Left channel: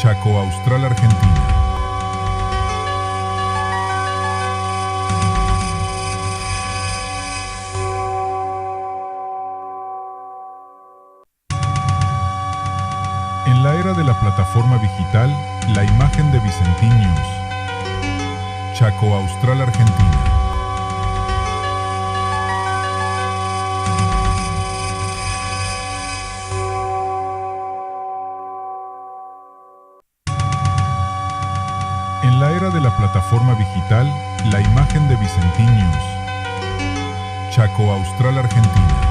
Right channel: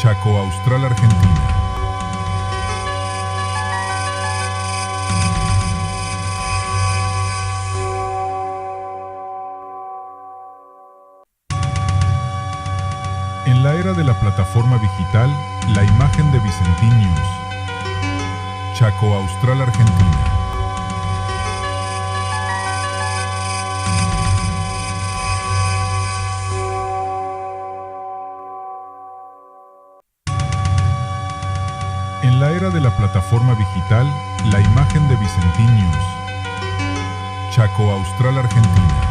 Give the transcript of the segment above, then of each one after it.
Chaco Austral, Argentina. En la era de la plataforma digital, la imagen de Vicentín News. Chaco Austral, Argentina. En la era de la plataforma digital, la imagen de Vicentín News. Chaco Austral, Argentina.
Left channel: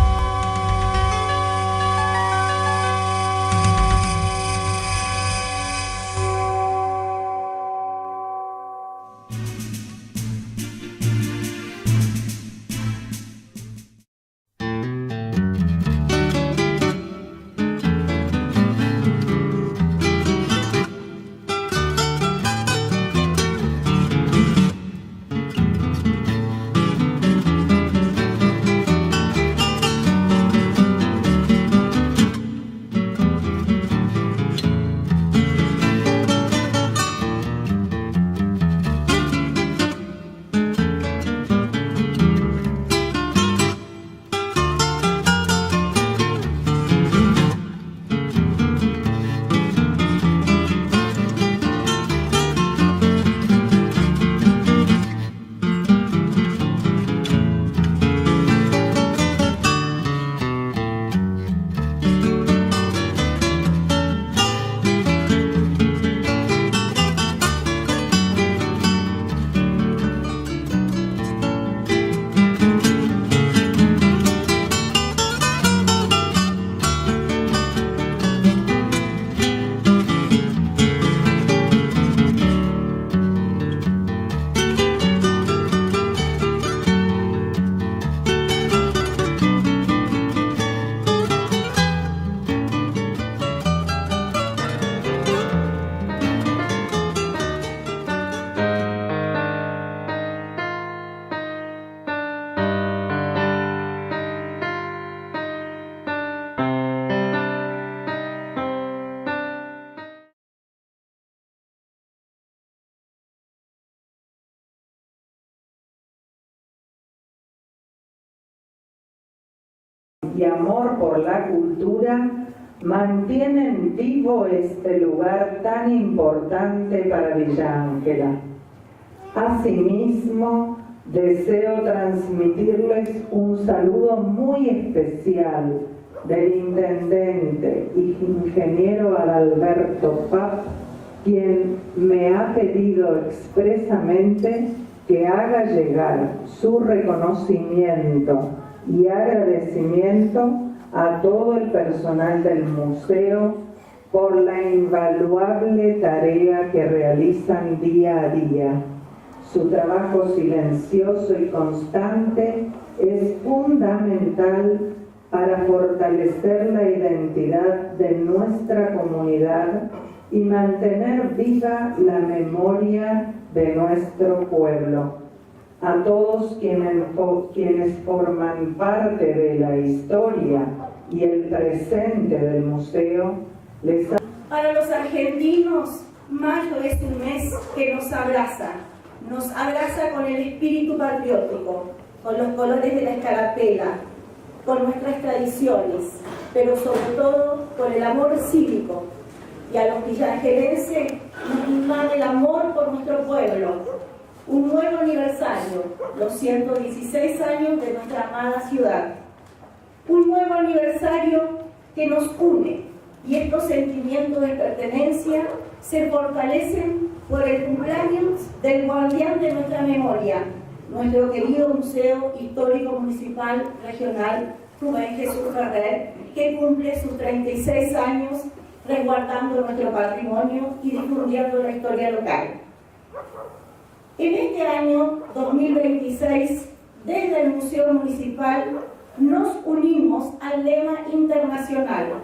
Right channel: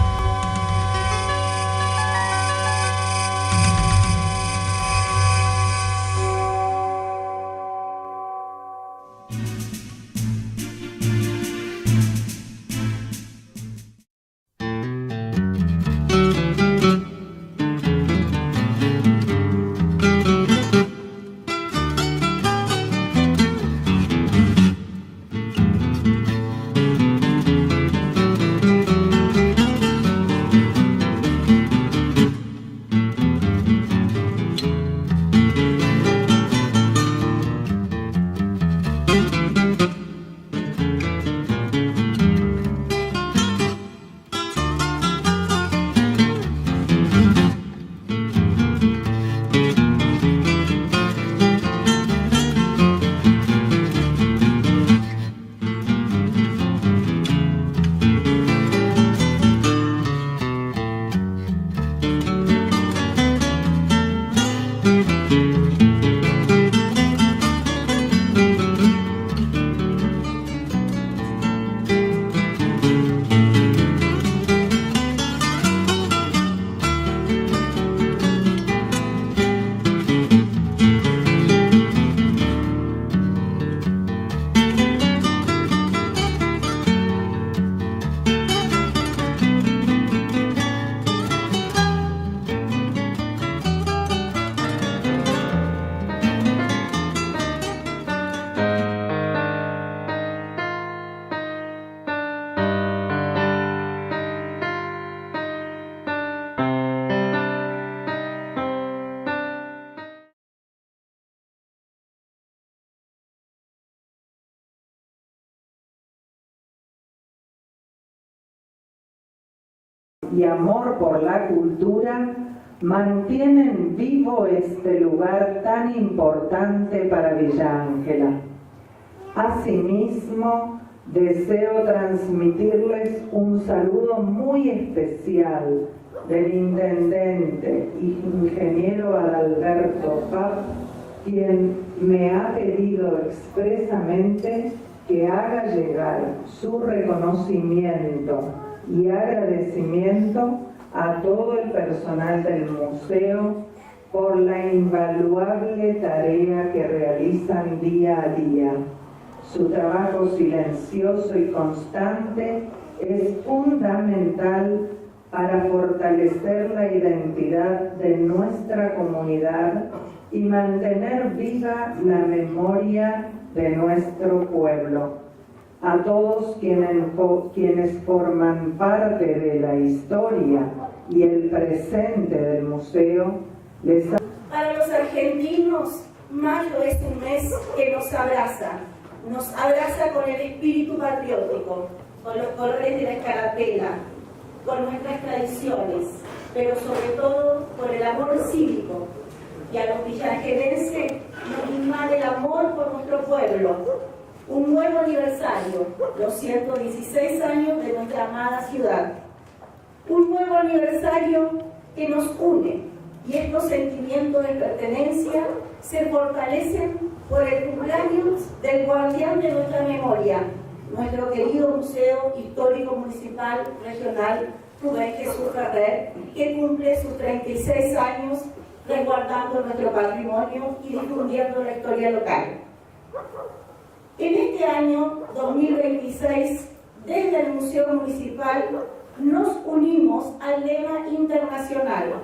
Y amor por la cultura mantienen vivo este lugar tan importante para Villa Ángela. Asimismo, deseo transmitirles un saludo muy especial del intendente y ingeniero Adalberto Paz, quien me ha pedido expresamente que haga llegar su reconocimiento y agradecimiento a todo el personal del museo por la invaluable tarea que realizan día a día. Su trabajo silencioso y constante es fundamental para fortalecer la identidad de nuestra comunidad y mantener viva la memoria de nuestro pueblo. A todos quienes forman parte de la historia y el presente del museo, les... Para los argentinos, mayo es un mes que nos abraza con el espíritu patriótico, con los colores de la escarapela, con nuestras tradiciones, pero sobre todo con el amor cívico. Y a los villaangelenses nos invade el amor por nuestro pueblo. Un nuevo aniversario, los 116 años de nuestra amada ciudad. Un nuevo aniversario que nos une, y estos sentimientos de pertenencia se fortalecen por el cumpleaños del guardián de nuestra memoria, nuestro querido Museo Histórico Municipal Regional Rubén Jesús Ferrer, que cumple sus 36 años resguardando nuestro patrimonio y difundiendo la historia local. En este año 2026, desde el Museo Municipal, nos unimos al lema internacional:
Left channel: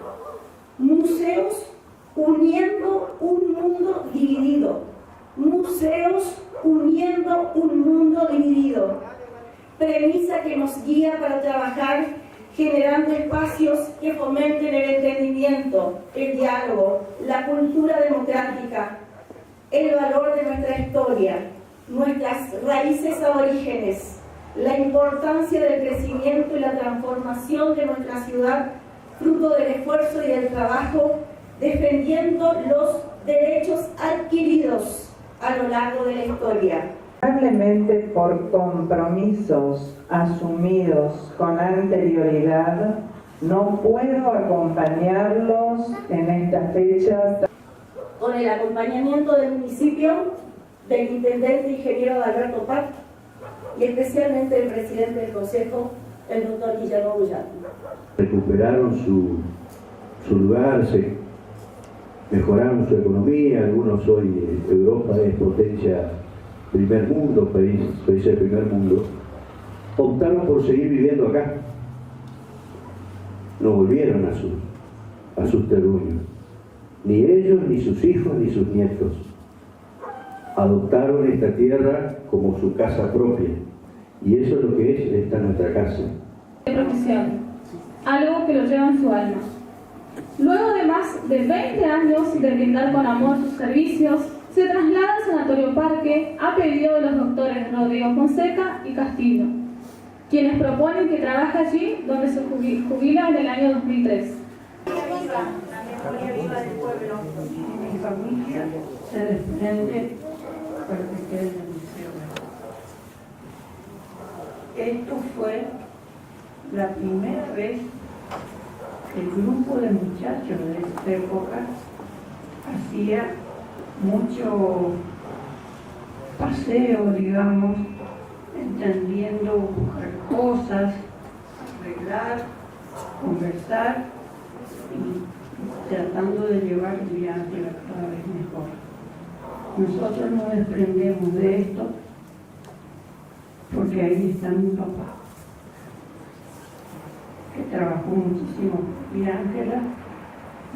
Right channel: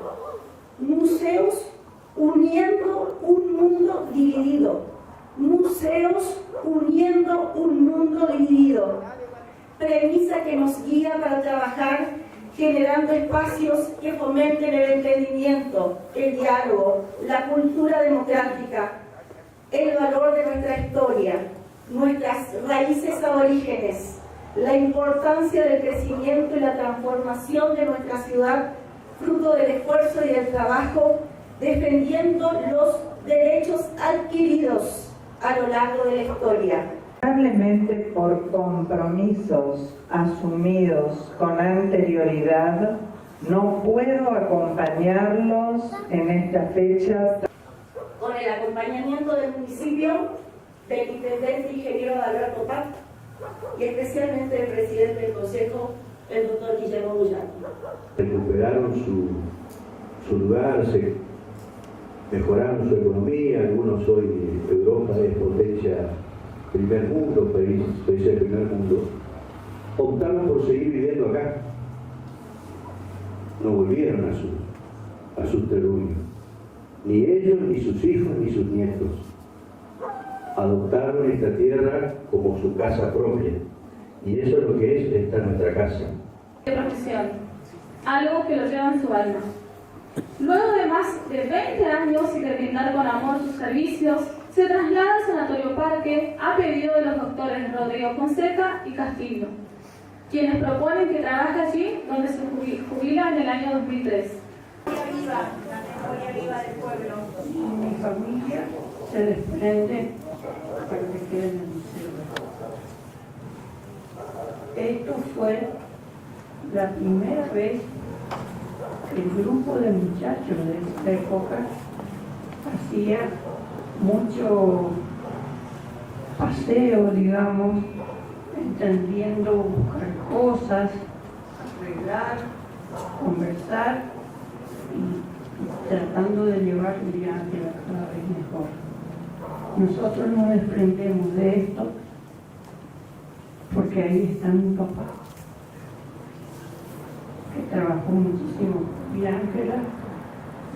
Museos uniendo un mundo dividido. Museos uniendo un mundo dividido. Premisa que nos guía para trabajar generando espacios que fomenten el entendimiento, el diálogo, la cultura democrática democrática, el valor de nuestra historia, nuestras raíces aborígenes, la importancia del crecimiento y la transformación de nuestra ciudad, fruto del esfuerzo y del trabajo, defendiendo los derechos adquiridos a lo largo de la historia. Probablemente por compromisos asumidos con anterioridad, no puedo acompañarlos en estas fechas. Con el acompañamiento del municipio, del intendente ingeniero Alberto Pac y especialmente del presidente del Consejo, el doctor Guillermo Bullán. Recuperaron su lugar, mejoraron su economía. Algunos hoy, Europa es potencia primer mundo, país del primer mundo, optaron por seguir viviendo acá. No volvieron a sus terruños, ni ellos, ni sus hijos, ni sus nietos. Adoptaron esta tierra como su casa propia, y eso es lo que es esta nuestra casa. Profesión, algo que lo lleva en su alma. Luego de más de 20 años de brindar con amor sus servicios, se traslada al Sanatorio Parque a pedido de los doctores Rodrigo Fonseca y Castillo, quienes proponen que trabaje allí donde se jubila en el año 2003. La memoria viva del pueblo. Mi familia se desprende para que quede en el museo. Esto fue la primera vez que el grupo de muchachos de esta época hacía mucho paseo, digamos, entendiendo, buscar cosas, arreglar, conversar y tratando de llevar Villarreal cada vez mejor. Nosotros nos desprendemos de esto porque ahí está mi papá, que trabajó muchísimo. Y Ángela,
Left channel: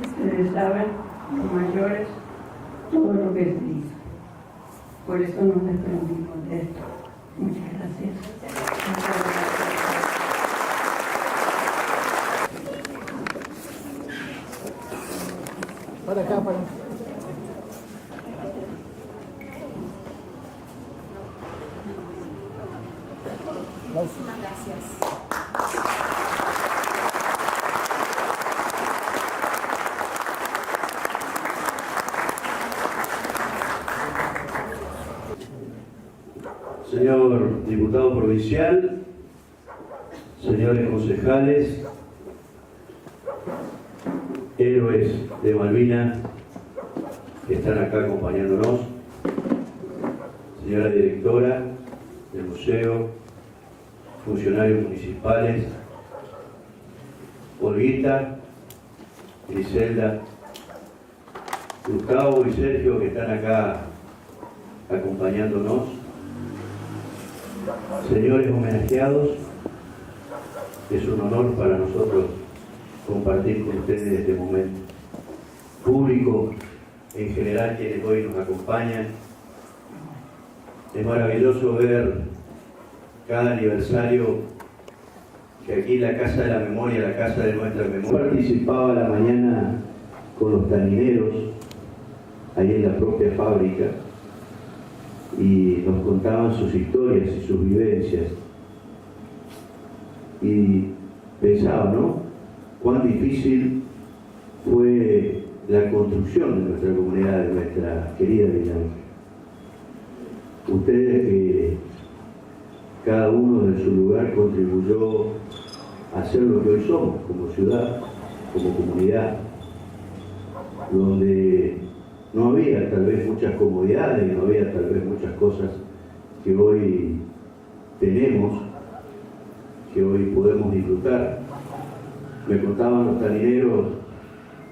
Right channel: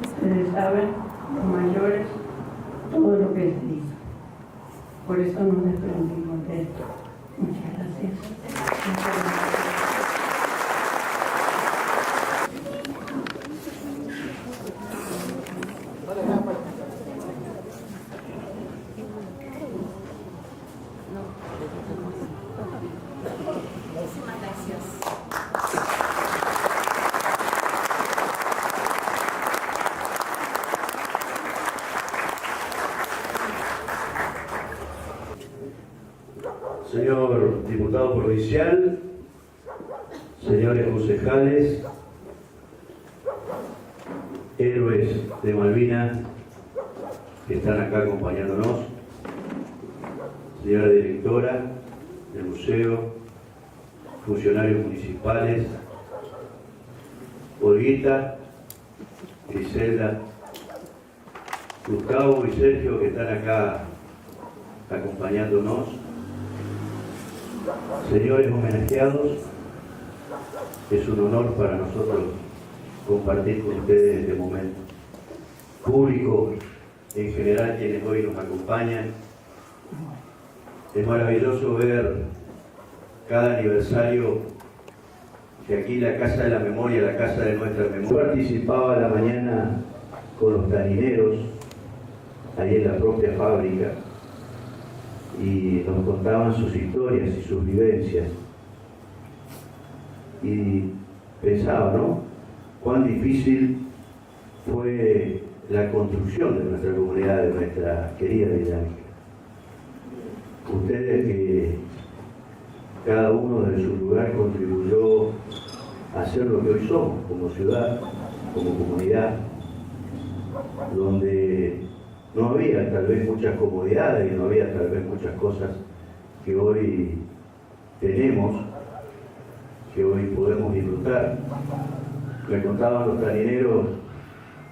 ustedes saben, los mayores, todo lo que se hizo. Por eso nos desprendimos de esto. Muchas gracias. Muchas gracias. Muchísimas gracias. Señor diputado provincial, señores concejales, héroes de Malvinas que están acá acompañándonos, señora directora del museo, funcionarios municipales, Olguita, Griselda, Gustavo y Sergio que están acá acompañándonos, señores homenajeados, es un honor para nosotros compartir con ustedes este momento. Público en general, quienes hoy nos acompañan, es maravilloso ver cada aniversario que aquí la Casa de la Memoria, la Casa de nuestra Memoria. Participaba a la mañana con los tanineros, ahí en la propia fábrica, y nos contaban sus historias y sus vivencias. Y pensaba, ¿no?, cuán difícil fue la construcción de nuestra comunidad, de nuestra querida Villa Ángela. Ustedes que cada uno de su lugar contribuyó a ser lo que hoy somos, como ciudad, como comunidad, donde no había tal vez muchas comodidades y no había tal vez muchas cosas que hoy tenemos, que hoy podemos disfrutar. Me contaban los tanineros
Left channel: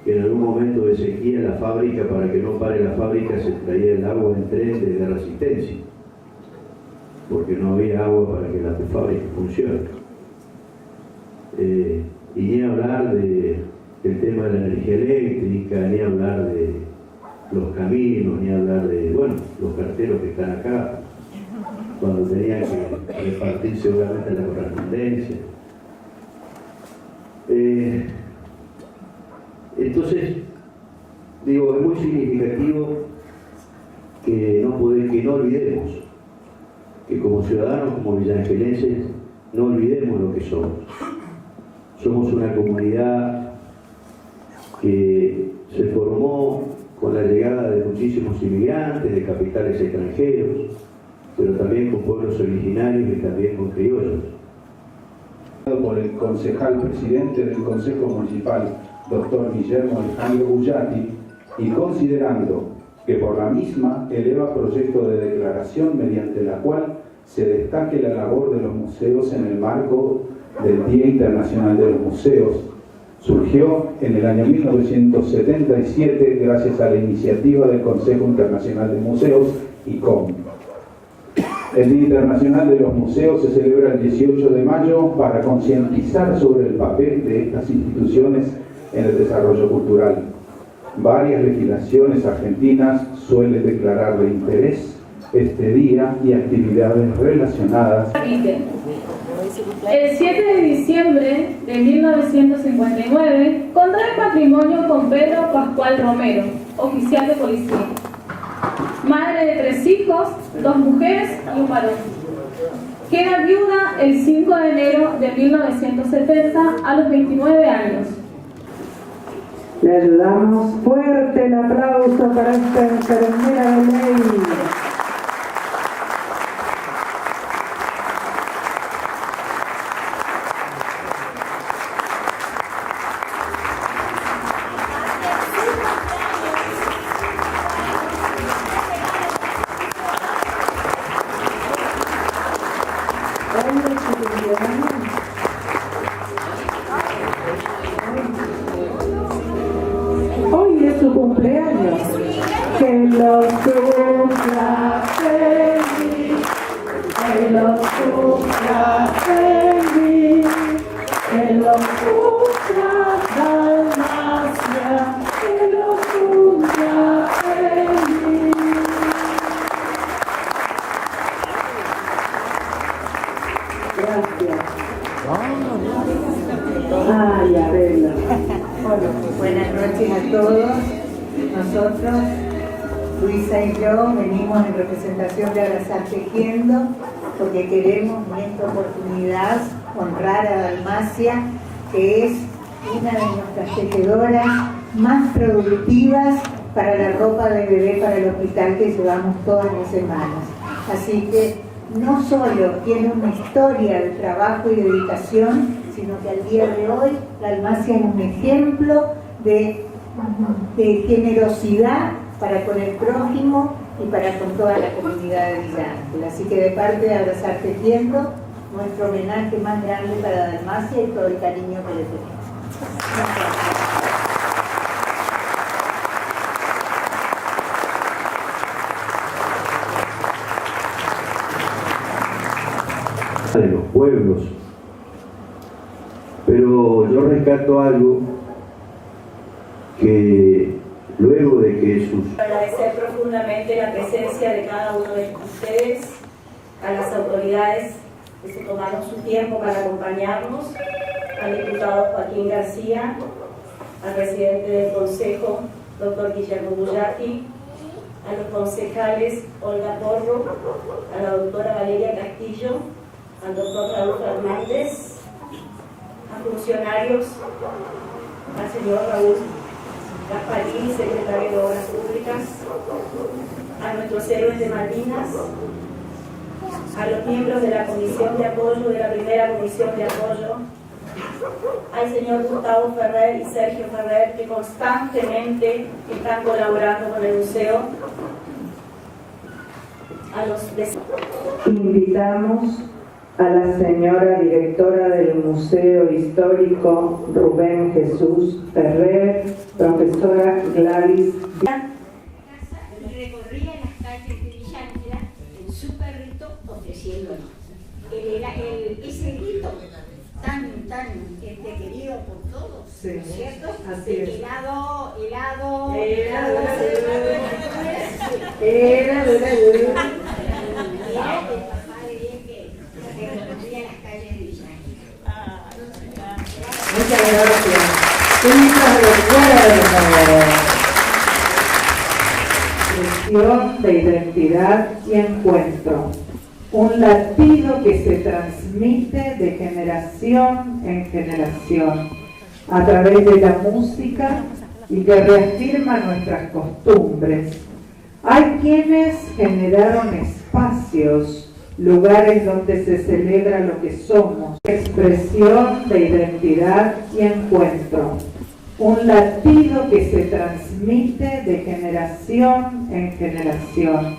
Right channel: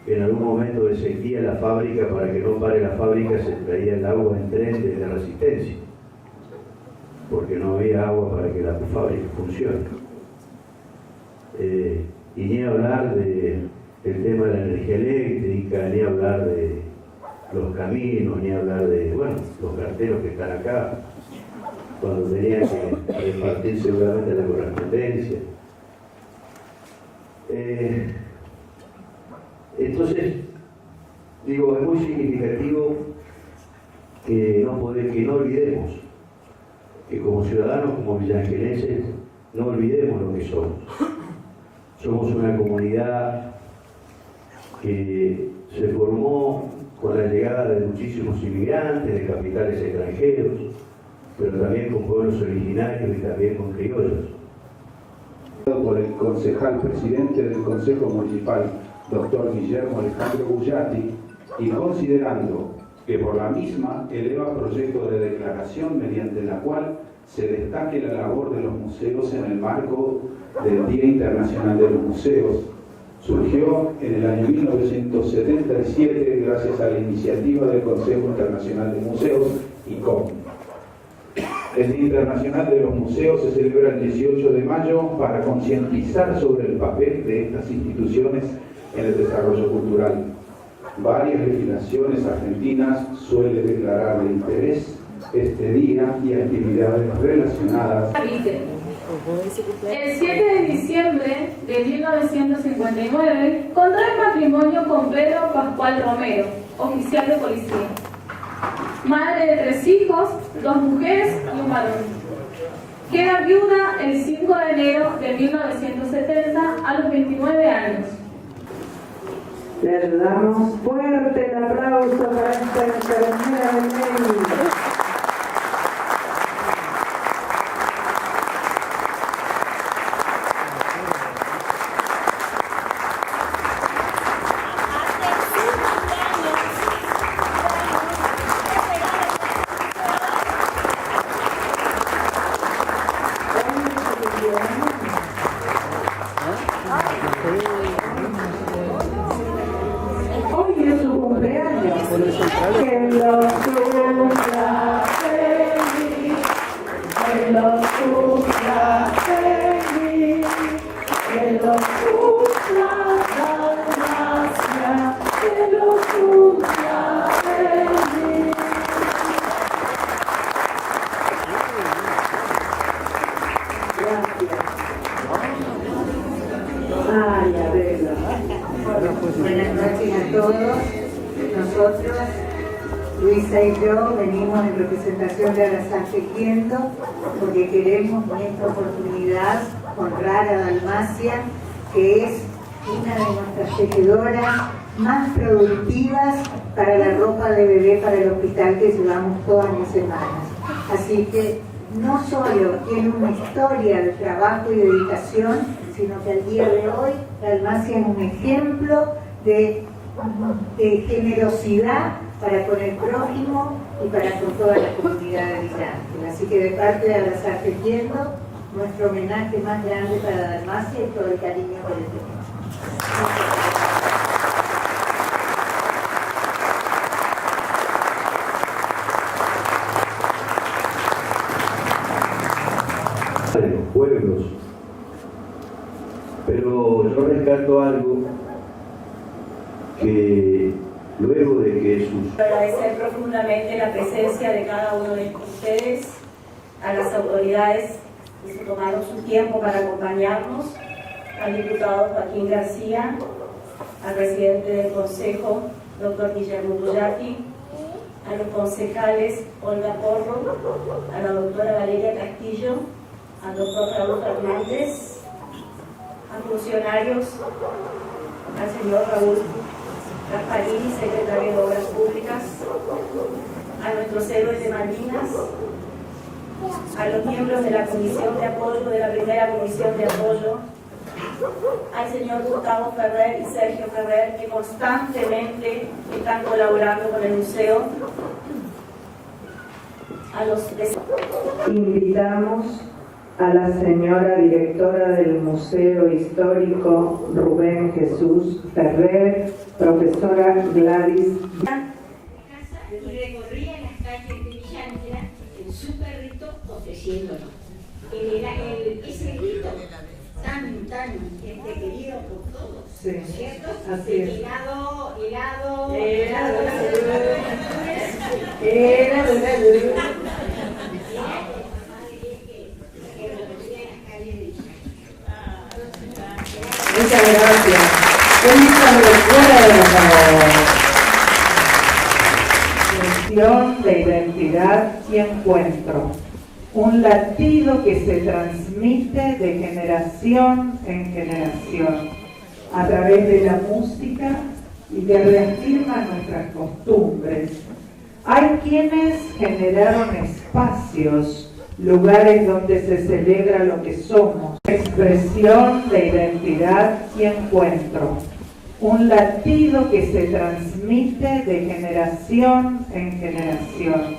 que en algún momento de sequía la fábrica, para que no pare la fábrica, se traía el agua en tren de Resistencia, porque no había agua para que la fábrica funcione. Y ni hablar del tema de la energía eléctrica, ni hablar de los caminos, ni hablar de, bueno, los carteros que están acá, cuando tenían que repartir seguramente la correspondencia. Entonces, Digo, es muy significativo que no olvidemos, que como ciudadanos, como villaangelenses, no olvidemos lo que somos. Somos una comunidad que se formó con la llegada de muchísimos inmigrantes de capitales extranjeros, pero también con pueblos originarios y también con criollos. Por el concejal presidente del Consejo Municipal, doctor Guillermo Alejandro Bullati, y considerando que por la misma eleva proyecto de declaración mediante la cual se destaque la labor de los museos en el marco del Día Internacional de los Museos, surgió en el año 1977 gracias a la iniciativa del Consejo Internacional de Museos, ICOM. El Día Internacional de los Museos se celebra el 18 de mayo para concientizar sobre el papel de estas instituciones en el desarrollo cultural. Varias legislaciones argentinas suelen declarar de interés este día y actividades relacionadas. El 7 de diciembre de 1959 contrae matrimonio con Pedro Pascual Romero, oficial de policía. Madre de 3 hijos, 2 mujeres y un varón. Queda viuda el 5 de enero de 1970 a los 29 años. Le ayudamos. Fuerte el aplauso para esta enfermera de ley. Hoy es su cumpleaños. Que lo cumpla feliz, que lo cumpla feliz, que lo cumpla Dalmacia, que lo cumpla feliz. Gracias. Ay, Adela. Buenas noches a todos. Nosotros, Luisa y yo, venimos en representación de Abrazar Tejiendo porque queremos en esta oportunidad honrar a Dalmacia, que es una de nuestras tejedoras más productivas para la ropa de bebé para el hospital que llevamos todas las semanas. Así que no solo tiene una historia de trabajo y dedicación, sino que al día de hoy Dalmacia es un ejemplo de generosidad para con el prójimo y para con toda la comunidad de Villa Ángel. Así que de parte de Abrazar Tejiendo, nuestro homenaje más grande para Dalmacia y todo el cariño que le tenemos. De los pueblos, pero yo rescato algo que luego de que sus... Agradecer profundamente la presencia de cada uno de ustedes, a las autoridades que se tomaron su tiempo para acompañarnos, al diputado Joaquín García, al presidente del Consejo, doctor Guillermo Bullati, a los concejales Olga Porro, a la doctora Valeria Castillo, al doctor Raúl Fernández, a funcionarios, al señor Raúl Gasparini, secretario de Obras Públicas, a nuestros héroes de Malvinas, a los miembros de la Comisión de Apoyo, de la primera Comisión de Apoyo, al señor Gustavo Ferrer y Sergio Ferrer, que constantemente están colaborando con el museo, a los vecinos. Invitamos a la señora directora del Museo Histórico, Rubén Jesús Ferrer, profesora Gladys. Y recorría las calles de Villa Ángel en su carrito ofreciéndonos. Ese grito tan querido por todos, Sí, ¿cierto? así es. Helado. Muchas gracias. Un recuerdo. expresión de identidad y encuentro, un latido que se transmite de generación en generación a través de la música y que reafirma nuestras costumbres. Hay quienes generaron espacios, lugares donde se celebra lo que somos, expresión de identidad y encuentro, un latido que se transmite de generación en generación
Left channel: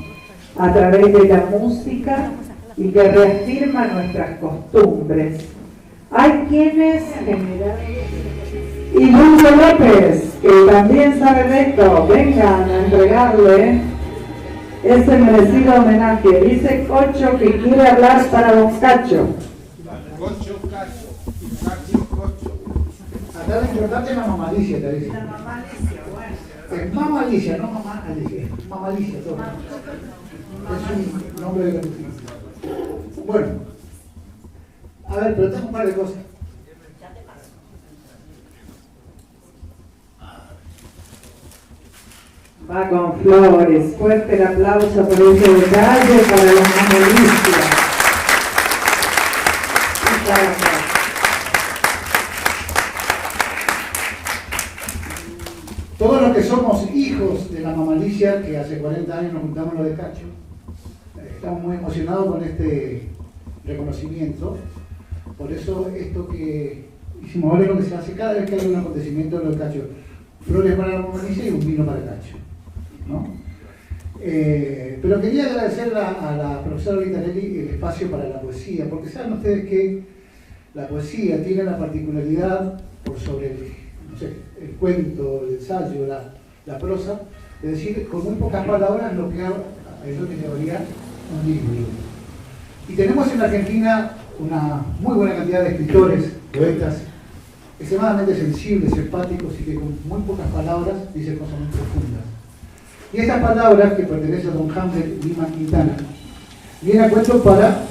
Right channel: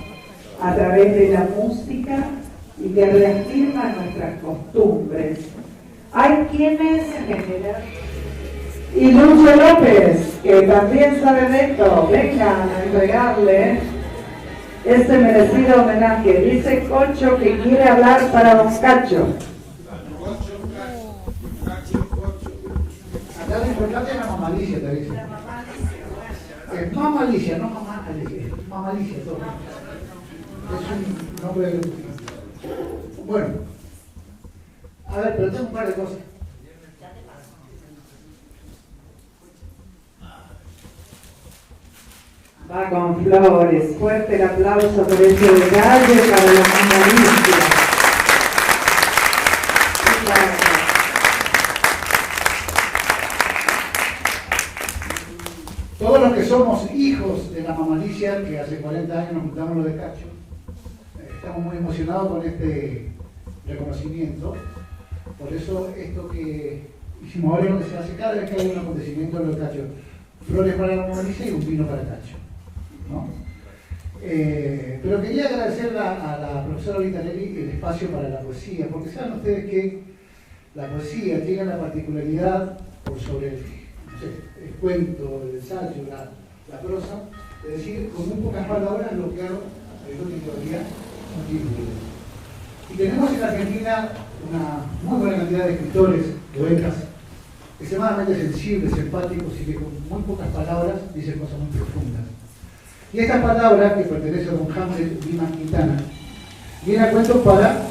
a través de la música y que reafirma nuestras costumbres. Hay quienes generaron... Y Dulce López, que también sabe de esto, vengan a entregarle ese merecido homenaje. Dice Cocho que quiere hablar para Don Cacho. Cocho. Acá lo importante es la mamalicia, te dice. Es mamalicia, no mamá Alicia. Mamalicia, todo. Es un nombre de la música. Bueno. A ver, pero tengo un par de cosas. Va con flores. Fuerte el aplauso por ese detalle para la mamalicia. Todos los que somos hijos de la mamalicia, que hace 40 años nos juntamos lo de Cacho, estamos muy emocionados con este reconocimiento. Por eso esto que hicimos ahora es lo que se hace cada vez que hay un acontecimiento de lo de Cacho. Flores para la mamalicia y un vino para Cacho, ¿no? Pero quería agradecer a la profesora Vitarelli el espacio para la poesía, porque saben ustedes que la poesía tiene la particularidad, por sobre el cuento, el ensayo, la prosa, de decir con muy pocas palabras lo que teoría un libro. Y tenemos en la Argentina una muy buena cantidad de escritores, poetas, extremadamente sensibles, empáticos y que con muy pocas palabras dicen cosas muy profundas. Y estas palabras, que pertenecen a don Hamlet Lima Quintana, vienen a cuento para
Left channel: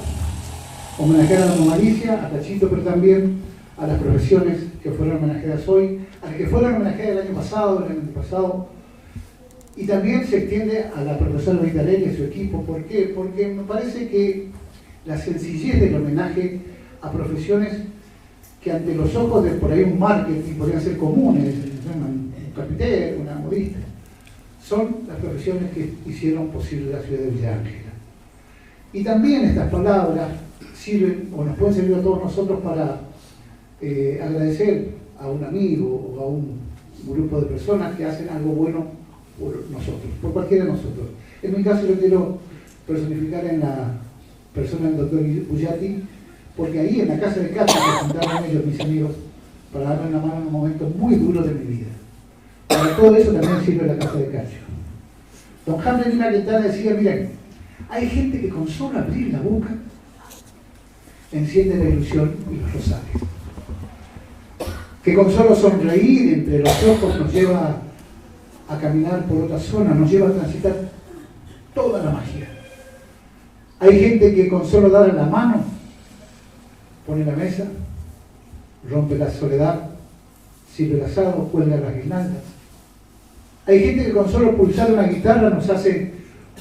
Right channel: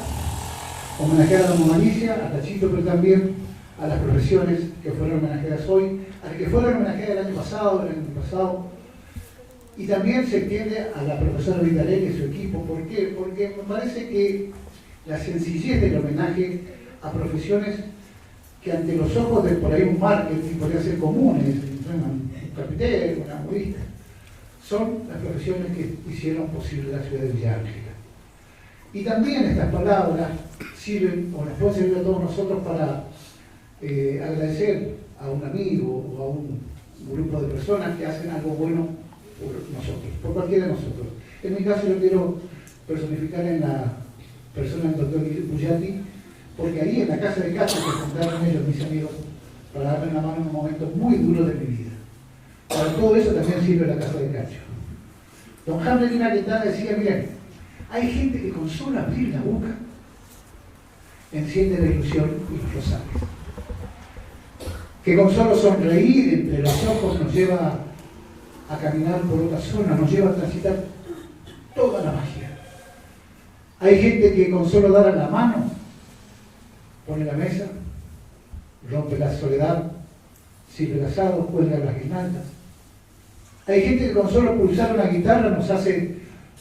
homenajear a la mamalicia, a Cachito, pero también a las profesiones que fueron homenajeadas hoy, a las que fueron homenajeadas el año pasado, y también se extiende a la profesora Vitarelli y a su equipo. ¿Por qué? Porque me parece que la sencillez del homenaje a profesiones que ante los ojos de por ahí un marketing podrían ser comunes, un carpintero, una modista, son las profesiones que hicieron posible la ciudad de Villa Ángela. Y también estas palabras sirven, o nos pueden servir a todos nosotros para agradecer a un amigo o a un grupo de personas que hacen algo bueno por nosotros, por cualquiera de nosotros. En mi caso yo quiero personificar en la persona del doctor Bullati, porque ahí en la casa de Cacho se juntaron ellos, mis amigos, para darme una mano en un momento muy duro de mi vida. Para todo eso también sirve la casa de Cacho. Don Hamlet Lima Quintana decía, miren, hay gente que con solo abrir la boca enciende la ilusión y los rosarios. Que con solo sonreír entre los ojos nos lleva a caminar por otra zona, nos lleva a transitar toda la magia. Hay gente que con solo dar la mano pone la mesa, rompe la soledad, sirve el asado, cuelga las guirnaldas. Hay gente que con solo pulsar una guitarra nos hace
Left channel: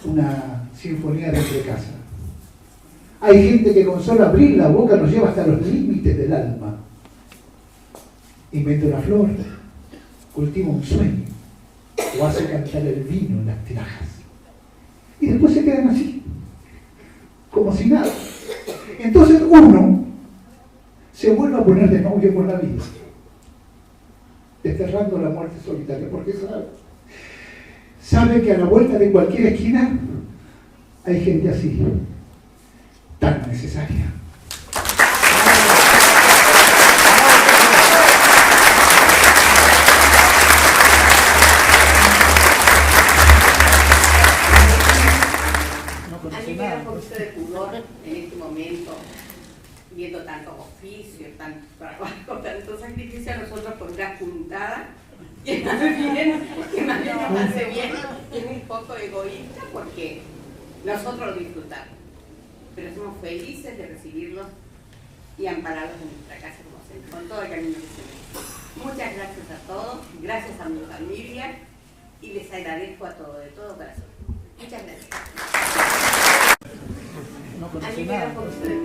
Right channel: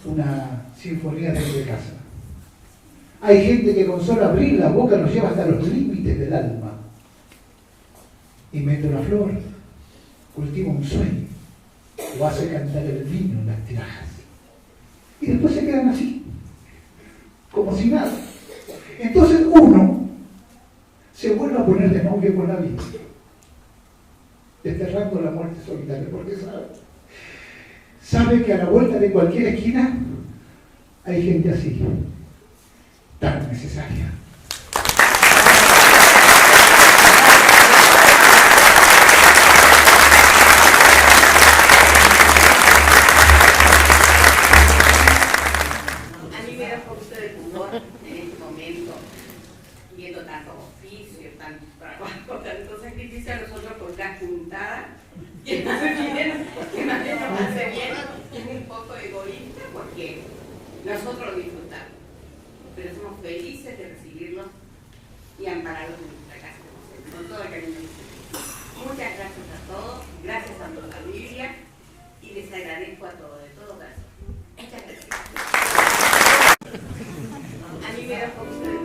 una sinfonía desde casa. Hay gente que con solo abrir la boca nos lleva hasta los límites del alma. Inventa una flor, cultiva un sueño, o hace cantar el vino en las tinajas. Y después se quedan así, como si nada. Entonces uno se vuelve a poner de novio con la vida, desterrando la muerte solitaria, porque sabe que a la vuelta de cualquier esquina hay gente así, tan necesaria. A mí me da un poquito de pudor en este momento, viendo tantos oficios, tanto trabajo, tanto sacrificio a nosotros por una juntada, que más bien nos hace bien, es un poco egoísta porque nosotros lo disfrutamos, pero somos felices de recibirlos y ampararlos en nuestra casa como siempre, con todo el cariño que se merece. Muchas gracias a todos, gracias a mi familia y les agradezco a todos, de todo corazón. Muchas gracias. A mí me da por ustedes.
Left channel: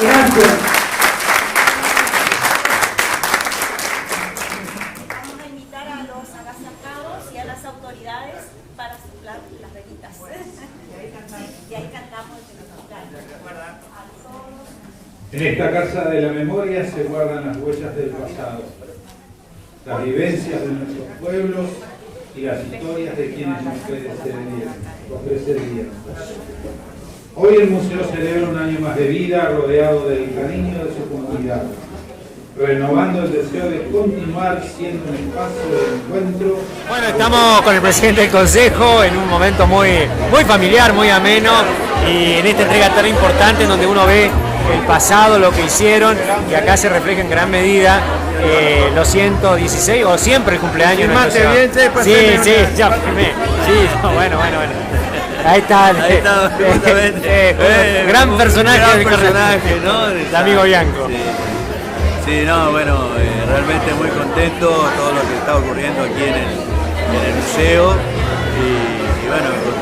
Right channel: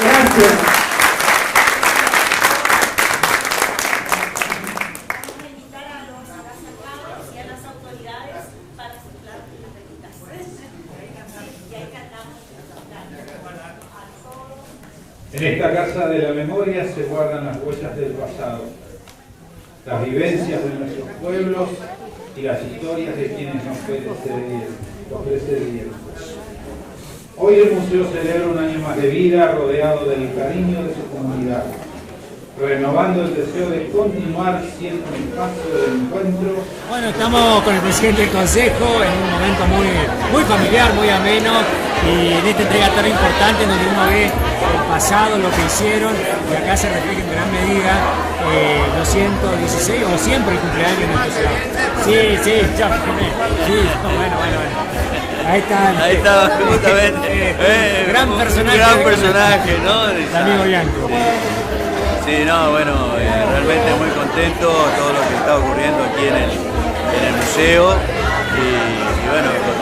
Gracias. Vamos a invitar a los agasajados y a las autoridades para soplar las velitas. Y ahí cantamos el En esta casa de la memoria se guardan las huellas del pasado, las vivencias de nuestros pueblos y las historias de quienes nos precedieron. Hoy el museo celebra un año más de vida rodeado del cariño de su comunidad, renovando el deseo de continuar siendo un espacio de encuentro. Bueno, estamos con el presidente del Consejo en un momento muy familiar, muy ameno, y en esta entrega tan importante en donde uno ve el pasado, lo que hicieron, y acá se refleja en gran medida los 116 o siempre el cumpleaños de nuestro Señor. Sí, ya firmé. Sí, bueno. Ahí está, justamente. Gran personaje, ¿no? El amigo Bianco. Sí, no, bueno, realmente muy contento todo lo que está ocurriendo aquí en el museo y bueno, con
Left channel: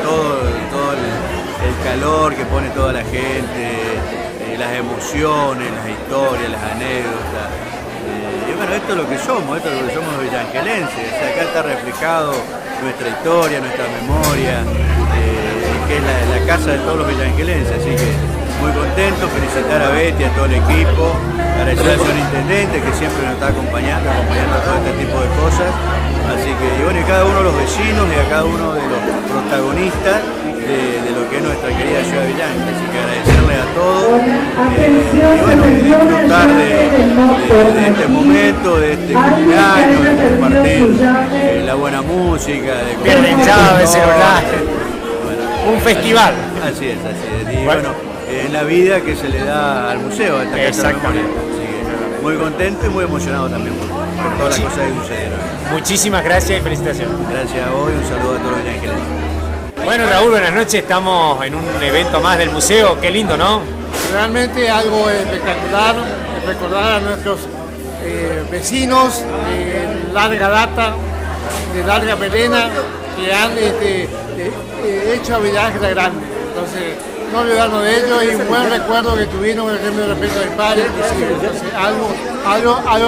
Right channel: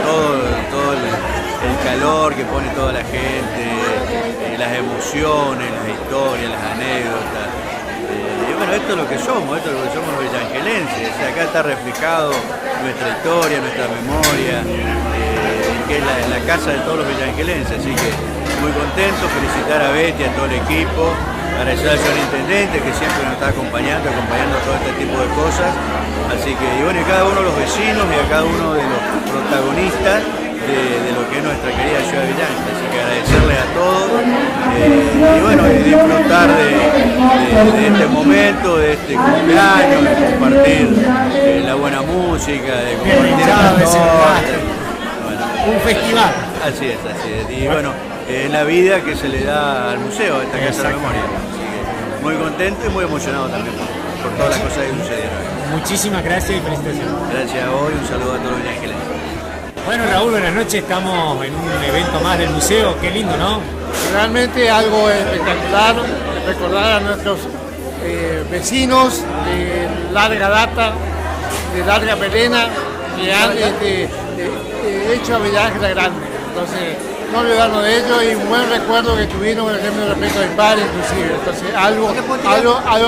todo el calor que pone toda la gente, las emociones, las historias, las anécdotas. Y bueno, esto es lo que somos los villangelenses. O sea, acá está reflejado nuestra historia, nuestra memoria, que es la casa de todos los villangelenses. Así que muy contento, felicitar a Betty, a todo el equipo, agradecer al señor intendente que siempre nos está acompañando todo este tipo de cosas. Así que, y bueno, y cada uno de los vecinos y a cada uno de los protagonistas de lo que es nuestra querida ciudad de Villanca. Así que agradecerles a todos y bueno, y disfrutar de este momento, de este cumpleaños, de compartir la buena música, de compartir un festival. Así es. Y bueno, la vida que se le da al museo, a esta Casa de la Memoria. Así que muy contento y muy emocionado también por todas las cosas que sucedieron. Muchísimas gracias y felicitaciones. Gracias a vos y un saludo a todos los villangelenses. Bueno, Raúl, buenas noches. Estamos en un evento más del museo. Qué lindo, ¿no? Realmente algo espectacular, recordar a nuestros vecinos de larga data, de larga melena, que han hecho a Villa Ángela grande. Entonces, no olvidarnos de ellos y un buen recuerdo que tuvieron, por ejemplo, respecto a mi padre, inclusive. Entonces, algo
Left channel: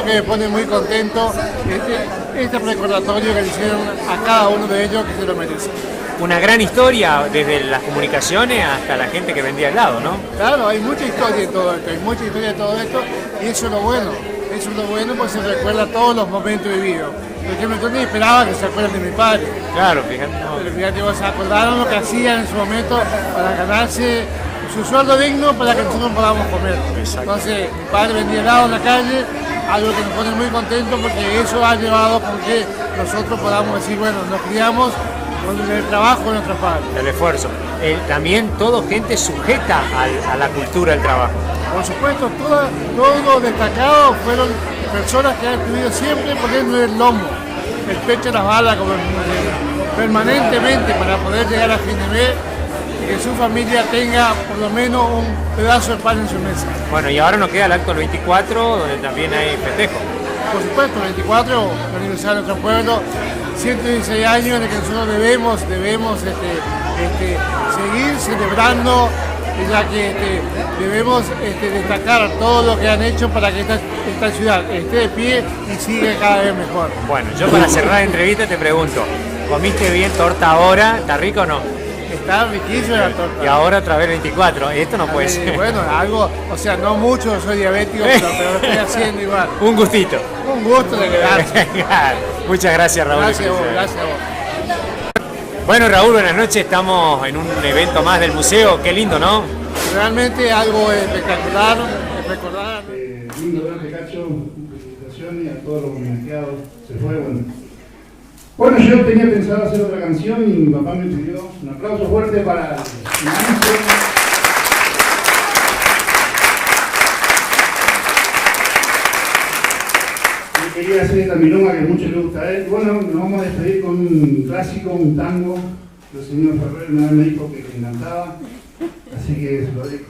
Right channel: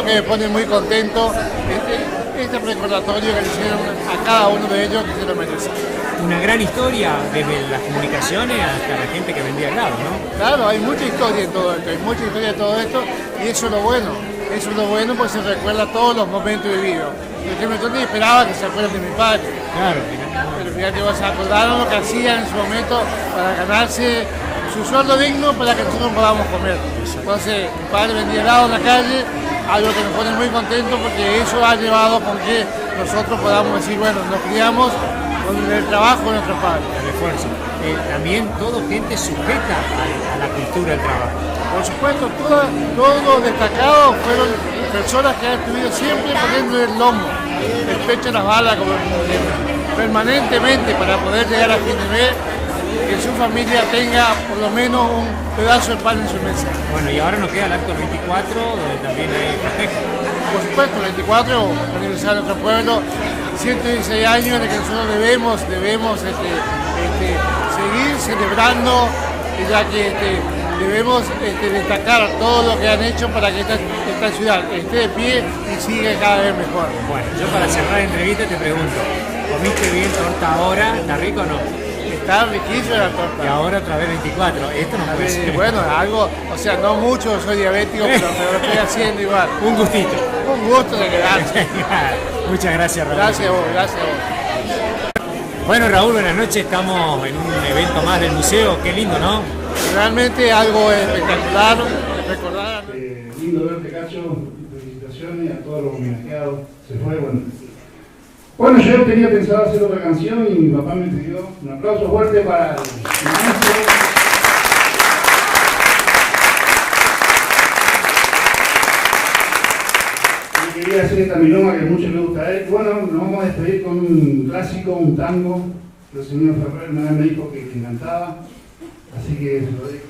que me pone muy contento, este recordatorio que le hicieron a cada uno de ellos que se lo merece. Una gran historia desde las comunicaciones hasta la gente que vendía al lado, ¿no? Claro, hay mucha historia en todo esto, y eso es lo bueno. Eso es lo bueno porque se recuerda todos los momentos vividos. Por ejemplo, yo ni esperaba que se acuerden de mi padre. Claro, fíjate. Pero fíjate, se acordaron lo que hacían en su momento para ganarse su sueldo digno para que nosotros podamos comer. Exacto. Entonces, mi padre vendía helado en la calle, algo que nos pone muy contentos porque eso ha llevado con que nosotros podamos decir, bueno, nos criamos con el trabajo de nuestros padres. El esfuerzo. También todo gente sujeta a la cultura del trabajo. Por supuesto, todos los destacados fueron personas que han estuvido siempre poniendo el lomo, el pecho en las balas, como permanentemente para poder llegar a fin de mes y que su familia tenga por lo menos un pedazo de pan en su mesa. Bueno, y ahora nos queda el acto del 24, donde también hay festejo. Por supuesto, el 24, el aniversario de nuestro pueblo, 116 años en el que nosotros debemos seguir celebrando, ya que debemos destacar todo lo que han hecho para que esta ciudad esté de pie y siga cada vez mejor. Bueno, yo para cerrar la entrevista te pregunto, ¿comiste bien torta ahora? ¿Está rico o no? Está riquísima la torta. Y ahora otra vez 24, esto no puede ser. Bueno, algo, o sea, no mucho, soy diabético, pero lo estoy haciendo igual. Un gustito. Un gusto de quedarse. Muchas gracias, Raúl. Gracias a vos, gracias a vos. Bueno, Raúl, buenas noches, estamos en un evento más del museo, qué lindo, ¿no? Realmente algo espectacular, recordar. Lindo ver este cacho, felicitaciones a todos los homenajeados, se fue bueno. Bueno, yo tenía pensado hacer otra canción y mi papá me pidió un aplauso fuerte para el maestro. Y quería hacer esta milonga que mucho le gusta a él. Bueno, nos vamos a despedir con un clásico, un tango. El señor Ferrer una vez me dijo que le encantaba, así que se lo dejo.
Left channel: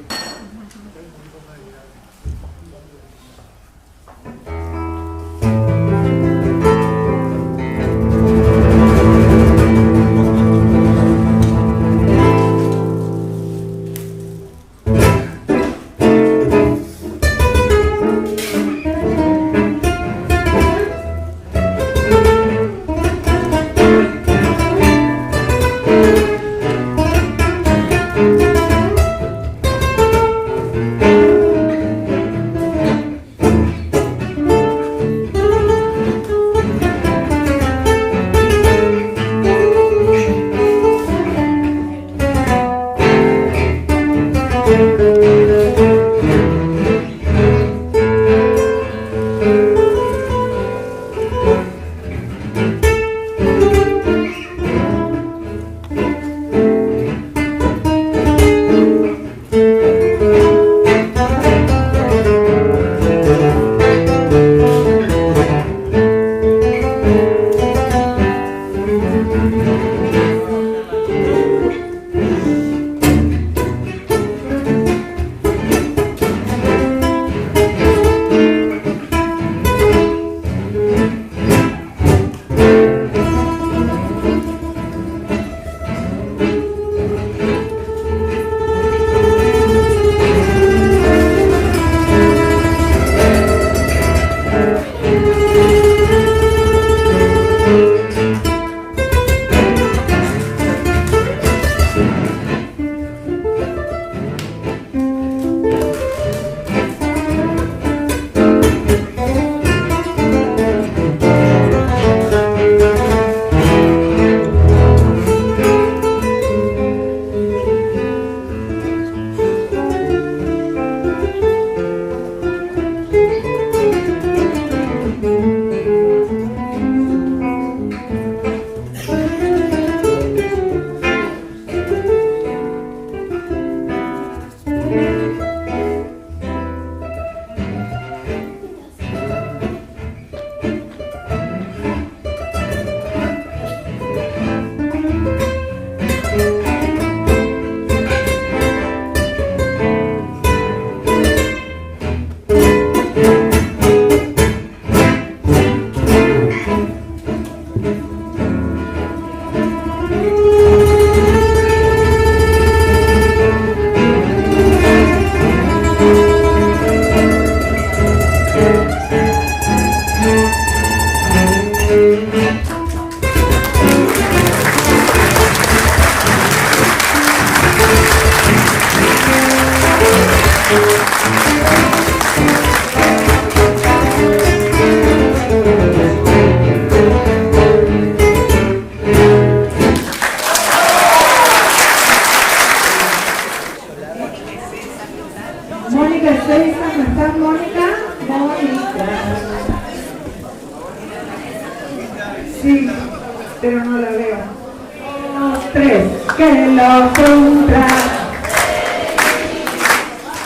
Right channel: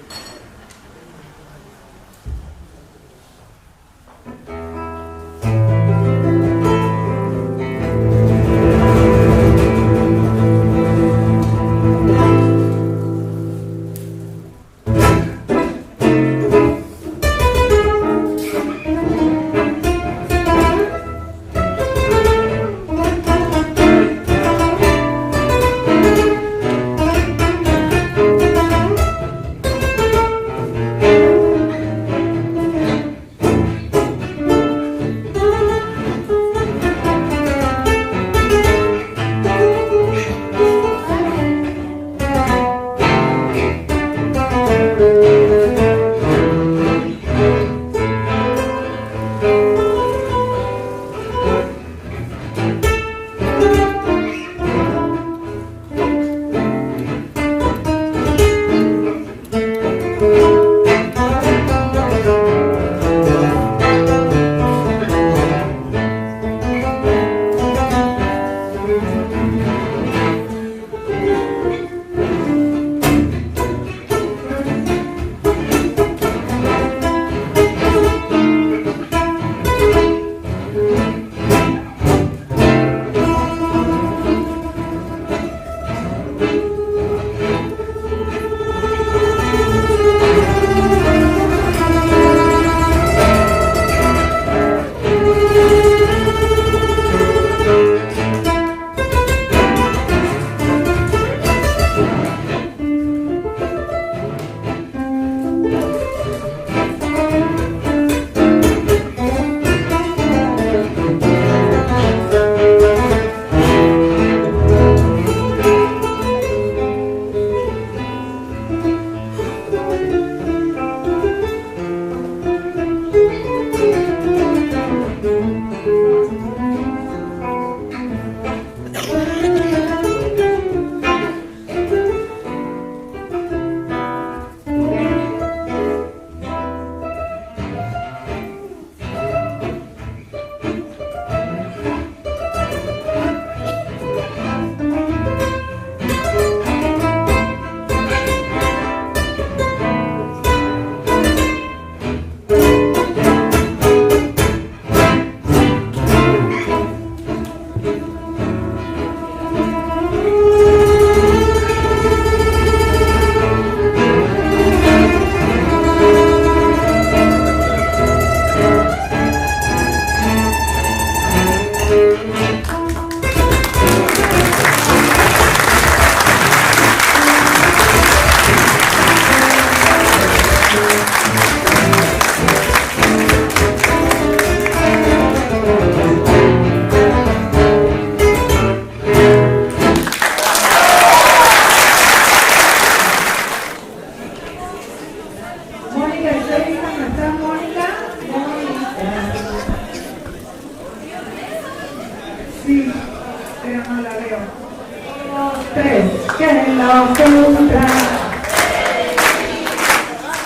tres, que lo cumpla.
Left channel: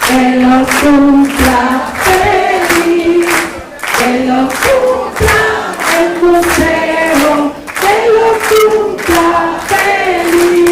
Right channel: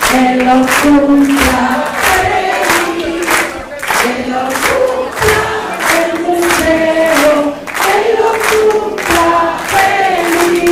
Que lo cumpla feliz, que lo cumpla el museo, que lo cumpla feliz.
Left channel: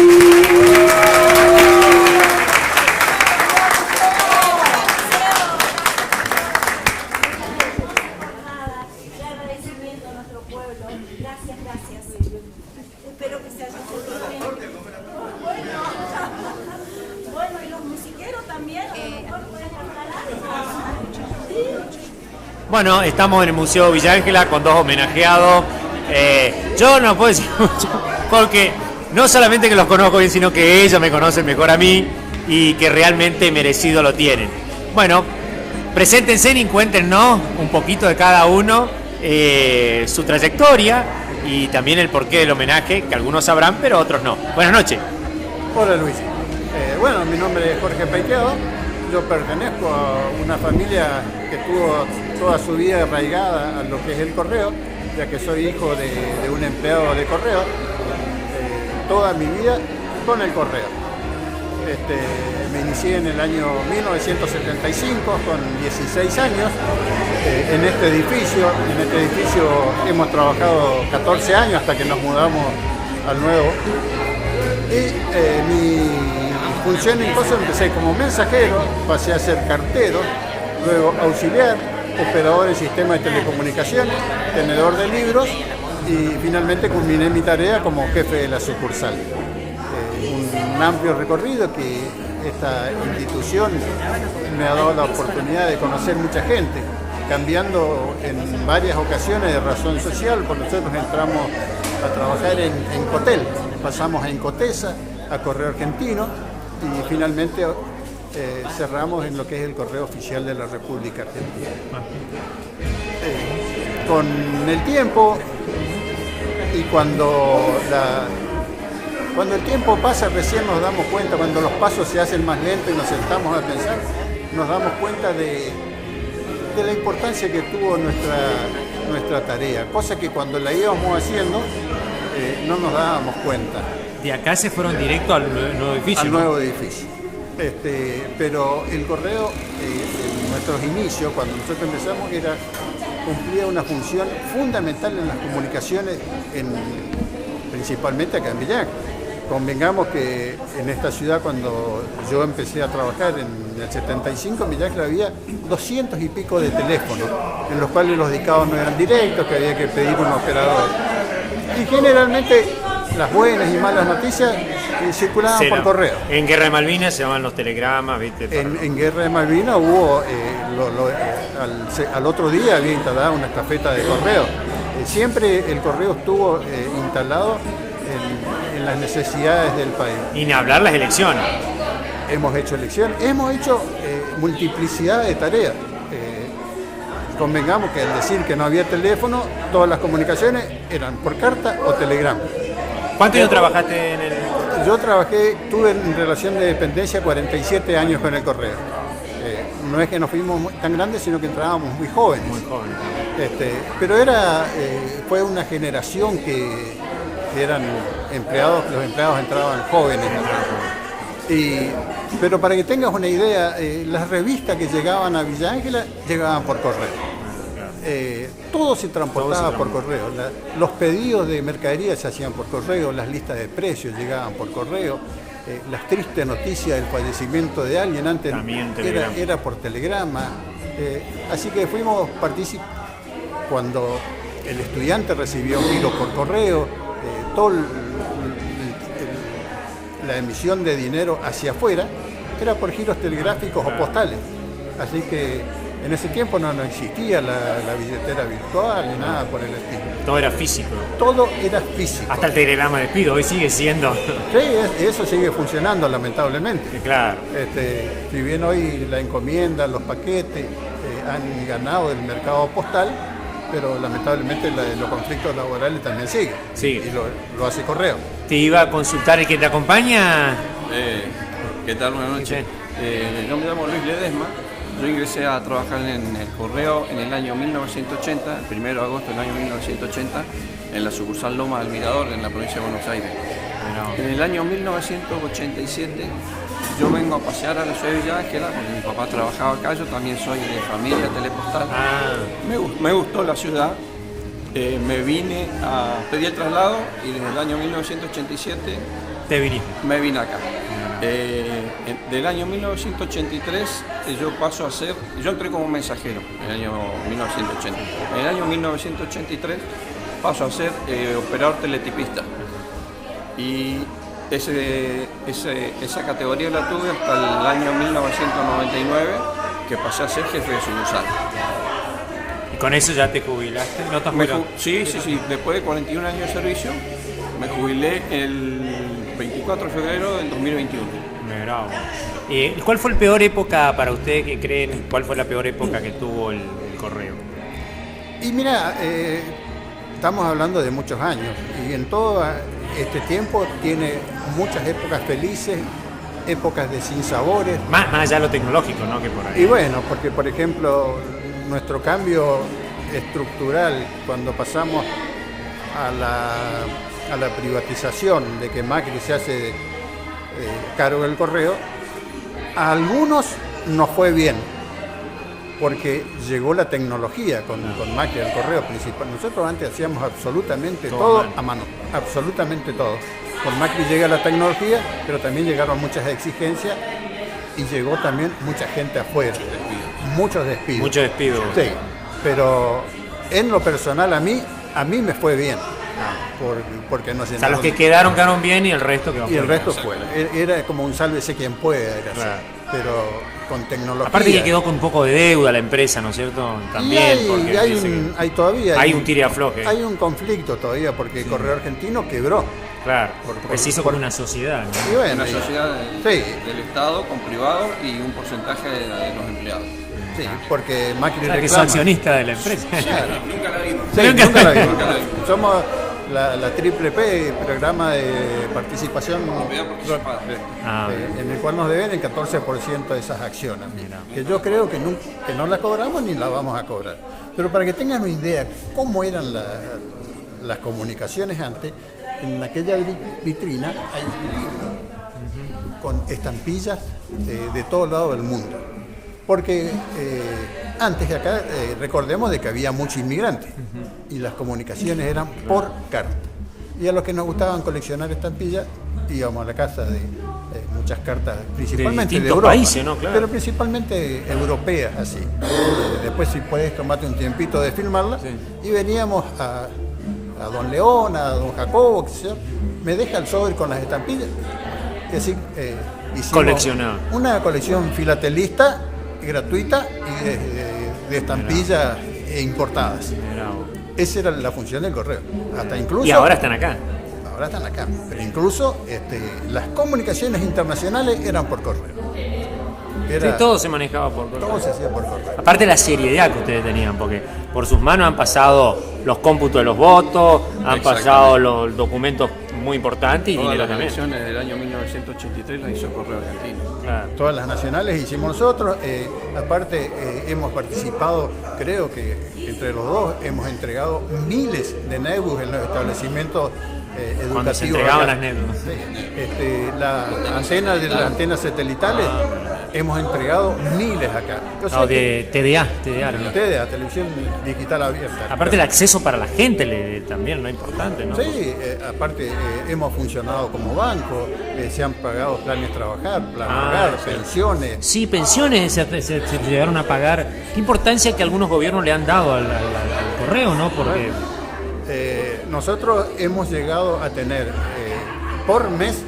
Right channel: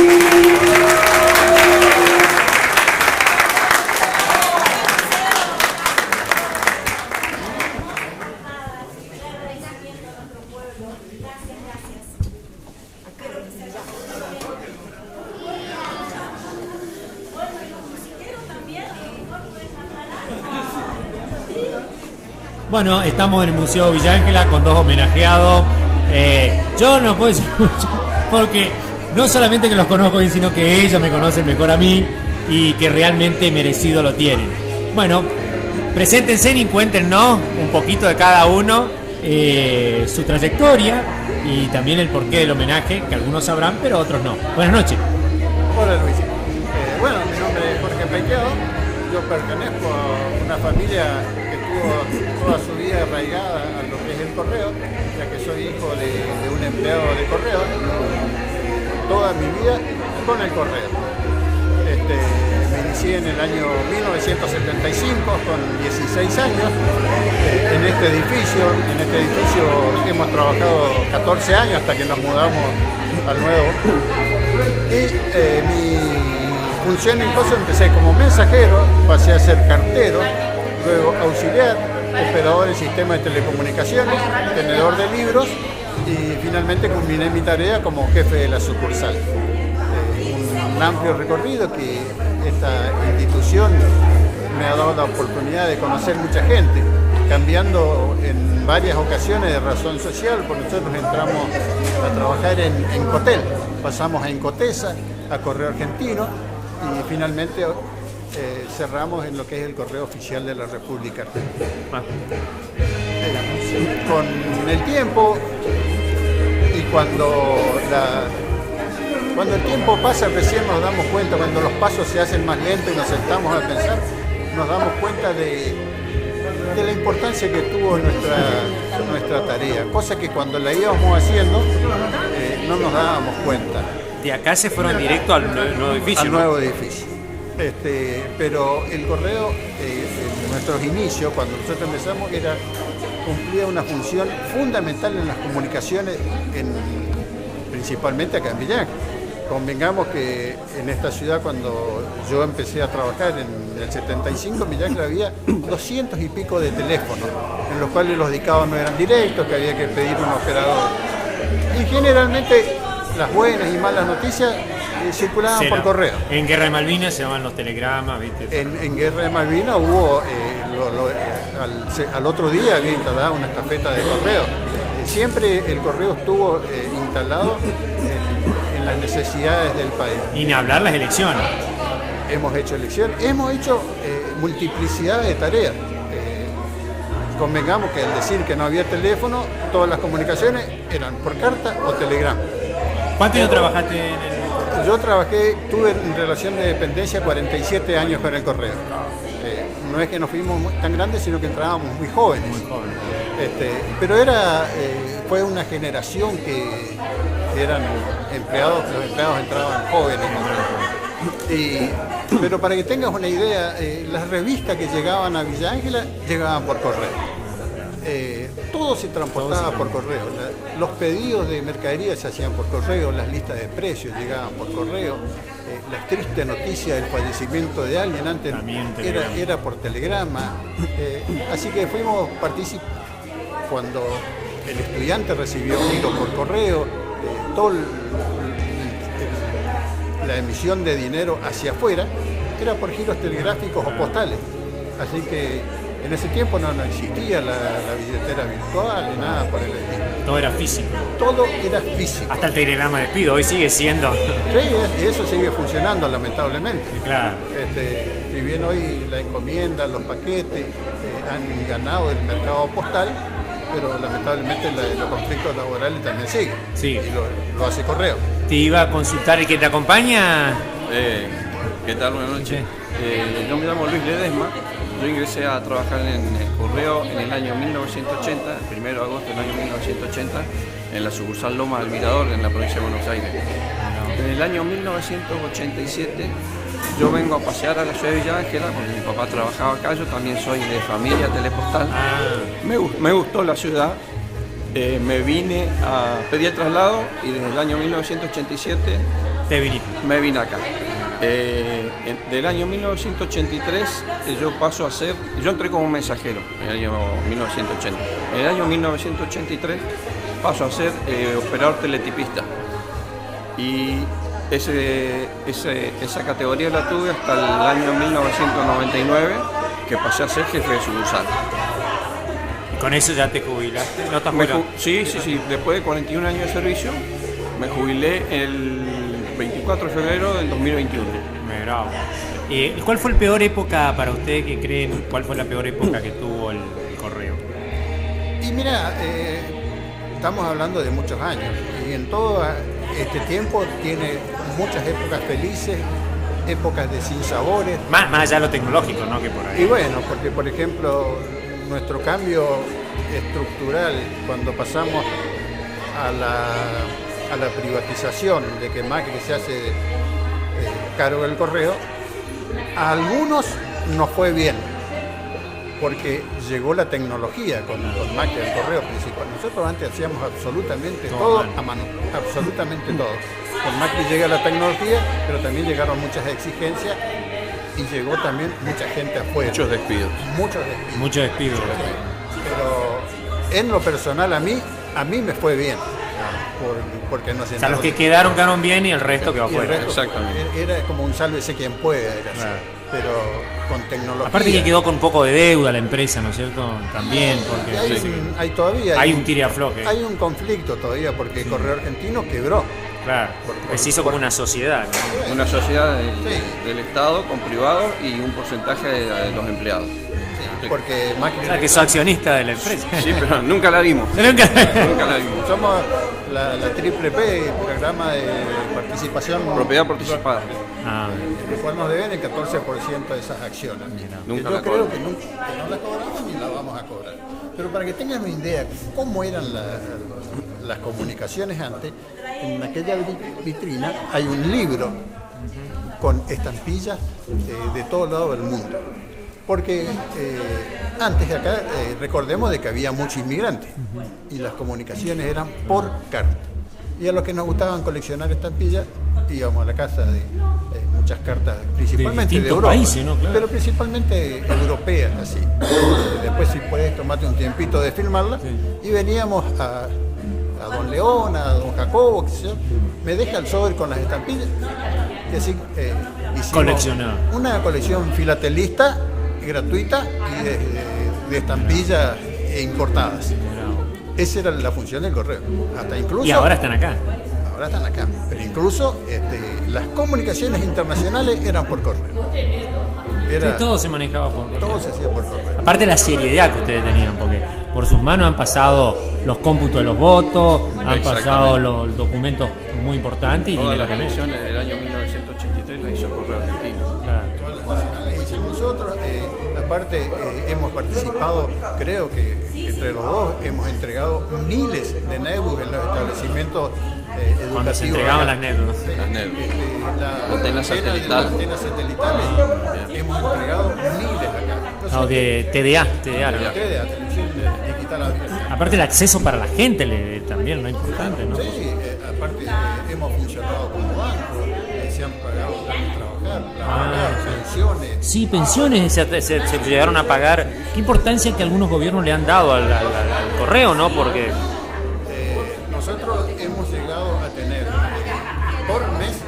Bueno, estamos en el Museo Villa Ángela con dos homenajeados. Yo no puedo decir mucho, porque no solamente que los conozco bien, sino que ellos me conocen mejor a mí y que realmente merecido lo tienen. Bueno, preséntense y cuéntenos un poquito de cada uno, su trayectoria y también el porqué del homenaje, que algunos sabrán, pero otros no. Buenas noches. Hola Luis. Bueno, mi nombre es Jorge Paiteado. Yo pertenezco a una familia que tuvo toda su vida arraigada a lo que es el correo, ya que soy hijo de un empleado de correo, toda mi vida con el correo. Me inicié en el año 1975 con 16 años en este edificio. En este edificio hemos trabajado 14 años hasta que nos mudamos al nuevo. Y mi función en COSO empecé como mensajero, pasé a ser cartero, luego auxiliar, operador en sistema de telecomunicaciones, tenedor de libros y finalmente culminé mi tarea como jefe de la sucursal. Un amplio recorrido que esta institución me ha dado la oportunidad de conocer mucha gente, cambiando en varias ocasiones de razón social, porque nosotros entramos a trabajar en Cotel, pasamos a Incotesa, a Correo Argentino, y finalmente cerramos en lo que es el Correo Oficial de la República Argentina. Con el tiempo y cuando el tiempo pasa recién nos damos cuenta, cuando los pasos se hacen más lentos y nos sentamos a pensar, nos damos cuenta de la importancia que tuvo nuestra tarea, cosa que cuando la íbamos haciendo no nos dábamos cuenta. De acá se fueron directo al nuevo edificio. Al nuevo edificio. Pero el correo, en nuestros inicios, cuando nosotros empezamos, cumplía una función fundamental en las comunicaciones, principalmente acá en Villa Ángela. Convengamos que en esta ciudad, cuando yo empecé a trabajar en el 75, en Villa Ángela había 200 y pico de teléfonos, en los cuales los dedicados no eran directos, que había que pedir un operador. Y generalmente las buenas y malas noticias circulaban por correo. En Guerra de Malvinas se llaman los telegramas, ¿viste? En Guerra de Malvinas hubo, al otro día había instalado una estafeta de correo. Siempre el correo estuvo instalado en las necesidades del país. Y ni hablar las elecciones. Hemos hecho elecciones, hemos hecho multiplicidad de tareas. Convengamos que al decir que no había teléfono, todas las comunicaciones eran por carta o telegrama. ¿Cuánto tiempo trabajaste en el correo? Yo tuve en relación de dependencia 47 años con el correo. No es que nos fuimos tan grandes, sino que entrábamos muy jóvenes. Muy jóvenes. Pero fue una generación que eran empleados, los empleados entraban jóvenes. Pero para que tengas una idea, las revistas que llegaban a Villa Ángela llegaban por correo. Todo se transportaba por correo. Los pedidos de mercadería se hacían por correo, las listas de precios llegaban por correo, las tristes noticias del fallecimiento de alguien antes era por telegrama. Así que fuimos partícipes cuando el estudiante recibió giro por correo, toda la emisión de dinero hacia afuera era por giros telegráficos o postales. Así que en ese tiempo no existía la billetera virtual ni nada por el estilo. Todo era físico. Todo era físico. Hasta el telegrama de despido hoy sigue siendo. Sí, eso sigue funcionando lamentablemente. Claro. Si bien hoy la encomienda, los paquetes han ganado el mercado postal, pero lamentablemente los conflictos laborales también siguen. Sí. Y lo hace correo. Te iba a consultar el que te acompaña. ¿Qué tal? Buenas noches. Yo me llamo Luis Ledesma. Yo ingresé a trabajar en el correo en el año 1980, el 1 de agosto del año 1980, en la sucursal Loma del Mirador, en la provincia de Buenos Aires. En el año 1987 yo vengo a pasear a la ciudad de Villa Ángela, porque mi papá trabajaba acá, yo también soy de familia telepostal. Me gustó la ciudad, me vine a pedir el traslado y desde el año 1987 me vine acá. Del año 1983 yo entré como mensajero en el año 1980. En el año 1983 paso a ser operador teletipista. Y esa categoría la tuve hasta el año 1999, que pasé a ser jefe de sucursal. ¿Y con eso ya te jubilaste? ¿No estás Sí. Después de 41 años de servicio, me jubilé el 24 de febrero del 2021. Bravo. ¿Cuál fue la peor época para ustedes que creen? ¿Cuál fue la peor época que tuvo el correo? Y mira, estamos hablando de muchos años y en todo este tiempo tiene muchas épocas felices, épocas de sinsabores. Más allá de lo tecnológico, ¿no? Que por ahí. Y bueno, porque por ejemplo, nuestro cambio estructural, cuando pasamos a la privatización de que Macri se hace cargo del correo, a algunos nos fue bien, porque llegó la tecnología con Macri el correo principal. Nosotros antes hacíamos absolutamente todo a mano, absolutamente todo. Con Macri llega la tecnología, pero también llegaron muchas exigencias y llegó también mucha gente afuera. Muchos despidos. Sí, pero en lo personal a mí me fue bien. Porque nos los que quedaron bien y el resto quedó afuera. Y el resto fue. Era como un sálvese quien pueda, era así. Pero con tecnología. Aparte que quedó con un poco de deuda la empresa, ¿no es cierto? También, porque hay un tira y afloje. Hay un conflicto todavía, porque Correo Argentino quebró. Claro, porque se hizo como una sociedad, ¿no? Bueno, una sociedad del Estado con privados y un porcentaje de los empleados. Sí, porque Macri que es accionista de la empresa. Sí, pero nunca la vimos. Nunca la vimos. Somos la triple P, programa de participación. Propiedad participada. En el cual nos deben el 14% de esas acciones. Que yo creo que no la cobramos ni la vamos a cobrar. Pero para que tengan una idea cómo eran las comunicaciones antes, en aquella vitrina hay un libro con estampillas de todo lado del mundo. Porque antes de acá, recordemos de que había muchos inmigrantes y las comunicaciones eran por carta. Y a los que nos gustaban coleccionar estampillas, íbamos a la casa de muchas cartas, principalmente de Europa, países, ¿no? Claro. Pero principalmente europeas, así. Después, si puedes, tomate un tiempito de filmarla. Y veníamos a Don León, a Don Jacobo, me deja el sobre con las estampillas. Y así hicimos una colección filatelista gratuita y de estampillas importadas. Esa era la función del correo. Hasta incluso, y ahora están acá. Ahora están acá. Pero incluso las comunicaciones internacionales eran por correo. Todo se manejaba por correo. Todo se hacía por correo. Aparte la seriedad que ustedes tenían, porque por sus manos han pasado los cómputos de los votos, han pasado los documentos muy importantes. Todas las elecciones del año 1983 las hizo Correo Argentino. Claro. Todas las nacionales hicimos nosotros. Aparte hemos participado, creo que entre los dos hemos entregado miles de netbooks en los establecimientos educativos. Cuando se entregaban las netbooks. Las antenas satelitales hemos entregado miles acá. De TDA. TDA, televisión digital abierta. Aparte el acceso para la gente también, ¿no? Importante, ¿no? Sí, aparte hemos funcionado como banco, se han pagado planes trabajar, pensiones. Sí, pensiones se llegaron a pagar. Qué importancia que algunos gobiernos le han dado al correo, ¿no? Porque nosotros hemos llegado a tener por mes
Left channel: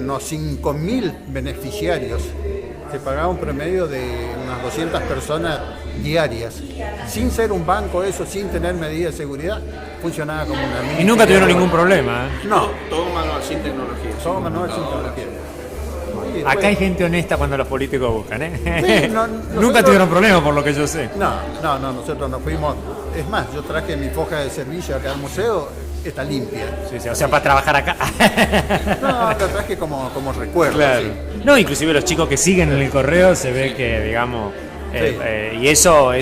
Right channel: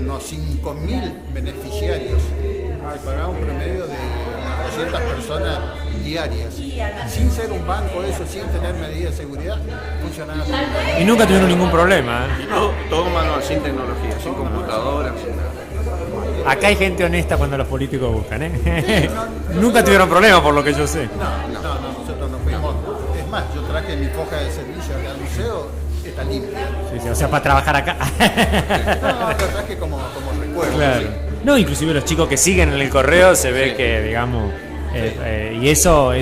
unos 5.000 beneficiarios. Se pagaba un promedio de unas 200 personas diarias. Sin ser un banco, sin tener medidas de seguridad, funcionaba como una... Y nunca tuvieron ningún problema, ¿eh? No, todo manual, sin tecnología, sin computadoras. Acá hay gente honesta cuando los políticos buscan, ¿eh? Sí, nunca tuvieron problemas por lo que yo sé. No, nosotros nos fuimos. Es más, yo traje mi foja de servicio acá al museo, está limpia. Sí, o sea, para trabajar acá. No, lo traje como recuerdo. Claro. Sí. No, inclusive los chicos que siguen en el correo se ve que, digamos, y eso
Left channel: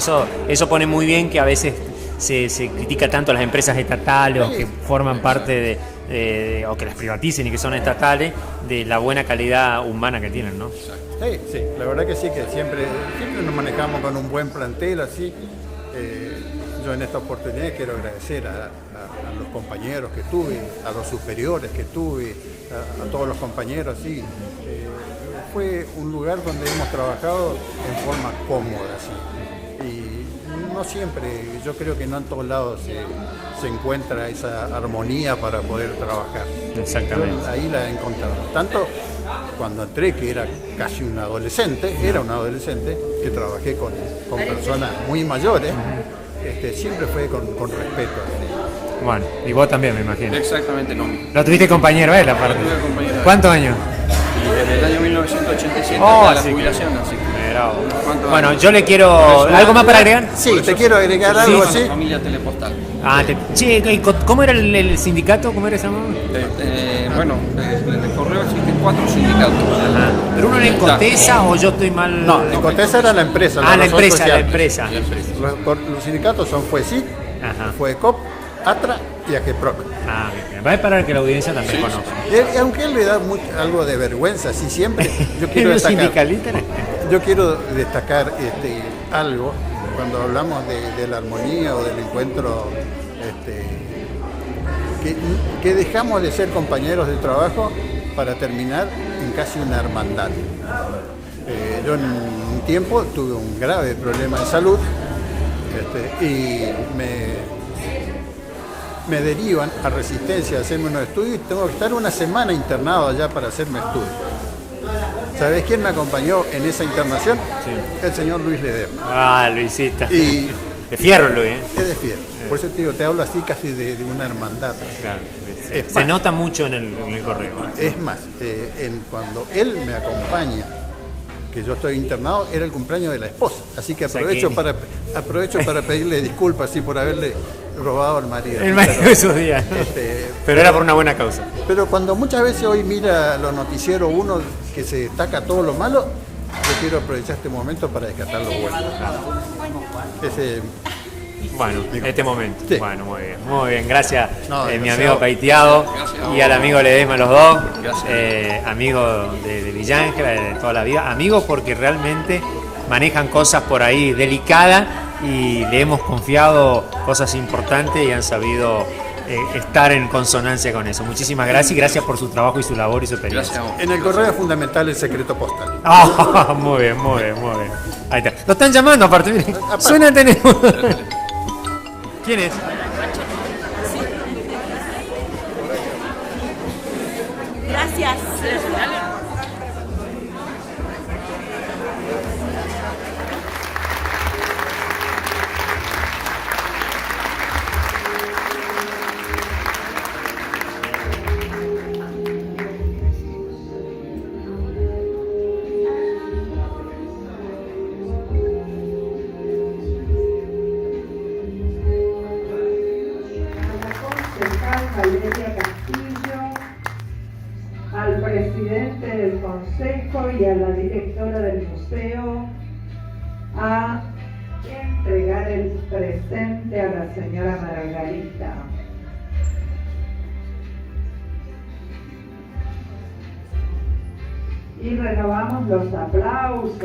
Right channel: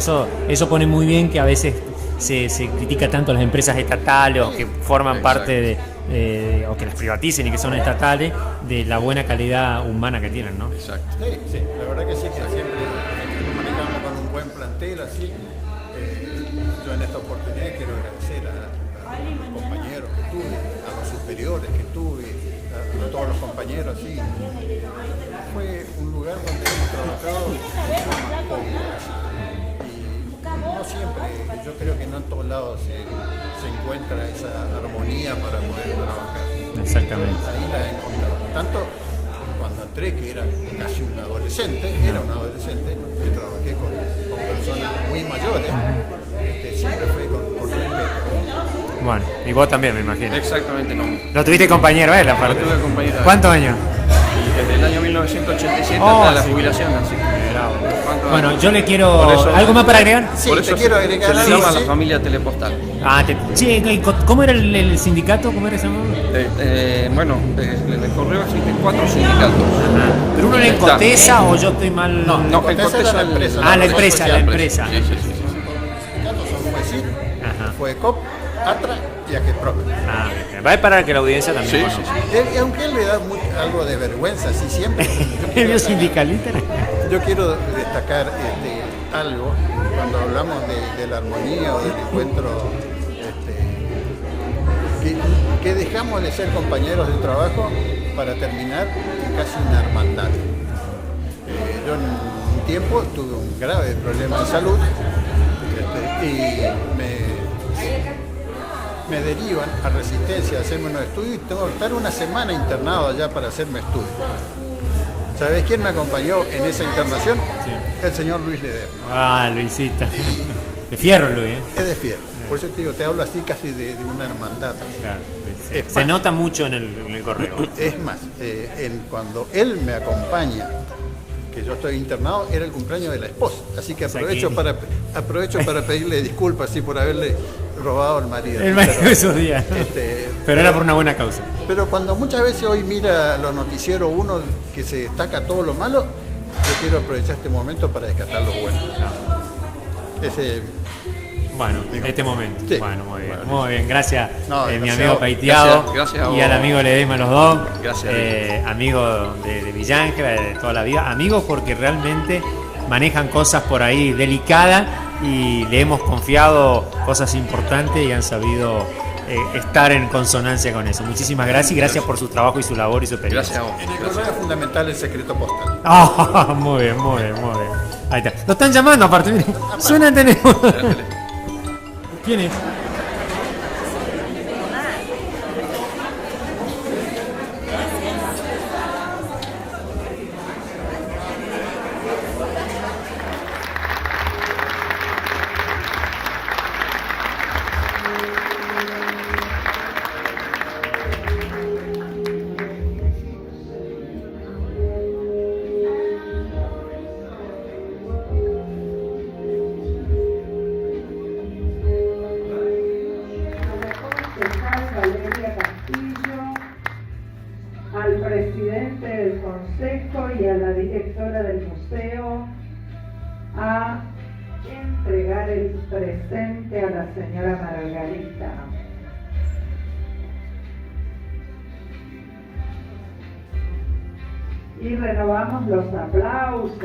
pone muy bien que a veces se critica tanto a las empresas estatales que forman parte o que las privaticen y que son estatales, de la buena calidad humana que tienen, ¿no? Exacto. Sí, sí, la verdad que sí, que siempre nos manejamos con un buen plantel, así. Yo en esta oportunidad quiero agradecer a los compañeros que tuve, a los superiores que tuve, a todos los compañeros, así. Fue un lugar donde hemos trabajado en forma cómoda, así. Y no siempre, yo creo que no en todos lados se encuentra esa armonía para poder trabajar. Exactamente. Yo ahí la he encontrado. Tanto cuando entré, que era casi un adolescente, que trabajé con personas muy mayores, siempre fue con respeto. Bueno, y vos también, me imagino. Exactamente lo mismo. Lo tuviste compañero él, aparte. Lo tuve compañero él. ¿Cuántos años? Y desde el año 1987 hasta la jubilación, así que... Bueno, yo le quiero... ¿Algo más para agregar? Sí, te quiero agregar algo así. La familia Telepostal. ¿Cómo era el sindicato? ¿Cómo era ese nombre? Bueno, en el correo existen 4 sindicatos. Ajá. ¿Pero uno era en Cotesa o yo estoy mal? No, Cotesa era la empresa. Ah, la empresa. Los sindicatos son FUECIT, FUECOP, ATRA y AGEPROC. Ah, bien. Va a parar que la audiencia también conozca. Y aunque él le da algo de vergüenza, sí, siempre. Yo quiero destacar algo cuando hablamos de la armonía o del encuentro, que dejamos de ser compañeros de trabajo para terminar en casi una hermandad. Yo en un tiempo tuve un grave problema de salud y me derivan a Resistencia a hacerme unos estudios y tengo que estar una semana internado allá para hacerme estudios. ¿Sabés quién me acompañó en esa internación? Sí. El señor Luis Ledesma. Ah, Luisita. De fierro, Luis. Es de fierro. Por eso te digo, te hablo así casi de una hermandad. Claro. Se nota mucho en el correo. Es más, cuando él me acompaña, que yo estoy internado, era el cumpleaños de la esposa. Así que aprovecho para pedirle disculpas por haberle robado al marido. El marido de esos días. Pero era por una buena causa. Pero cuando muchas veces hoy mira los noticieros uno que se destaca todo lo malo, yo quiero aprovechar este momento para descartar lo bueno. Bueno, este momento. Sí. Bueno, muy bien. Gracias, mi amigo Paiteado y al amigo Ledesma, los dos. Gracias. Amigos de Villángela, de toda la vida. Amigos porque realmente manejan cosas por ahí delicadas y le hemos confiado cosas importantes y han sabido estar en consonancia con eso. Muchísimas gracias y gracias por su trabajo y su labor y su experiencia. En el correo es fundamental el secreto postal. Muy bien. Ahí está. Lo están llamando aparte, miren. Suena el teléfono. ¿Quién es? Gracias. Al presidente del consejo y a la directora del museo a entregar el presente a la señora Margarita. Y renovamos los aplausos.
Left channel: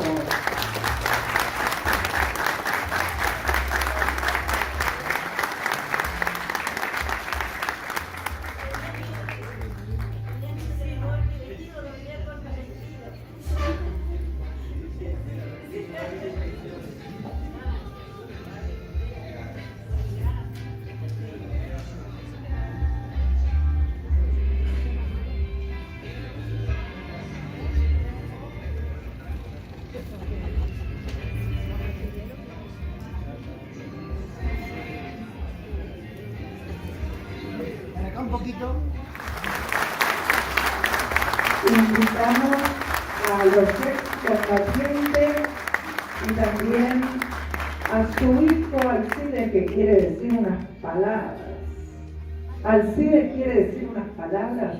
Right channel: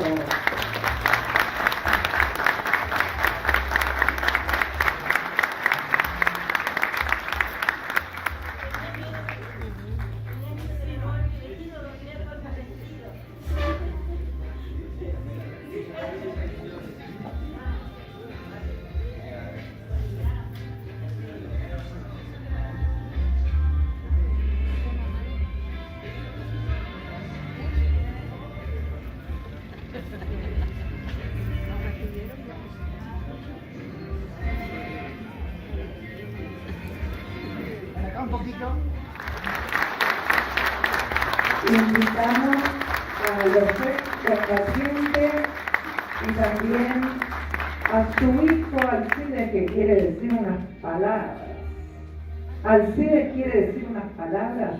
Invitamos a los excombatientes y también a su hijo Alcide, que quiere decir unas palabras. Alcide quiere decir unas palabras.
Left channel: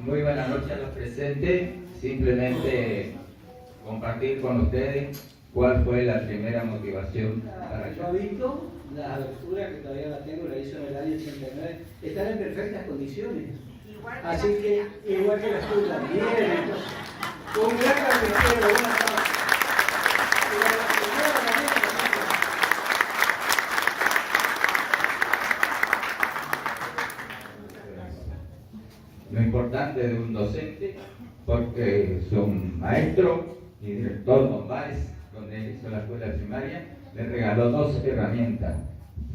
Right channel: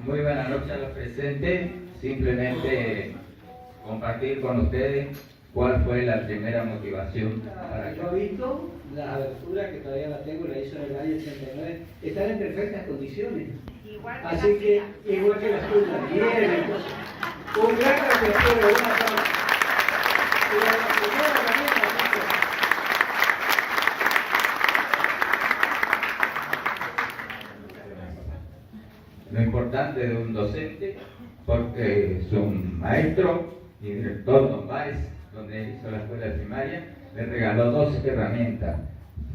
Muy buenas noches a los presentes. Simplemente compartir con ustedes ¿Cuál fue la primera motivación para Yo he visto la abertura que todavía la tengo, la hizo en el año 89, están en perfectas condiciones. Así que, igual que las tuyas, bien, entonces, un gran agradecimiento, buenas tardes. Lo importante de un docente, porque su maestro y director, don Báez, donde hizo la escuela primaria, le regaló 2 herramientas.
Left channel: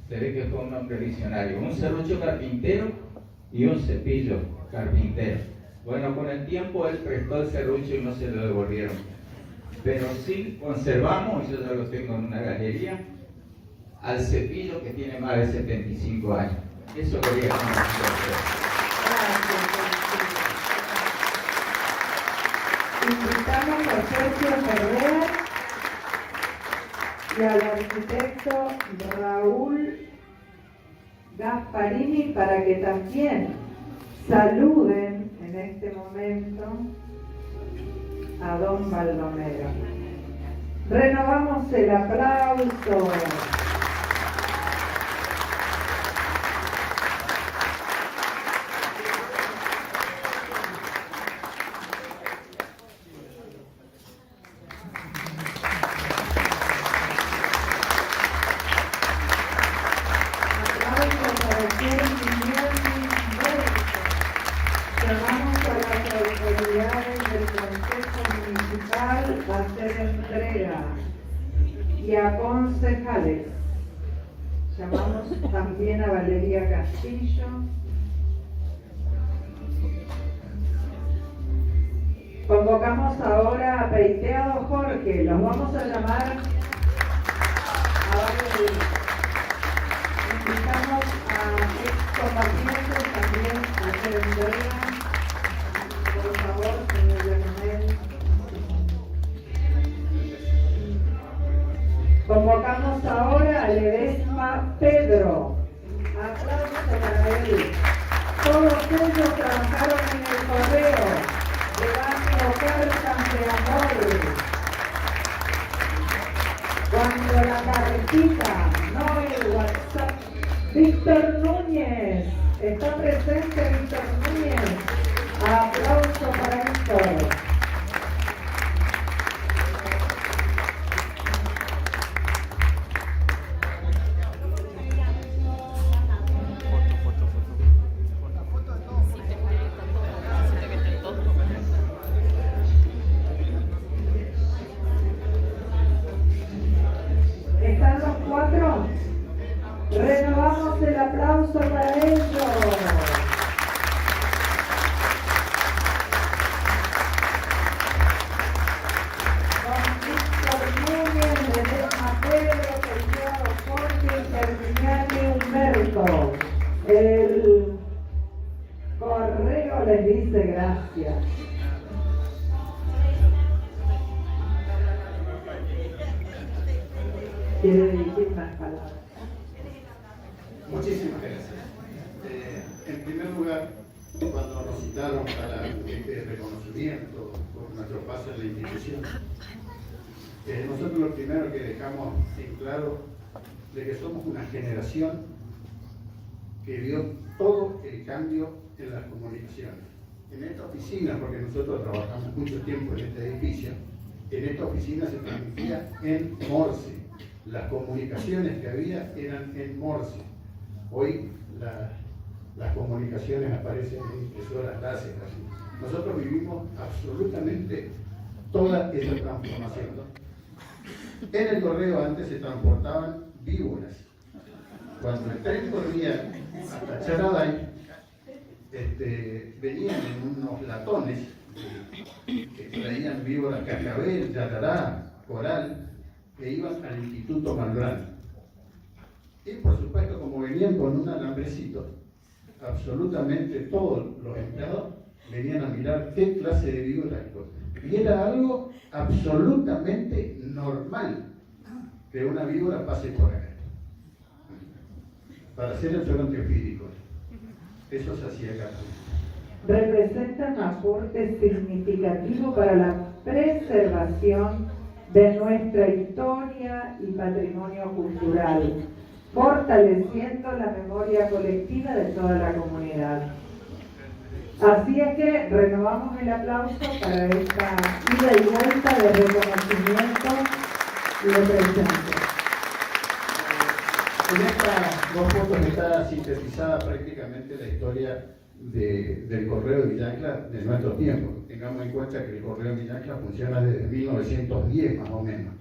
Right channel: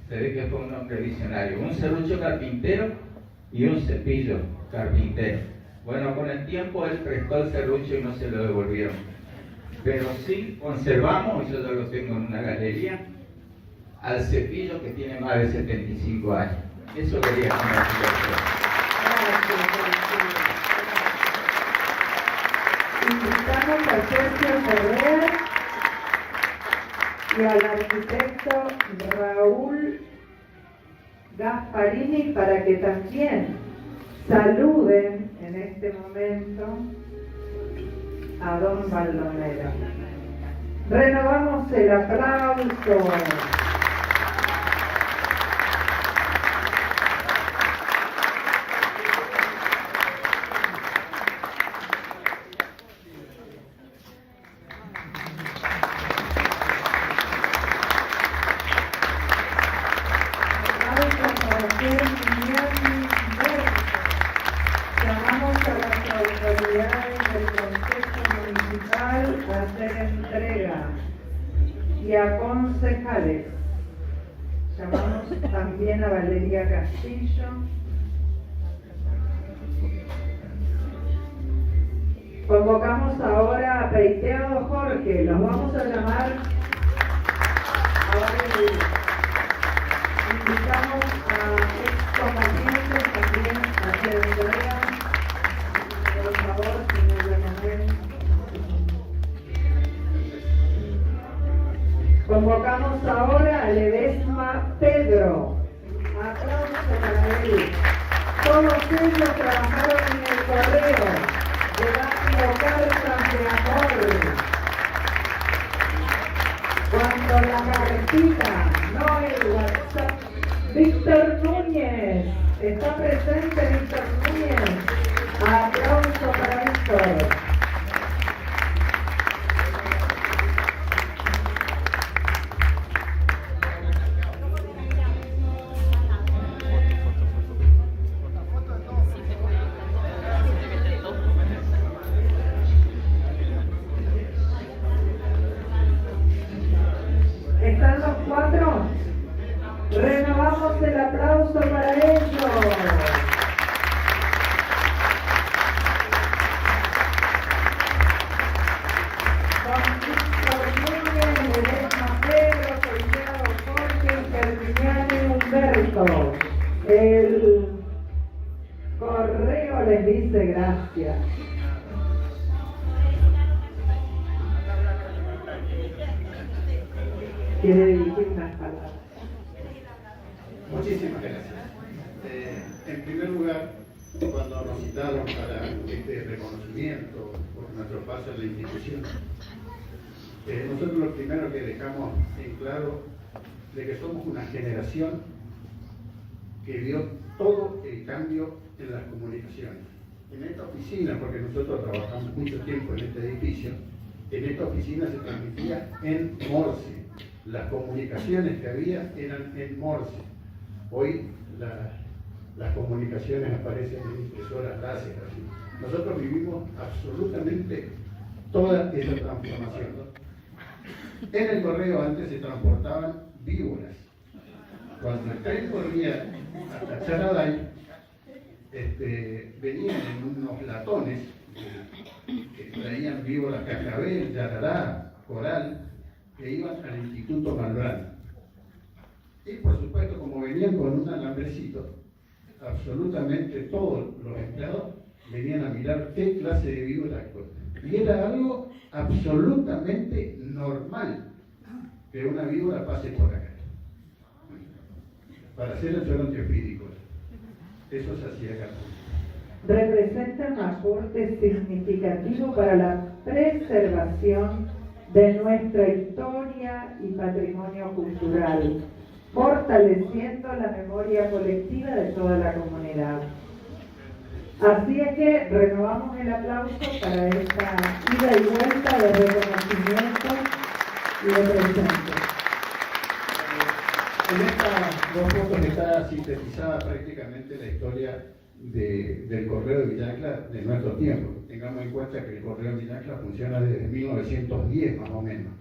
Se ve que fue un hombre visionario, un serrucho carpintero y un cepillo carpintero. Bueno, con el tiempo él prestó el serrucho y no se lo devolvieron. Pero sí conservamos, y yo ya lo tengo en una galería, al cepillo que tiene más de 75 años. Eso quería conocer. Invitamos a Sergio Ferrer y al arquitecto Raúl Gasparini para que también saluden en este momento a don Baldomero. Renovamos el aplauso. Llamamos a las autoridades del Consejo Municipal a hacer entrega y a concejales. Llamamos también a Valeria Castillo. Convocamos ahora a Peiteado Jorge. Los vamos a llamar a varios días. Invitamos a excombatientes también a hacer entrega. Por favor, señor Leonel. Convocamos ahora a Ledesma Pedro. Aplausos para él. Todos ellos trabajaron en el correo de barrio Cartas de Amor. Cuando la carretita, no el WhatsApp. Víctor Núñez, está presente Víctor Núñez. Aplauso para Víctor. ¿Están los 4? Renovamos el aplauso para ellos. Con Víctor Núñez, Ledesma Pedro, Peiteado Jorge y Germiniani Humberto. El correo les dice gracias. Quiere dirigir unas palabras. Muchísimas gracias. En primer lugar, cuando nos citaron para este reconocimiento por nuestro paso en la institución, nosotros lo primero que dejamos en claro de que somos una generación que vio todo el cambio en las comunicaciones. En esta oficina, porque nosotros trabajamos mucho tiempo en este edificio, en esta oficina se transmitía en Morse. Las comunicaciones que había eran en Morse. Hoy las comunicaciones aparecen en impresoras láser. Así. Nosotros vivimos absolutamente toda esa transformación. En el correo antes se transportaban víboras. Cuando el tren corría hasta Charaday, venían en unos latones que traían víboras cascabel, yarará, coral, que iban al Instituto Malbrán. Y por supuesto, como venían con un alambrecito, absolutamente todos los empleados venían a mirar qué clase de víbora actuó. Y era algo absolutamente normal que una víbora pase por acá. Para hacer el suelo antiofídico. Eso se hacía acá. Representan aporte significativo para la preservación de nuestra historia y patrimonio cultural, fortaleciendo la memoria colectiva de toda la comunidad. Así es que renovamos el aplauso para esta ida y vuelta de reconocimiento y de presente. En estas dos fotos está sintetizada prácticamente la historia del Correo de Villa Ancla de nuestro tiempo. Tengamos en cuenta que el Correo de Villa Ancla funciona desde 1910 más o menos.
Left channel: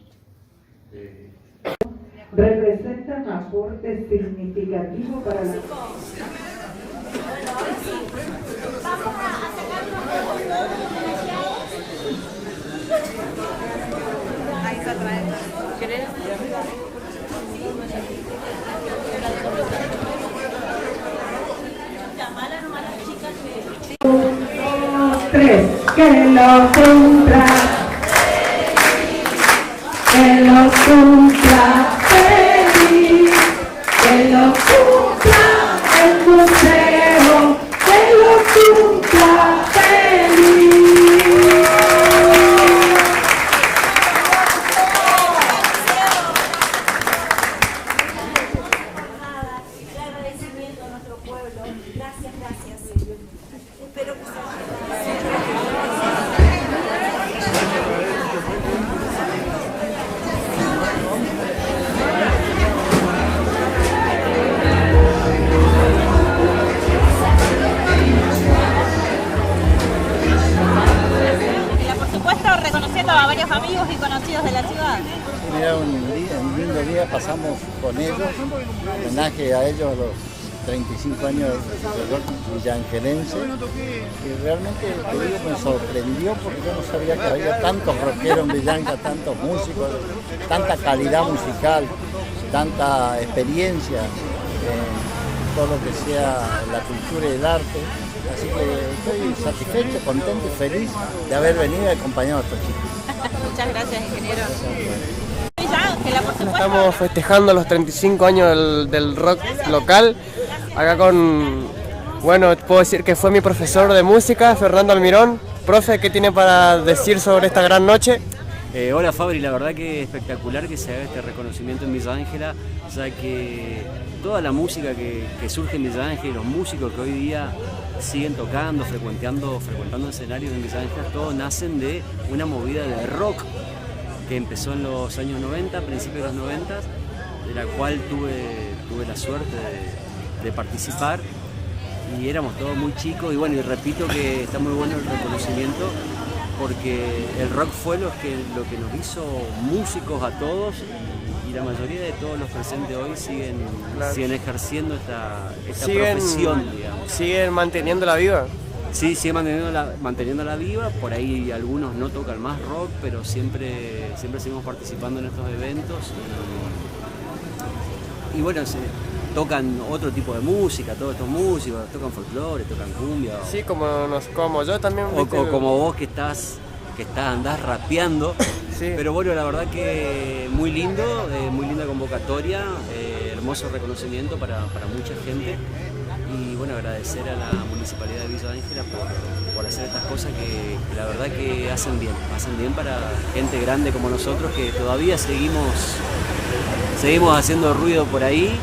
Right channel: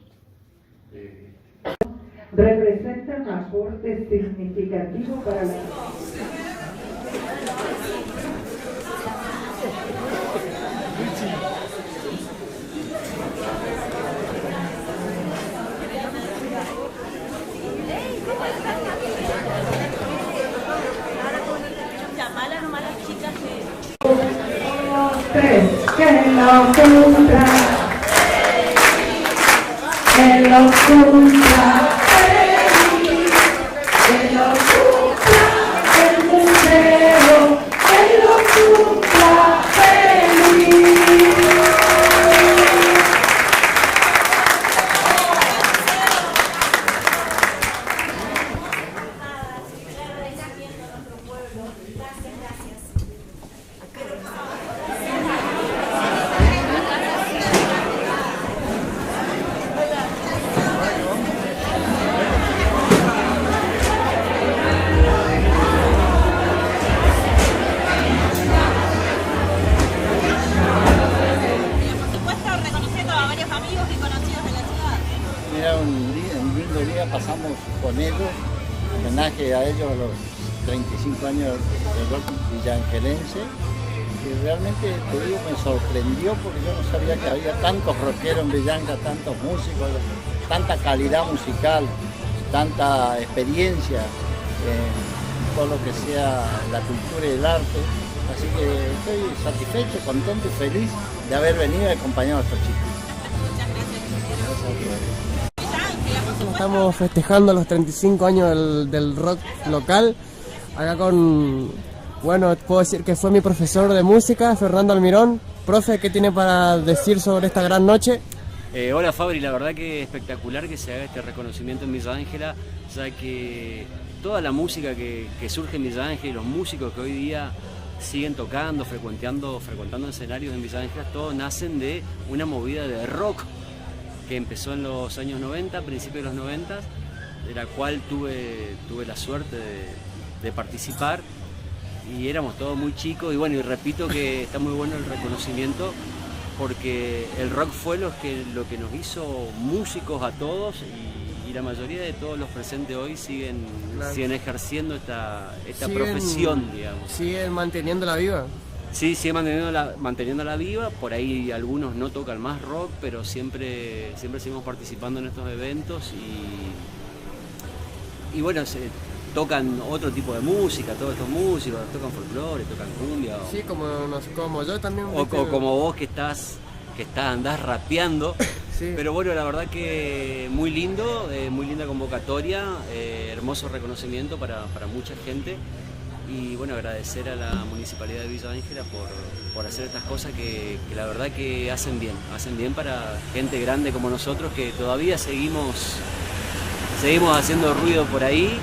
Representa un aporte significativo para la... Llamarlas nomás las chicas que... 3, que lo cumpla, que lo cumpla feliz, que lo cumpla el museo, que lo cumpla feliz. Agradecimiento a nuestro pueblo. Gracias, gracias. Espero que reconociendo a varios amigos y conocidos de la ciudad. Era un lindo día, pasamos con ellos, homenaje a ellos a los 35 años del rock villangelense, y realmente, te digo, me sorprendió porque yo no sabía que había tantos rockeros en Villanca, tantos músicos, tanta calidad musical, tanta experiencia en todo lo que sea la cultura y el arte. Así que estoy satisfecho, contento y feliz de haber venido y acompañado a estos chicos. Muchas gracias, ingeniero. Estamos festejando los 35 años del rock local, acá con, bueno, puedo decir que fue mi profesor de música, Fernando Almirón. Profe, ¿qué tiene para decir sobre esta gran noche? Hola Fabri, la verdad que espectacular que se haga este reconocimiento en Villa Ángela, ya que toda la música que surge en Villa Ángela y los músicos que hoy día siguen tocando, frecuentando escenarios en Villa Ángela, todos nacen de una movida de rock que empezó en los años 90, principios de los 90, de la cual tuve la suerte de participar, y éramos todos muy chicos, y bueno, y repito que está muy bueno el reconocimiento porque el rock fue lo que nos hizo músicos a todos, y la mayoría de todos los presentes hoy siguen ejerciendo esta profesión, digamos. ¿Siguen manteniéndola viva? Sí, siguen manteniéndola viva. Por ahí algunos no tocan más rock, pero siempre seguimos participando en estos eventos, y bueno, tocan otro tipo de música, todos estos músicos, tocan folclore, tocan cumbia. Sí, como yo también. O como vos que andás rapeando. Sí. Pero bueno, la verdad que muy lindo, muy linda convocatoria, hermoso reconocimiento para mucha gente. Y bueno, agradecer a la Municipalidad de Villa Ángela por hacer estas cosas que la verdad que hacen bien para gente grande como nosotros, que todavía seguimos haciendo ruido por ahí,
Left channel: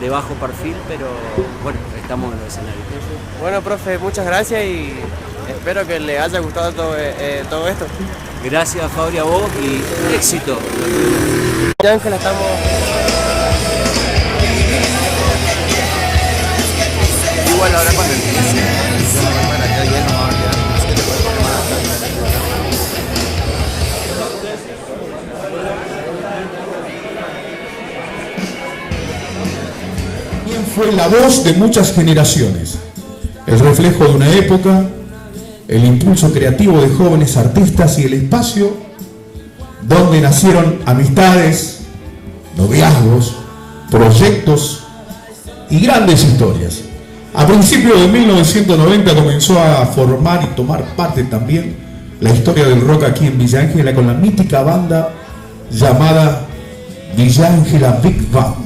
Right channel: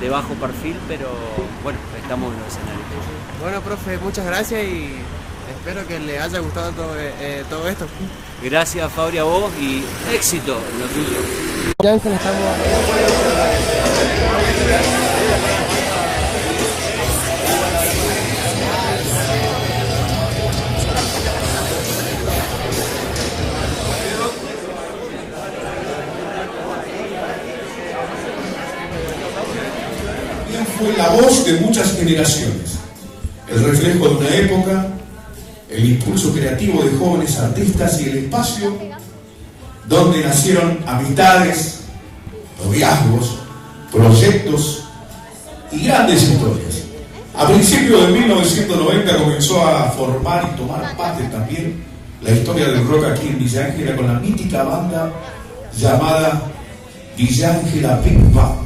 de bajo perfil, pero bueno, estamos en los escenarios. Bueno, profe, muchas gracias y espero que le haya gustado todo esto. Gracias, Fabri, a vos, y éxito en lo tuyo. Villa Ángela, estamos... Fue la voz de muchas generaciones, el reflejo de una época, el impulso creativo de jóvenes artistas y el espacio donde nacieron amistades, noviazgos, proyectos y grandes historias. A principios de 1990 comenzó a formar y tomar parte también la historia del rock aquí en Villa Ángela con la mítica banda llamada Villa Ángela Big Band.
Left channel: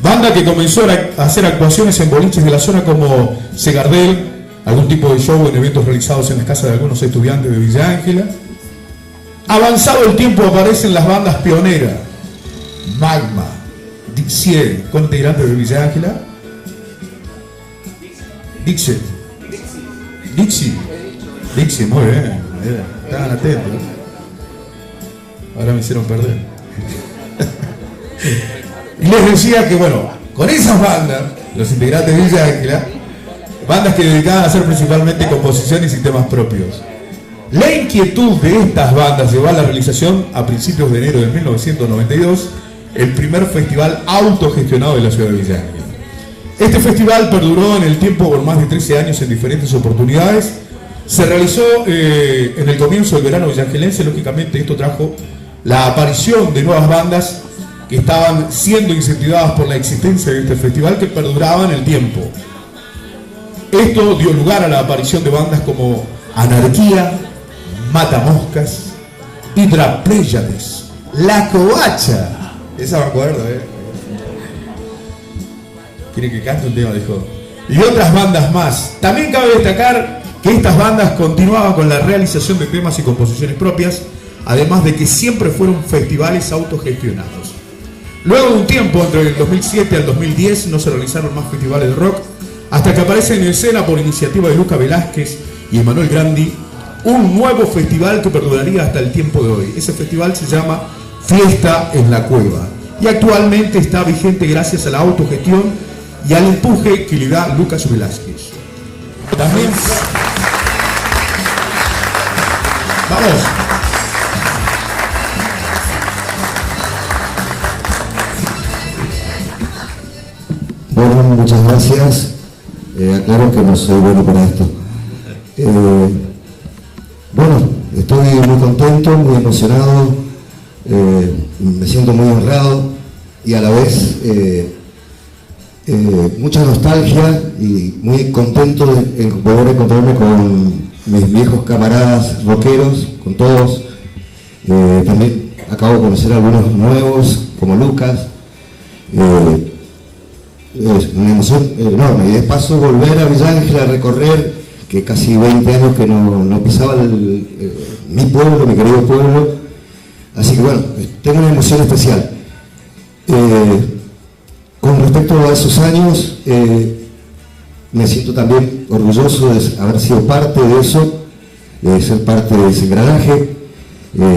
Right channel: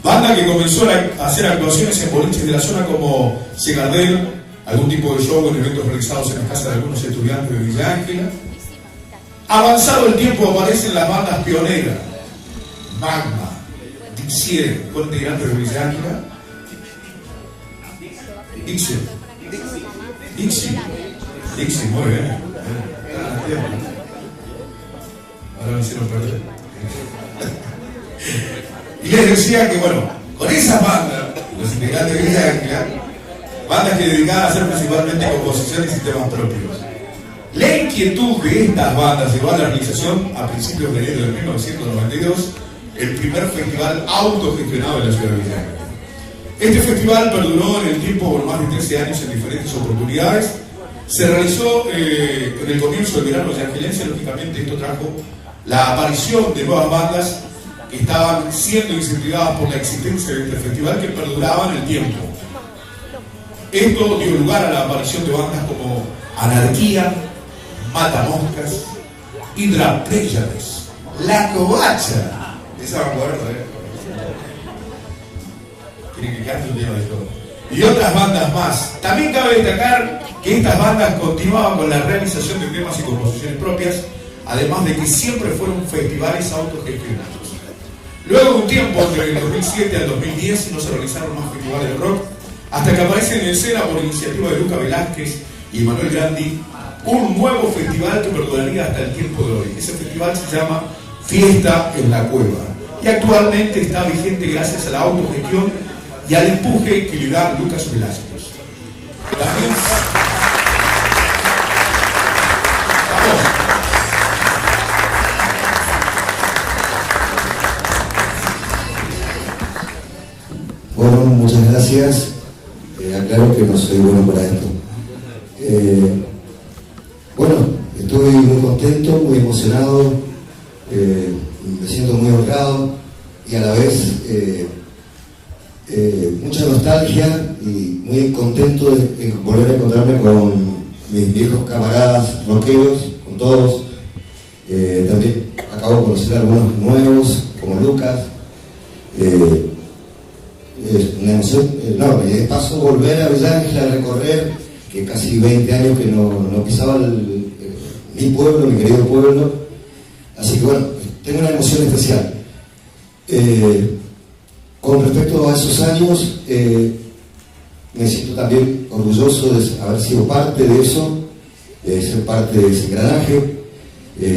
Banda que comenzó a hacer actuaciones en boliches de la zona como Segardel, algún tipo de show en eventos realizados en las casas de algunos estudiantes de Villa Ángela, Avanzado el tiempo aparecen las bandas pioneras, Magma, Dixie, con integrantes de Villa Ángela, Dixie, muy bien, están a la tele. Ahora me hicieron perder. Y les decía que bueno, con esas bandas, los integrantes de Villa Ángela, bandas que dedicaban a hacer principalmente composiciones y temas propios. La inquietud de estas bandas llevó a la realización, a principios de enero de 1992, el primer festival autogestionado de la ciudad de Villa Ángela. Este festival perduró en el tiempo por más de 13 años en diferentes oportunidades. Se realizó en el comienzo del verano villaangelense. Lógicamente esto trajo la aparición de nuevas bandas que estaban siendo incentivadas por la existencia de este festival, que perduraba en el tiempo. Esto dio lugar a la aparición de bandas como Anarquía, Matamoscas, Hydra Pléyades, La Covacha. Esa me acuerdo, Quiere que cante un tema, dijo. Y otras bandas más. También cabe destacar que estas bandas continuaban con la realización de temas y composiciones propias, además de que siempre fueron festivales autogestionados. Luego de un tiempo, entre el 2007 al 2010, no se realizaron más festivales de rock, hasta que aparece en escena, por iniciativa de Luca Velázquez y Emanuel Grandi, un nuevo festival que perduraría hasta el tiempo de hoy. Ese festival se llama Fiesta en la Cueva y actualmente está vigente gracias a la autogestión y al empuje que le da Lucas Velázquez. También... ¡Vamos! Bueno, muchas gracias. Aclaro que no soy bueno para esto. Bueno, estoy muy contento, muy emocionado, me siento muy honrado y a la vez mucha nostalgia y muy contento de volver a encontrarme con mis viejos camaradas rockeros, con todos. También acabo de conocer a algunos nuevos, como Lucas. Es una emoción enorme y de paso volver a Villa Ángela a recorrer, que casi 20 años que no pisaba mi pueblo, mi querido pueblo, así que bueno, tengo una emoción especial. Con respecto a esos años, me siento también orgulloso de haber sido parte de eso, de ser parte de ese engranaje.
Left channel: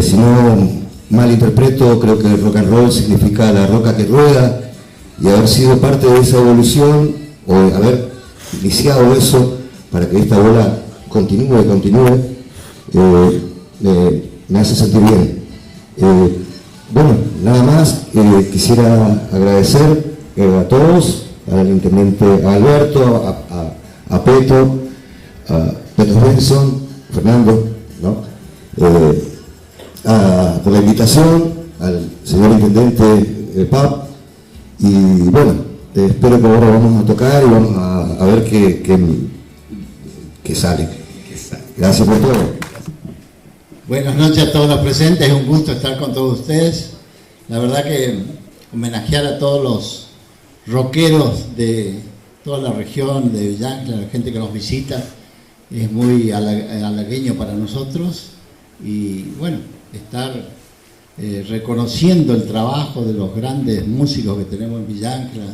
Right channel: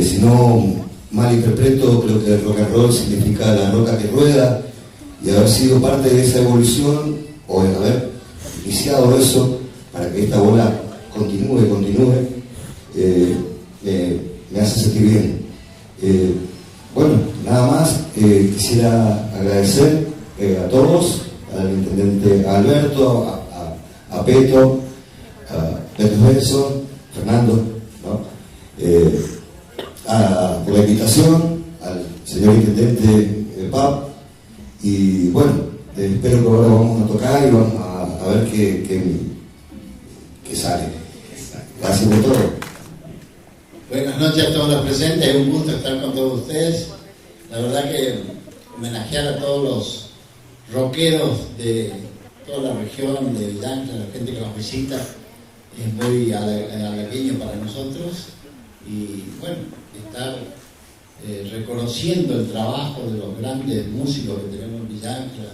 Si no mal interpreto, creo que el rock and roll significa la roca que rueda, y haber sido parte de esa evolución, o haber iniciado eso para que esta bola continúe, me hace sentir bien. Bueno, nada más, quisiera agradecer a todos, al intendente Alberto, a Peto, a Pedro Benson, Fernando, ¿no? Por la invitación, al señor intendente Pap. Y bueno, espero que ahora vamos a tocar y vamos a ver qué sale. Gracias por todo. Buenas noches a todos los presentes, es un gusto estar con todos ustedes. La verdad que homenajear a todos los rockeros de toda la región de Villa Ángela, la gente que nos visita, es muy halagueño para nosotros. Y bueno, estar reconociendo el trabajo de los grandes músicos que tenemos en Villa Ángela,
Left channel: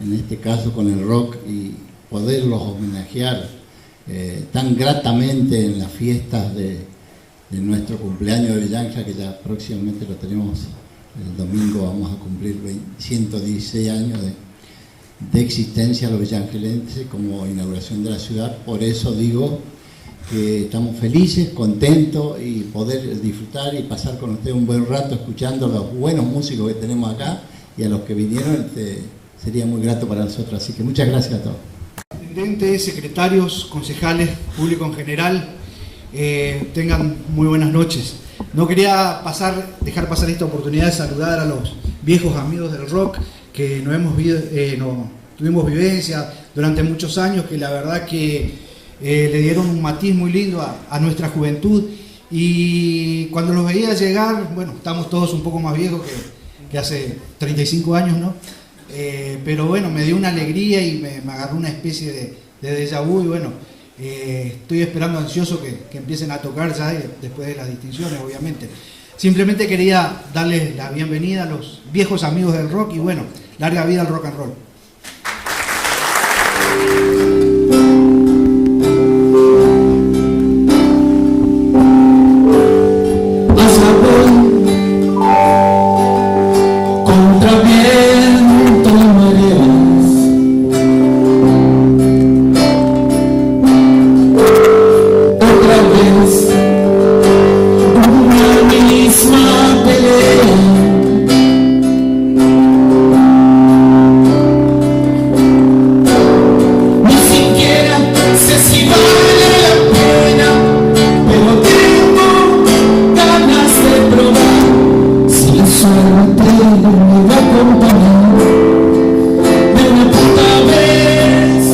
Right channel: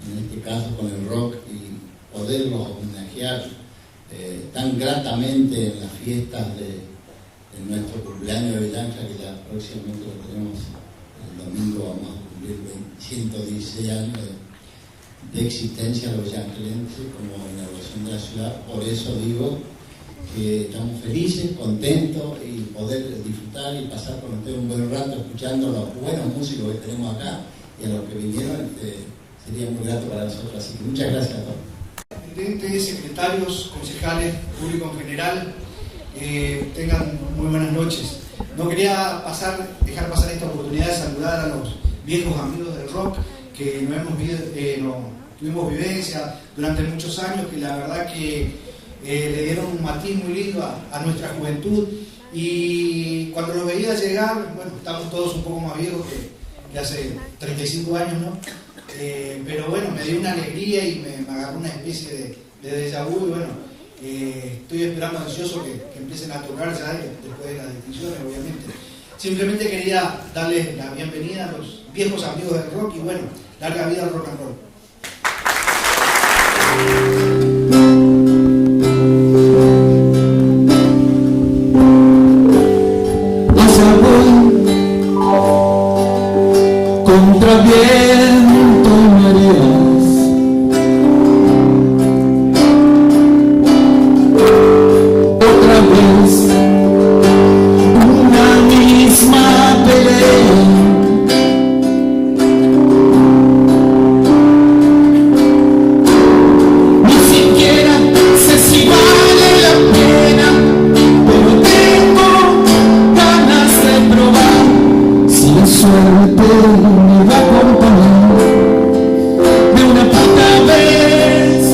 en este caso con el rock, y poderlos homenajear tan gratamente en las fiestas de nuestro cumpleaños de Villa Ángela, que ya próximamente lo tenemos, el domingo vamos a cumplir 116 años de existencia a los villangelenses como inauguración de la ciudad. Por eso digo que estamos felices, contentos y poder disfrutar y pasar con ustedes un buen rato escuchando a los buenos músicos que tenemos acá, y a los que vinieron sería muy grato para nosotros. Así que muchas gracias a todos. Intendentes, secretarios, concejales, público en general, tengan muy buenas noches. No quería dejar pasar esta oportunidad de saludar a los viejos amigos del rock que tuvimos vivencia durante muchos años, que la verdad que le dieron un matiz muy lindo a nuestra juventud, y cuando los veía llegar, bueno, estamos todos un poco más viejos que hace 35 años, ¿no? Pero bueno, me dio una alegría y me agarró una especie de déjà vu, y bueno, Estoy esperando ansioso que empiecen a tocar ya después de las distinciones, obviamente. Simplemente quería darles la bienvenida a los viejos amigos del rock y bueno, larga vida al rock and roll. Contra viento y mareas, otra vez una misma pelea. Ni siquiera sé si vale la pena, pero tengo ganas de probar si la suerte me va a acompañar de una puta vez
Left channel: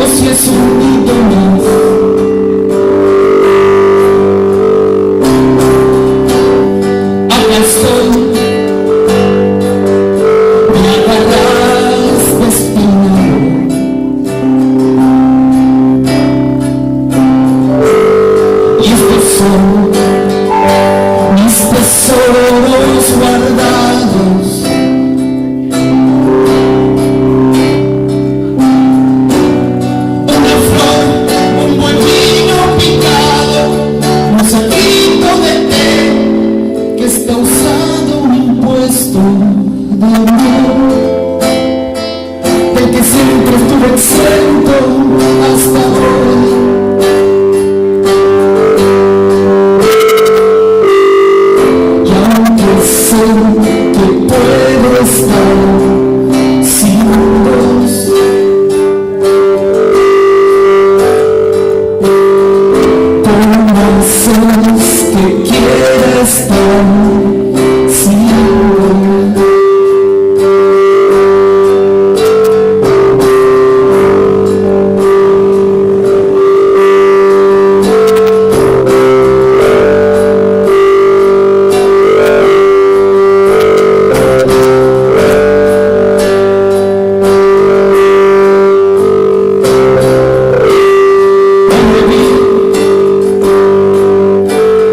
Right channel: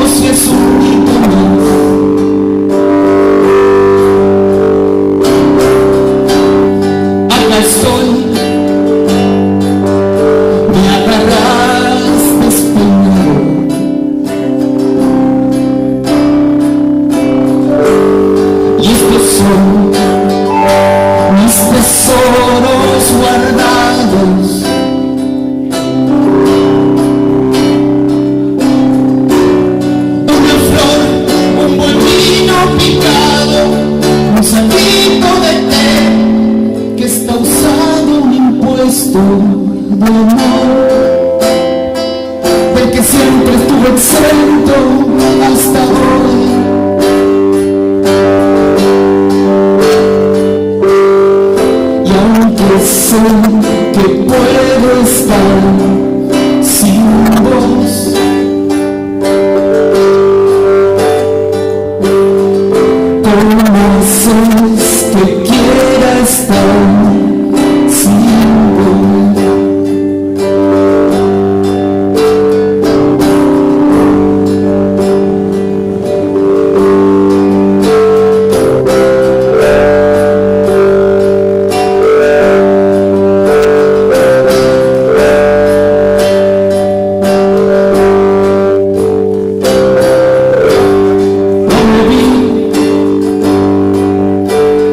o si es un hito más. Acá estoy, me agarras despeinado y estos son mis tesoros guardados. Una flor, un buen vino picado, un saquito de té que está usado, un impuesto de amor del que siempre estuve exento hasta hoy. Y aunque sé que puedo estar sin vos, ¿cómo haces que quiera estar sin vos?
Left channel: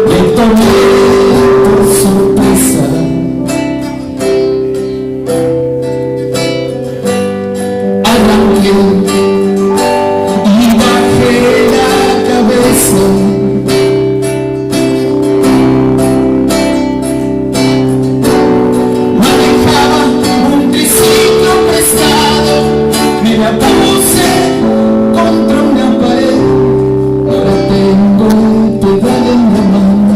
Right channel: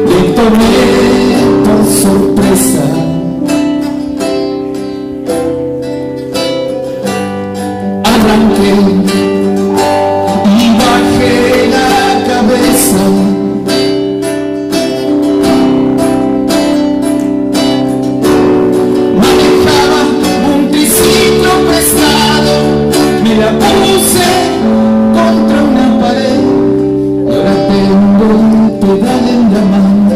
Le tomé por sorpresa, arranqué y bajé la cabeza. Manejaba un triciclo prestado, me la puse contra una pared. Ahora tengo el pedal en la mano,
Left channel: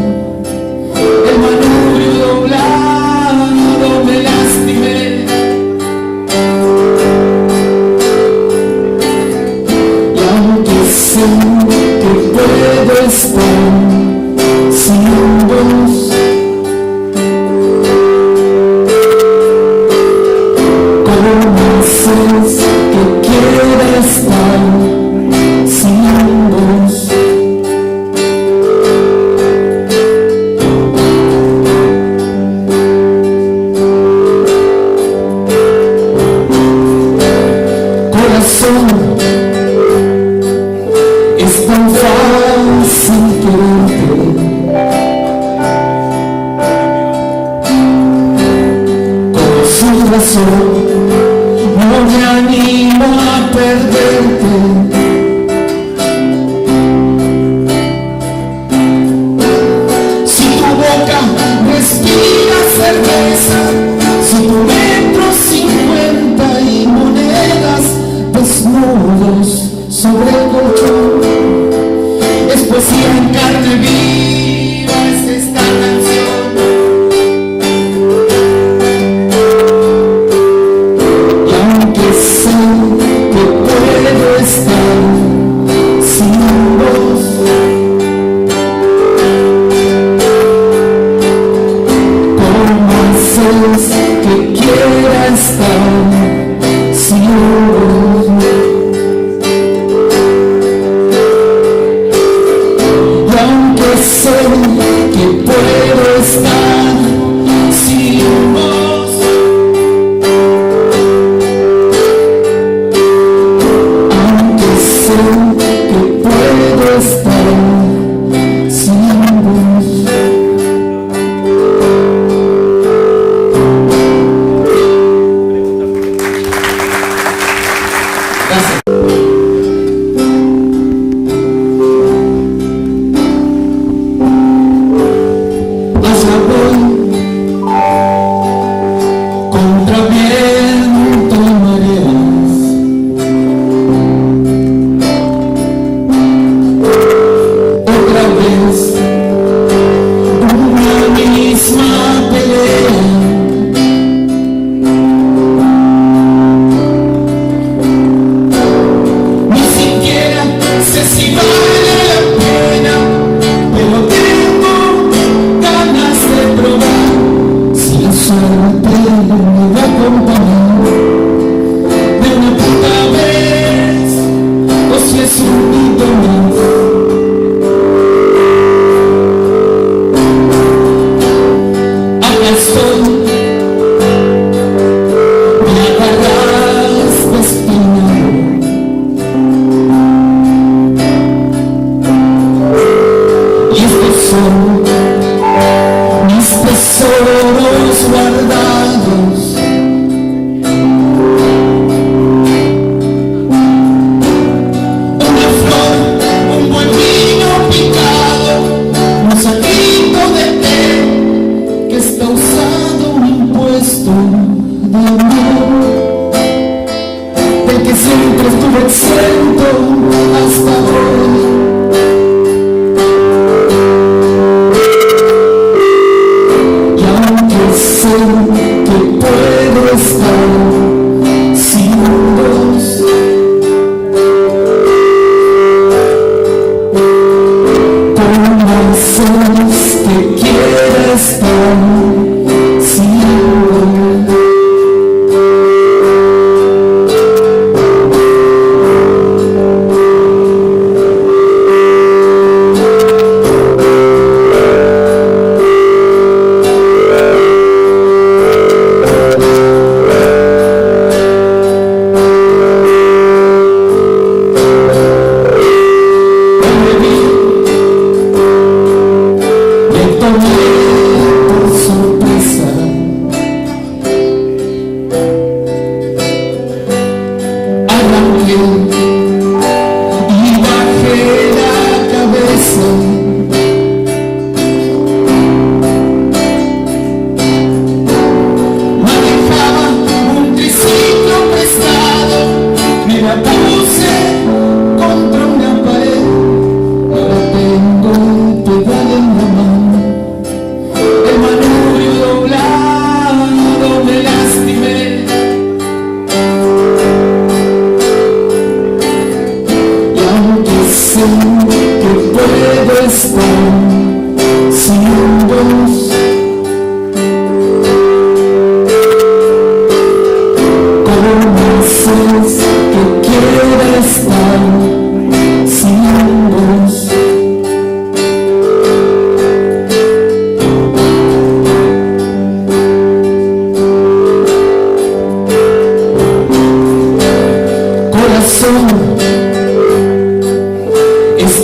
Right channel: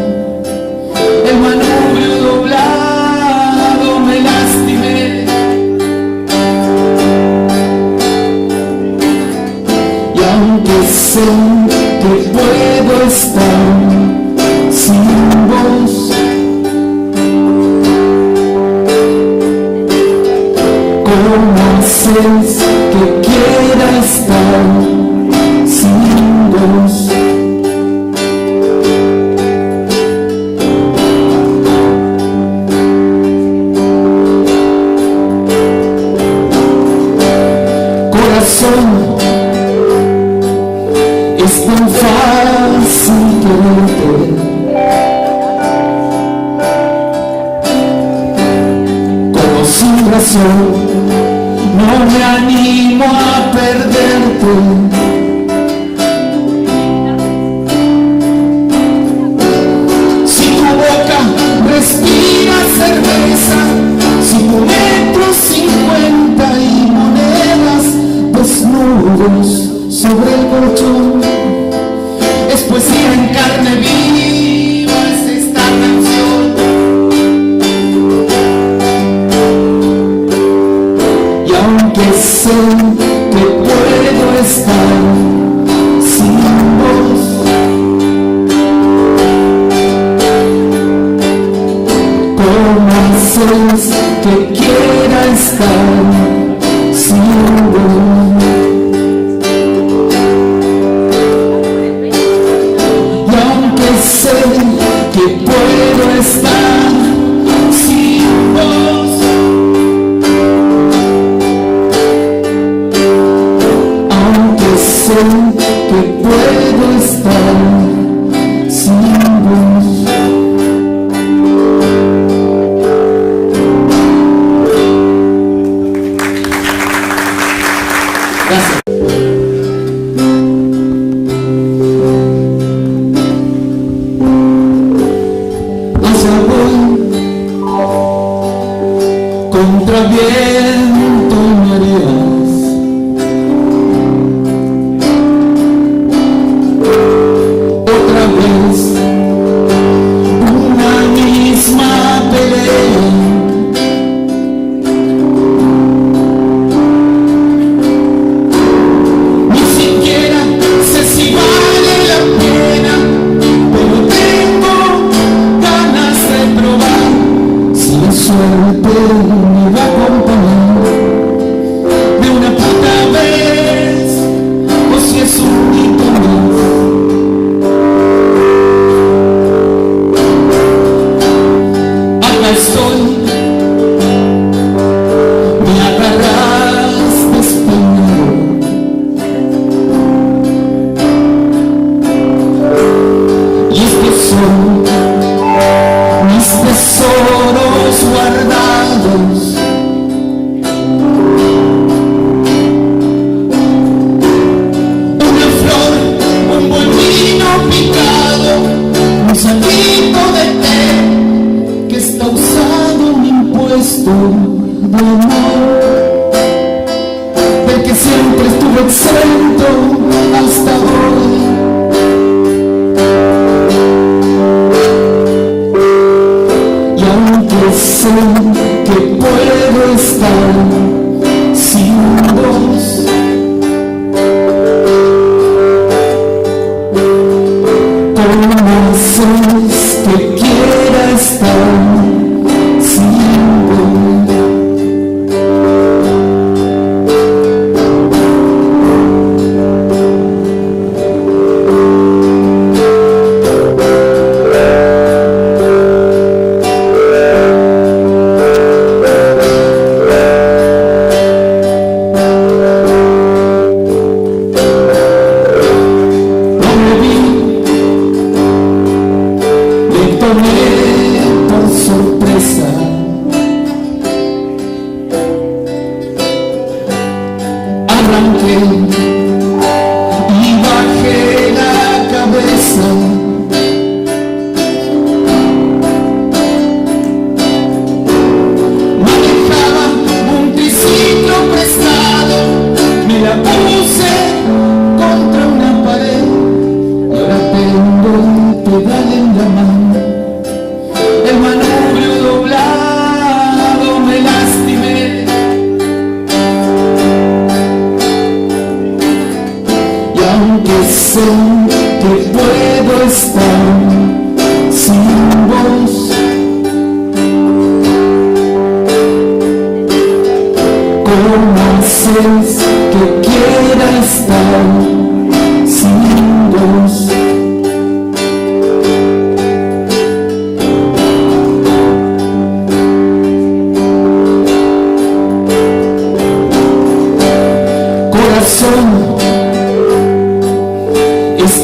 el manubrio doblado, me lastimé. Y aunque sé que puedo estar sin vos, ¿cómo haces que quiera estar sin vos? Corazón, es tan fácil quererte, como sin razón no me animo a perderte. Si tu boca respira cerveza, si tu metro 50 y monedas desnudos sobre el colchón,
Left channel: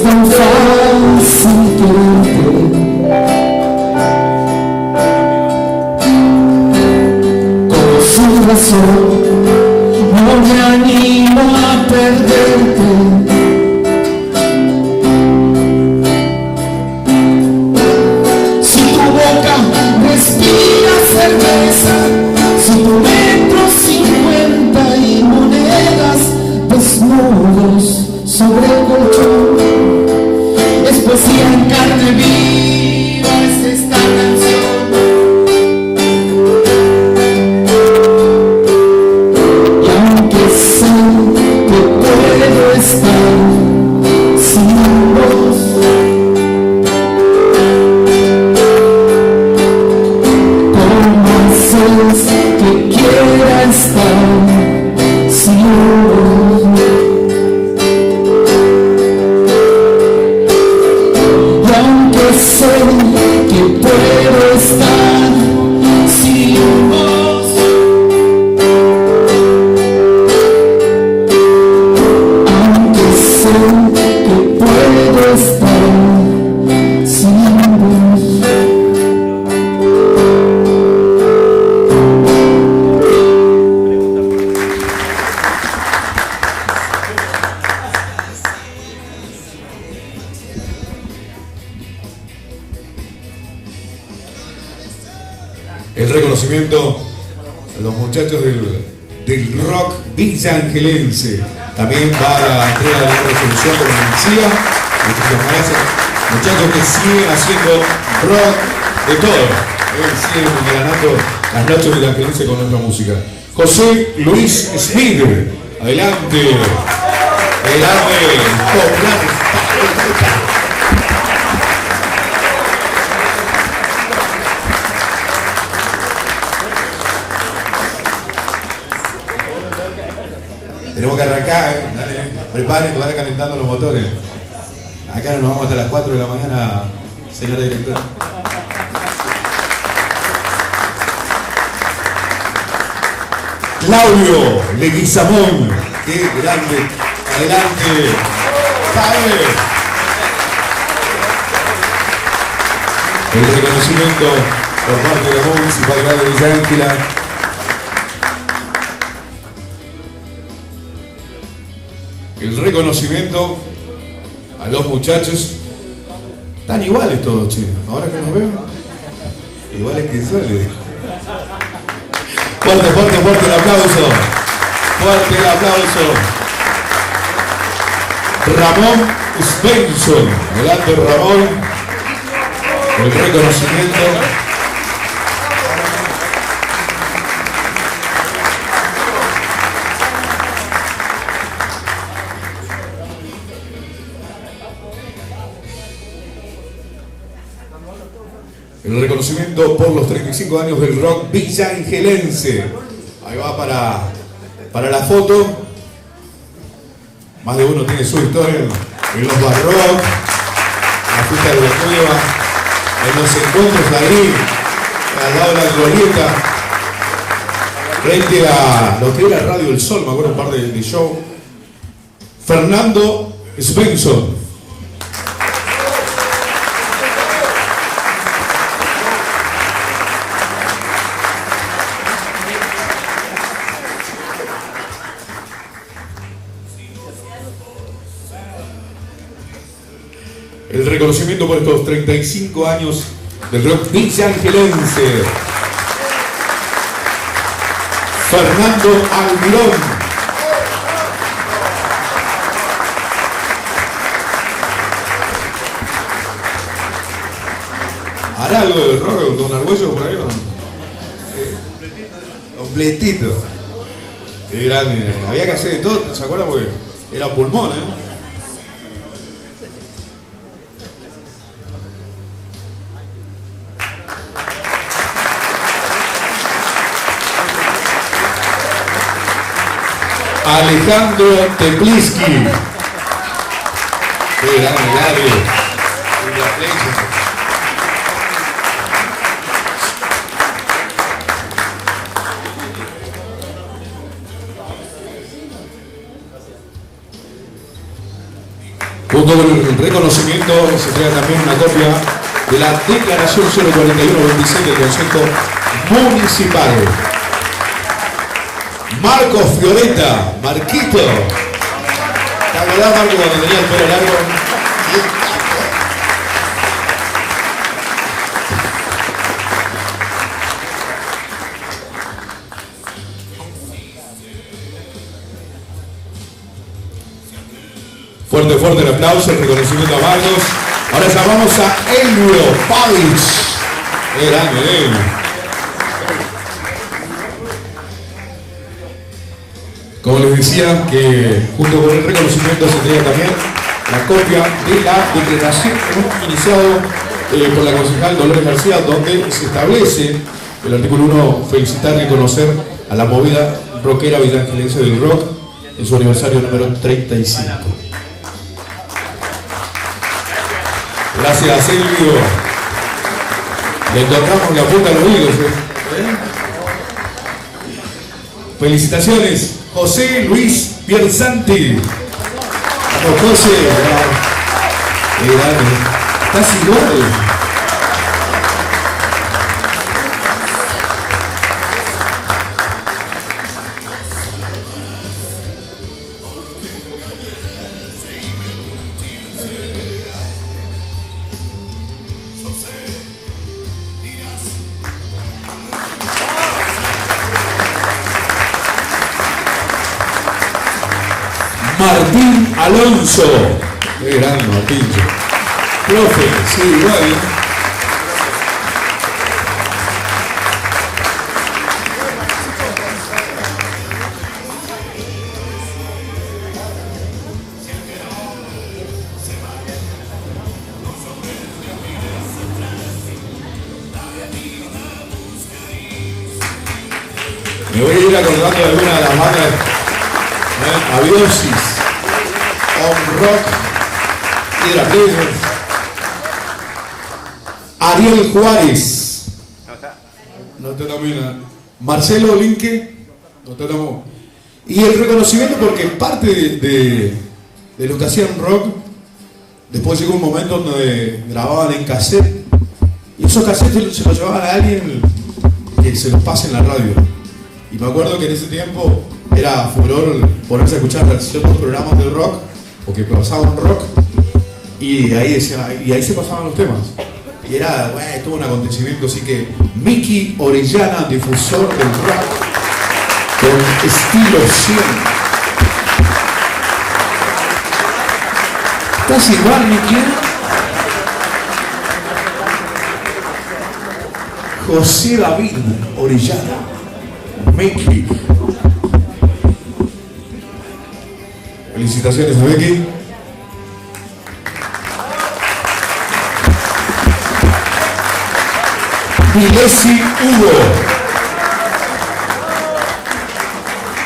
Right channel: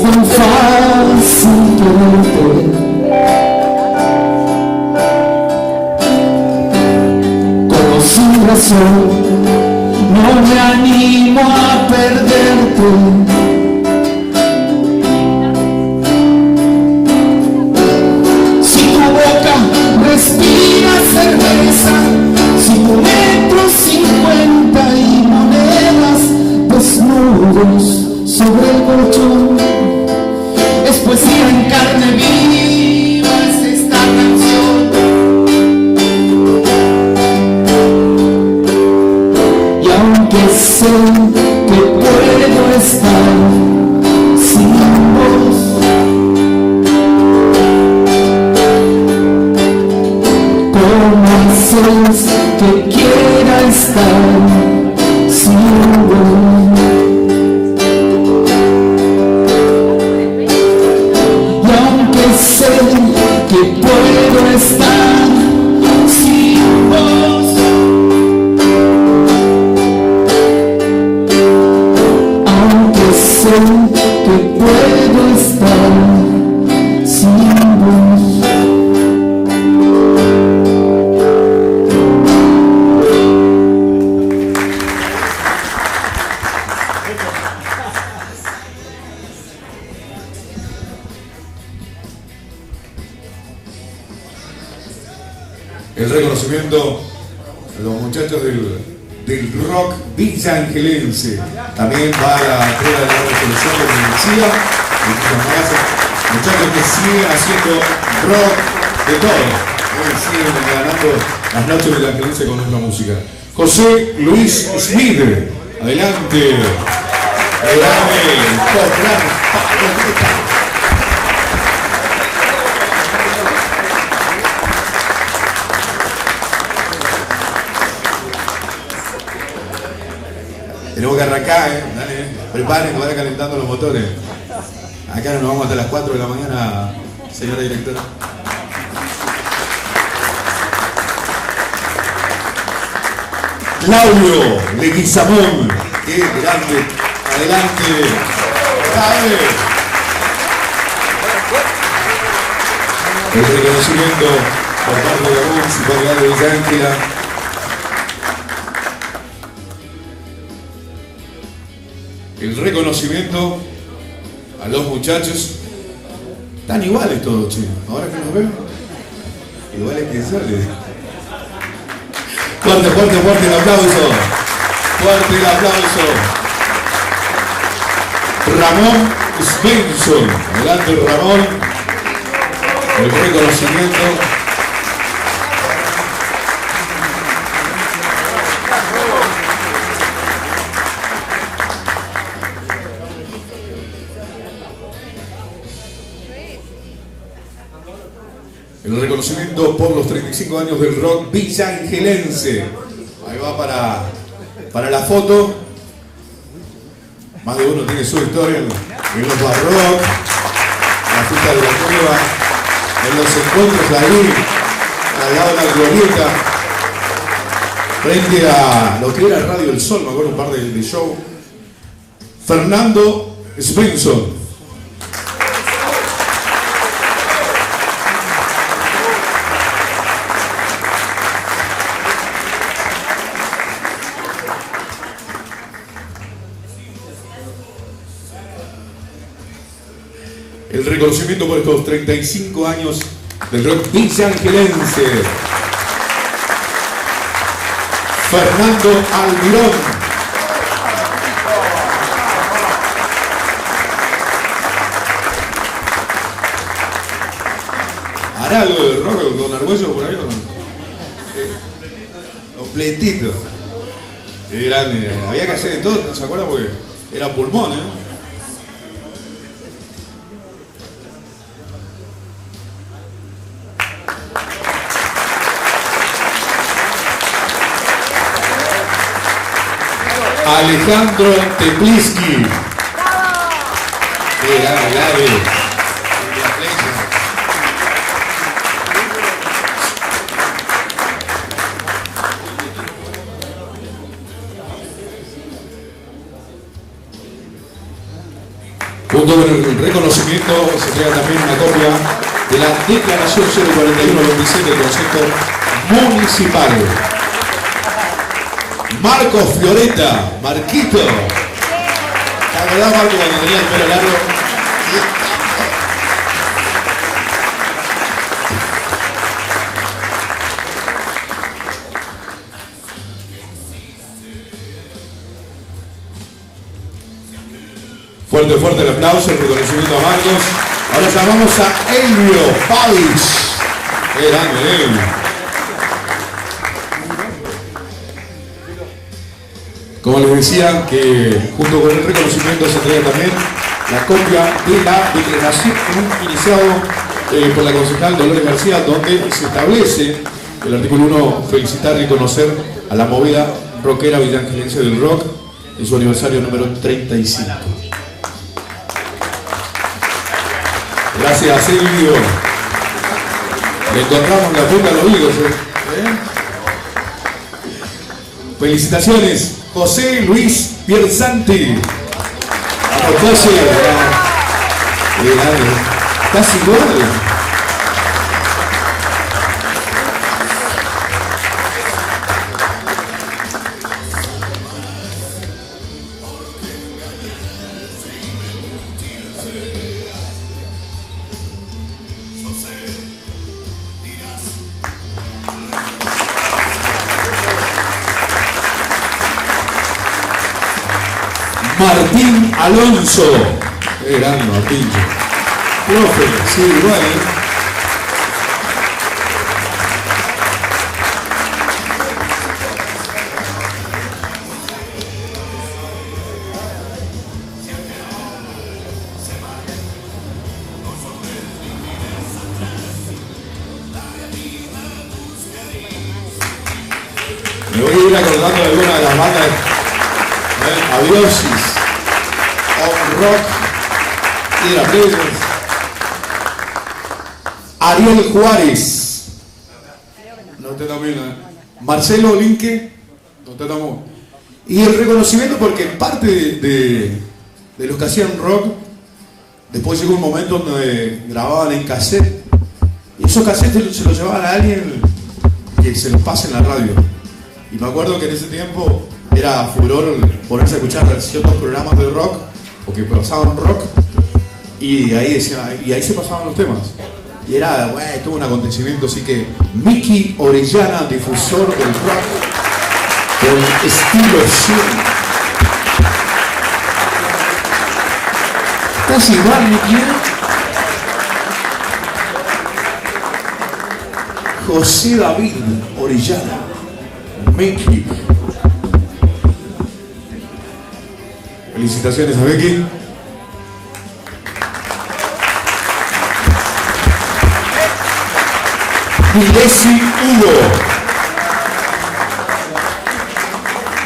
es tan fácil quererte. Como sin razón no me animo a perderte. Si tu boca respira cerveza, si tu metro 50 y monedas desnudos sobre el colchón, es poesía en carne viva, es esta canción. Y aunque sé que puedo estar sin vos, ¿cómo haces que quiera estar sin vos? Y aunque sé que puedo estar sin vos, aunque sé que puedo estar sin vos. El reconocimiento a los muchachos del rock villangelense. También va a la entrega de la resolución de la decía. Muchachos que siguen haciendo rock de todo. Siguen ganando las noches villangelenses con nuestra música. José Luis Smith, adelante. Adelante. Tenemos que arrancar, dale, preparen que van calentando los motores. Acá nos vamos hasta las 4 de la mañana, señora directora. Claudio Leguizamón, qué grande, adelante, cabe. El reconocimiento por parte de la Municipalidad de Villa Ángela. El reconocimiento a los muchachos. Están iguales todos, chicos. Ahora que nos vemos, iguales que sale. Fuerte, fuerte, fuerte el aplauso. Fuerte el aplauso. Ramón Svensson. Adelante, Ramón. El reconocimiento. El reconocimiento por los 35 años del rock villangelense. Ahí va para la foto. Más de uno tiene su historia en los barrock, en la fiesta de la cueva, en los encuentros ahí, al lado de la glorieta, frente a lo que era Radio El Sol, me acuerdo un par de show. Fernando Svensson. El reconocimiento por estos 35 años del rock villangelense. Fernando Almirón. ¿Hará algo de rock con Argüello por ahí o no? Completito. Qué grande. Había que hacer de todo, ¿se acuerdan? Porque era pulmón, ¿eh? Alejandro Tepliski. Qué grande, grande. Junto Junto con el reconocimiento se entrega también una copia de la Declaración 041-27 del Consejo Municipal. Marco Fioretta, Marquito. ¿Te acordás, Marco, cuando tenía el pelo largo? Fuerte, fuerte el aplauso, el reconocimiento a Marcos. Ahora llamamos a Elvio Pavich. Qué grande, Elvio. Como les decía, que junto con el reconocimiento se entrega también la copia de la declaración iniciado por la concejal Dolores García, donde se establece el artículo 1, felicitar y reconocer a la movida rockera villangelense del rock en su aniversario número 35. Gracias, Silvio. Le encontramos la punta a los oídos. Felicitaciones, José Luis Piersanti. Vamos, José. Estás igual. Martín Alonso. Qué gran Martín. Profe, sí, igual. Me voy a ir acordando de alguna de las bandas. Aviosis, On Rock, Hydra Players, Ariel Juárez, no te nomina, Marcelo Linque, no te tomó. Y el reconocimiento porque parte de los que hacían rock, después llegó un momento donde grababan en cassette, y esos cassettes se los llevaban a alguien que se los pase en la radio. Y me acuerdo que en ese tiempo era furor ponerse a escuchar ciertos programas de rock o que pasaban rock y ahí se pasaban los temas. Y era, todo un acontecimiento, así que Miki Orellana, difusor del rock con estilo 100. ¿Estás igual, Miki? José David Orellana, Miki. Felicitaciones a Becky. Milesi Hugo.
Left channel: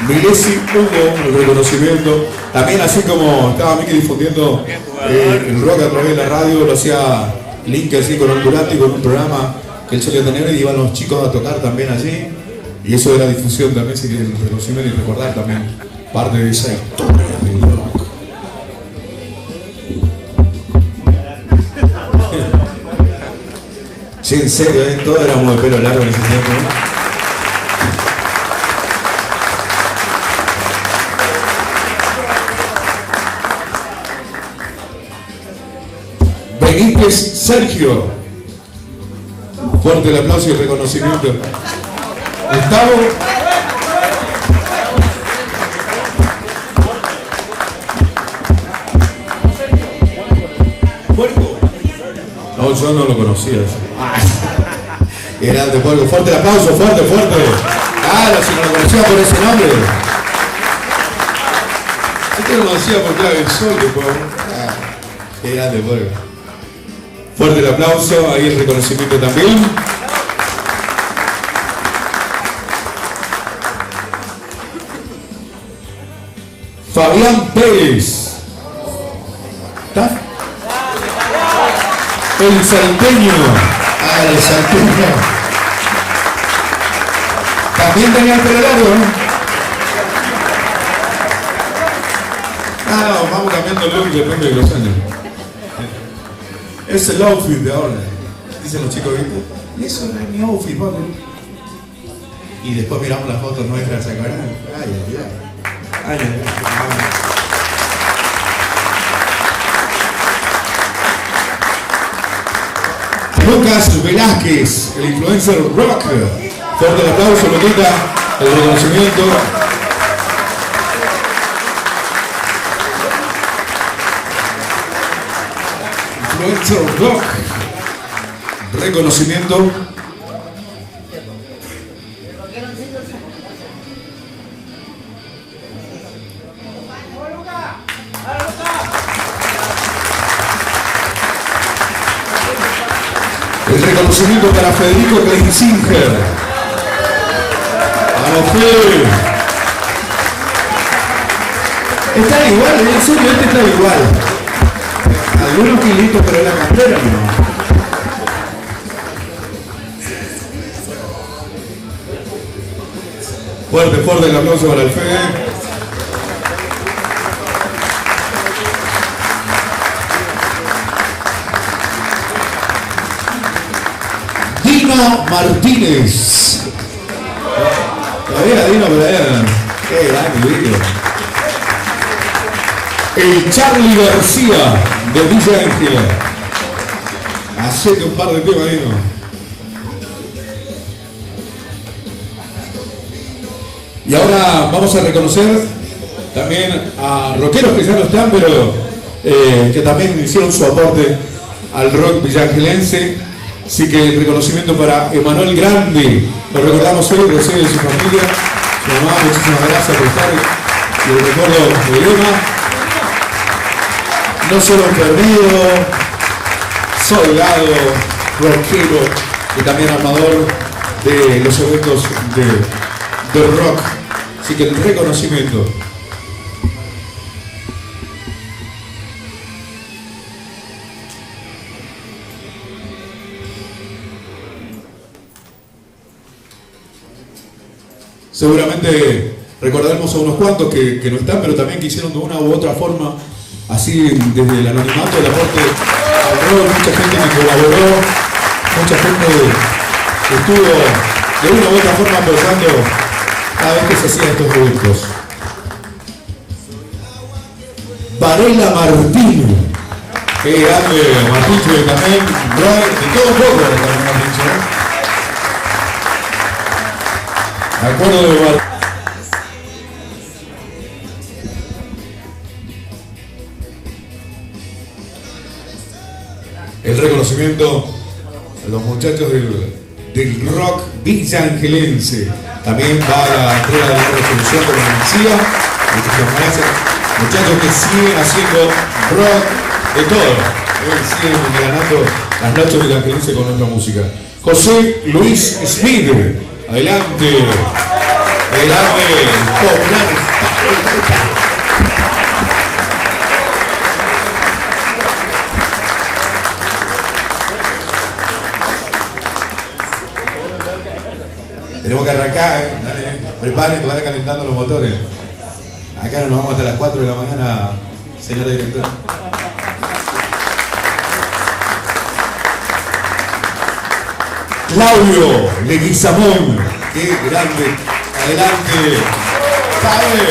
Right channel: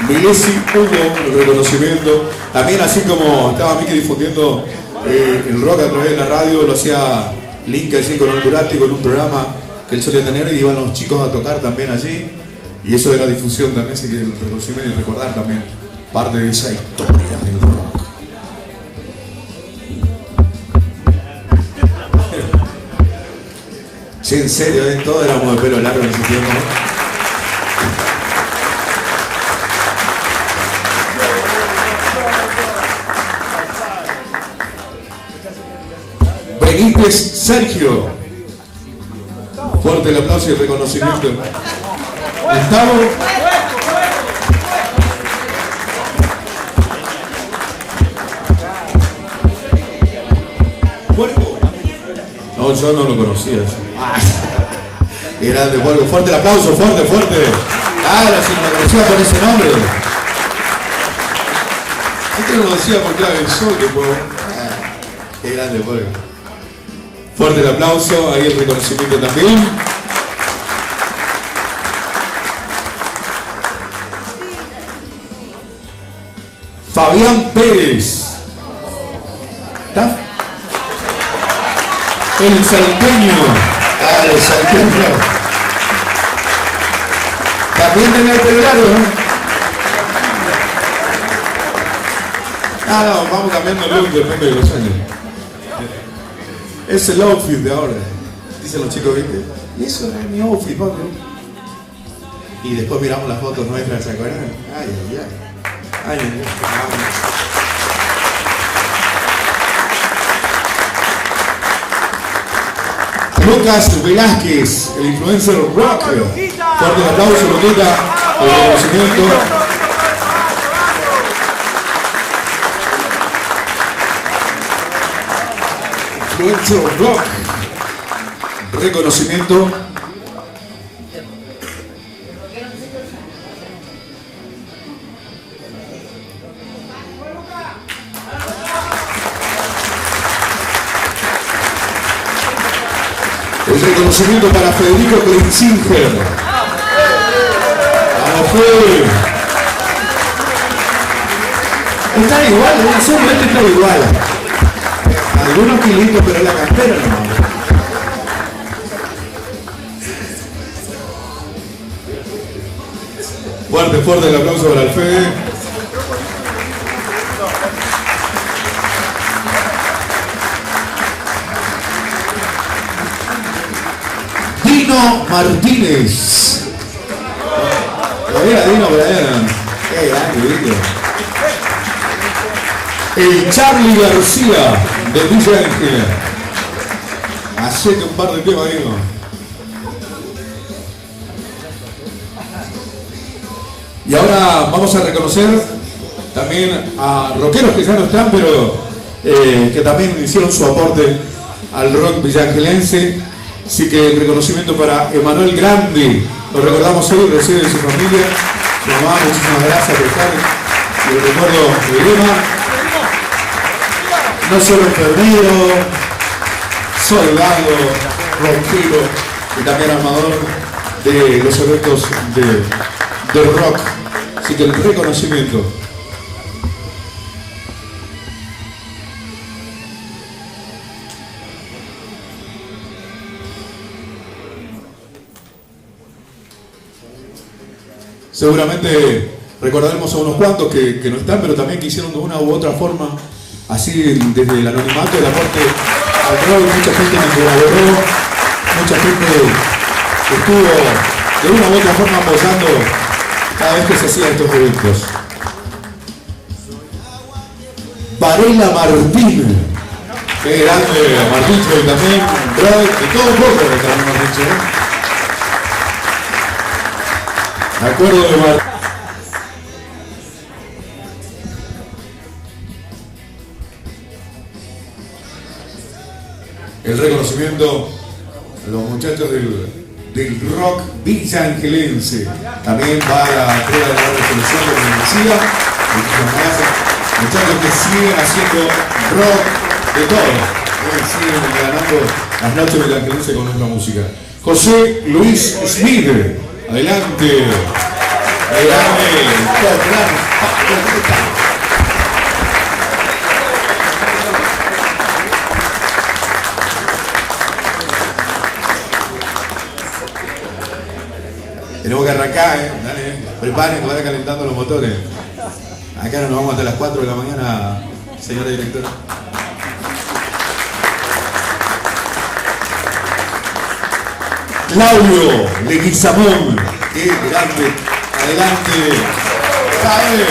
Milesi Hugo, el reconocimiento. También así como estaba Miki difundiendo el rock a través de la radio, lo hacía Link así con Ondurati, con un programa que él solía tener y iban los chicos a tocar también allí. Y eso de la difusión también, así que el reconocimiento y recordar también parte de esa historia del rock. Sí, en serio, todos éramos de pelo largo en ese tiempo, ¿no? Benítez Sergio. Fuerte el aplauso y el reconocimiento. Gustavo. Puerco. No, yo no lo conocía. Grande, Puerco. Fuerte el aplauso, fuerte, fuerte. Claro, si no lo conocía por ese nombre. Yo te lo conocía porque era el sol que Puerco. Qué grande, Puerco. Fuerte el aplauso, ahí el reconocimiento también. Fabián Pérez. ¿Está? El salteño. El salteño. También tenía el pelo largo, ¿no? No, vamos cambiando el look depende de los años. Es el outfit de ahora, dicen los chicos, ¿viste? Y eso no es mi outfit, papi. Y después miramos las fotos nuestras, ¿se acuerdan? Ay, ay, ay. Ay, ay, ay. Lucas Velázquez, el influencer rock. Fuerte aplauso, Luquita, el reconocimiento. Influencer rock. Reconocimiento. El reconocimiento para Federico Kleinsinger. ¡Vamos, Fede! Están igual, en serio, este está igual. Algunos kilitos, pero la campera no. Fuerte, fuerte el aplauso para el Fede. Dino Martínez. Todavía Dino, pero qué grande, ¿viste? El Charlie García de Villa Ángela. Hacete un par de temas, Dino. Y ahora vamos a reconocer también a rockeros que ya no están, pero que también hicieron su aporte al rock villaangelense. Así que el reconocimiento para Emanuel Grande, lo recordamos hoy, recibe de su familia, su mamá, muchísimas gracias por estar, y el recuerdo de Elena, no solo enfermero, soldado, rockero, y también armador de los eventos de rock. Así que el reconocimiento. Seguramente recordaremos a unos cuantos que no están, pero también que hicieron de una u otra forma, así desde el anonimato, el aporte al rock. Mucha gente me colaboró, mucha gente estuvo de una u otra forma apoyando cada vez que se hacían estos eventos. Varela Martín, qué grande, Martín también, rock y todo un poco de Martín. Me acuerdo de Martín. El reconocimiento a los muchachos del rock villaangelense. También va a la entrega de la resolución de la Mencía. Muchachos que siguen haciendo rock de todo. Siguen ganando las noches villaangelenses con nuestra música. José Luis Smith. Adelante. Tenemos que arrancar, dale, preparen que vayan calentando los motores. Acá nos vamos hasta las 4 de la mañana, señora directora. Claudio Leguizamón, qué grande, adelante, cae.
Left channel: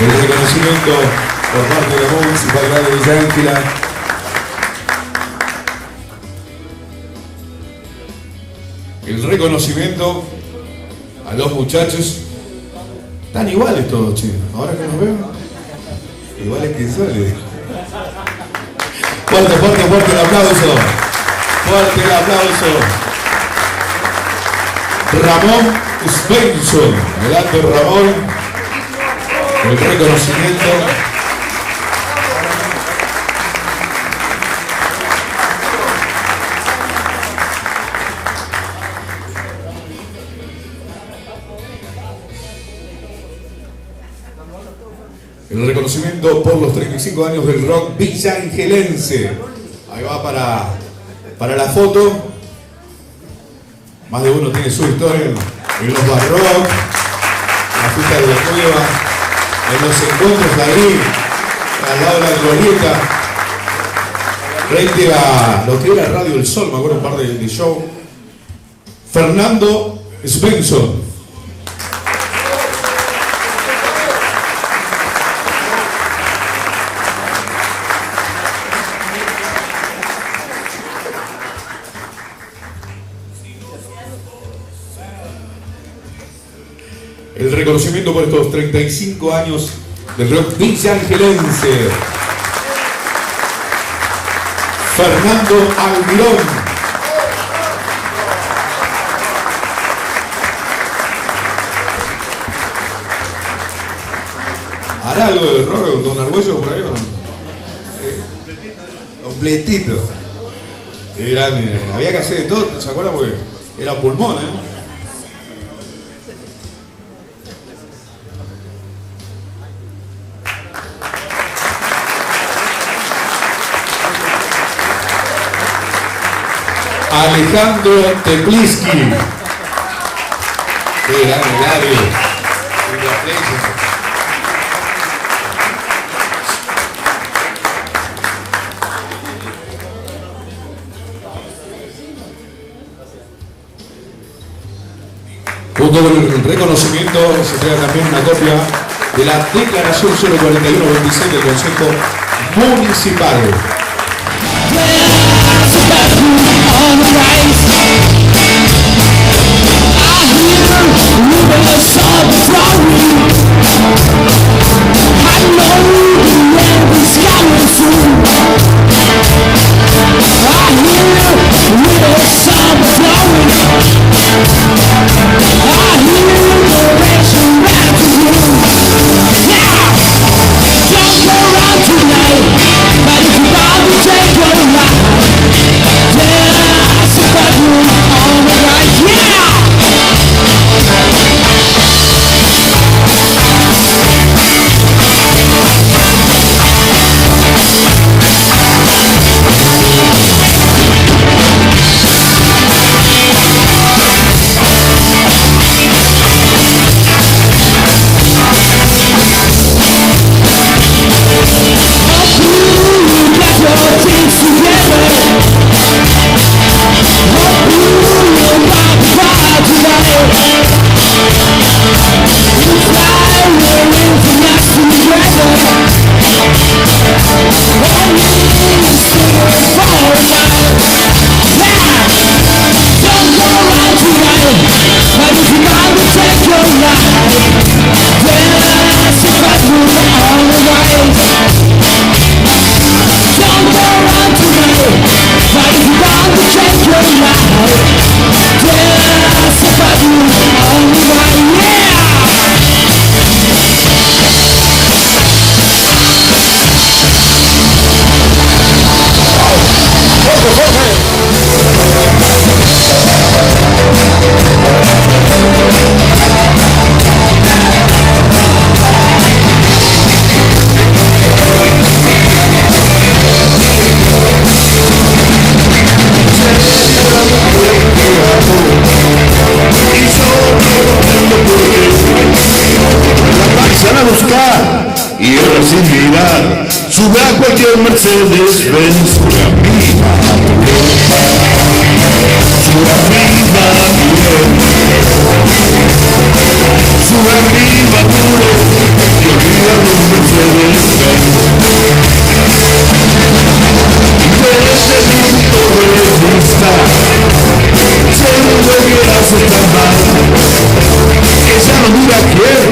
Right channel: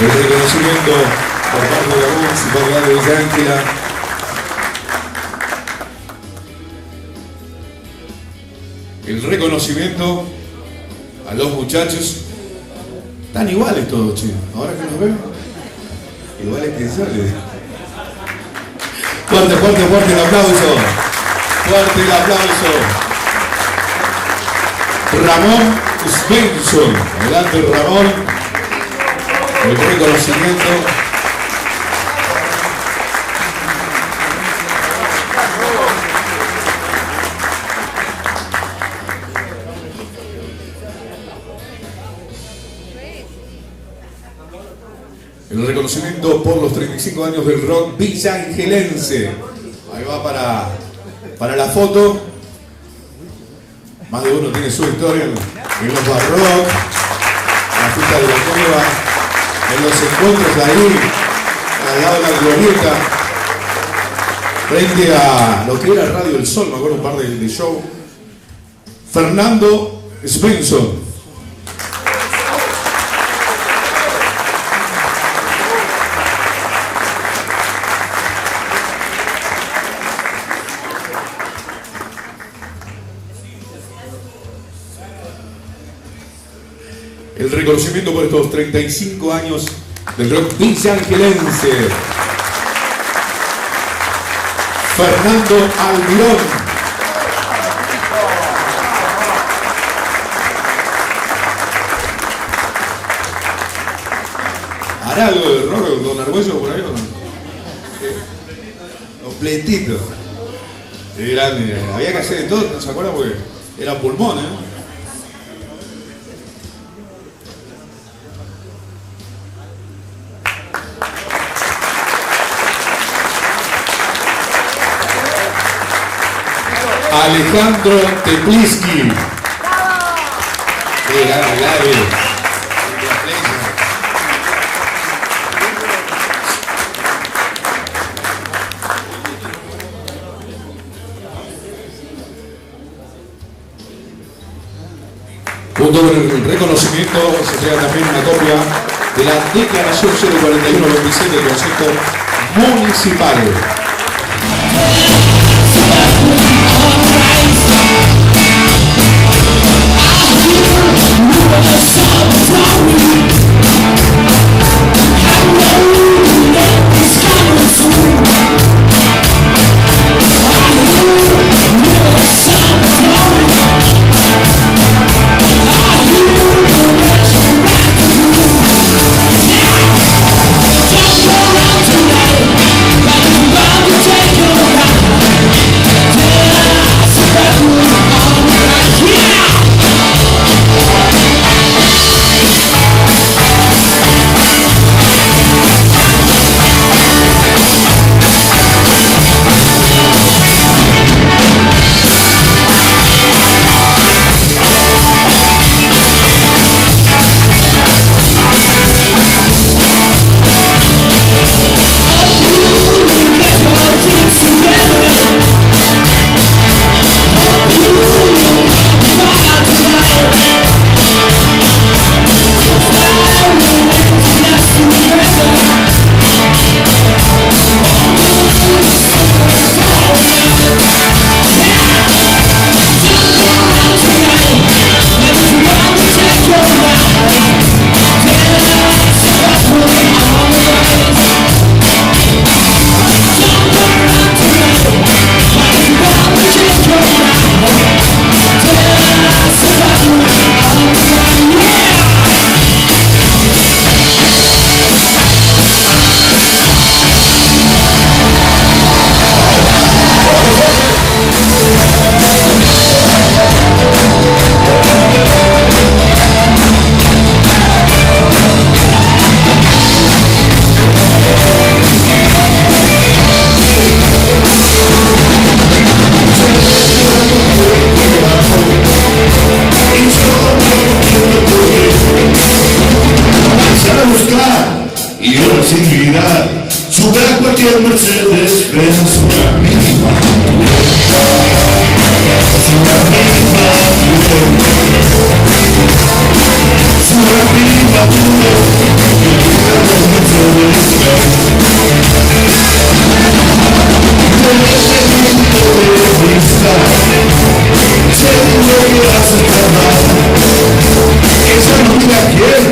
El reconocimiento por parte de la Municipalidad de Villa Ángela. El reconocimiento a los muchachos. Están iguales todos, chicos. Ahora que nos vemos, iguales que sale. Fuerte, fuerte, fuerte el aplauso. Fuerte el aplauso. Ramón Svensson. Adelante, Ramón. El reconocimiento. El reconocimiento por los 35 años del rock villaangelense. Ahí va para la foto. Más de uno tiene su historia en los bar rock, en la fiesta de la cueva, en los encuentros de ahí. al lado de la glorieta, frente a lo que era Radio El Sol, me acuerdo un par de show. Fernando Svensson. El reconocimiento por estos 35 años del rock villaangelense. Fernando Almirón. ¿Hará algo de rock con Argüello por ahí o no? Completito. Sí, grande. Había que hacer de todo, ¿se acuerdan? Porque era pulmón, Alejandro Tepliski. Qué grande, grande. Junto con el reconocimiento se entrega también una copia de la Declaración 041-26 del Consejo Municipal. Sube a cualquier Mercedes-Benz, sube a mi sube a mi sube a mi y olvida los Mercedes-Benz. Desde mi punto de vista, sé lo que hace tan mal. Ella no mira a quién,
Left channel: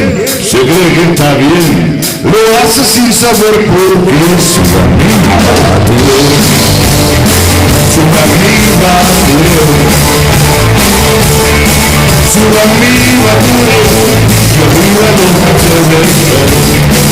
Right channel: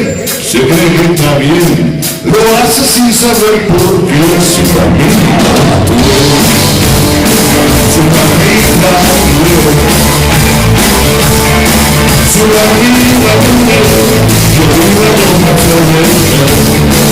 se cree que está bien, lo hace sin saber por qué. Su amiga su amiga su amiga yo vivo a los Mercedes-Benz.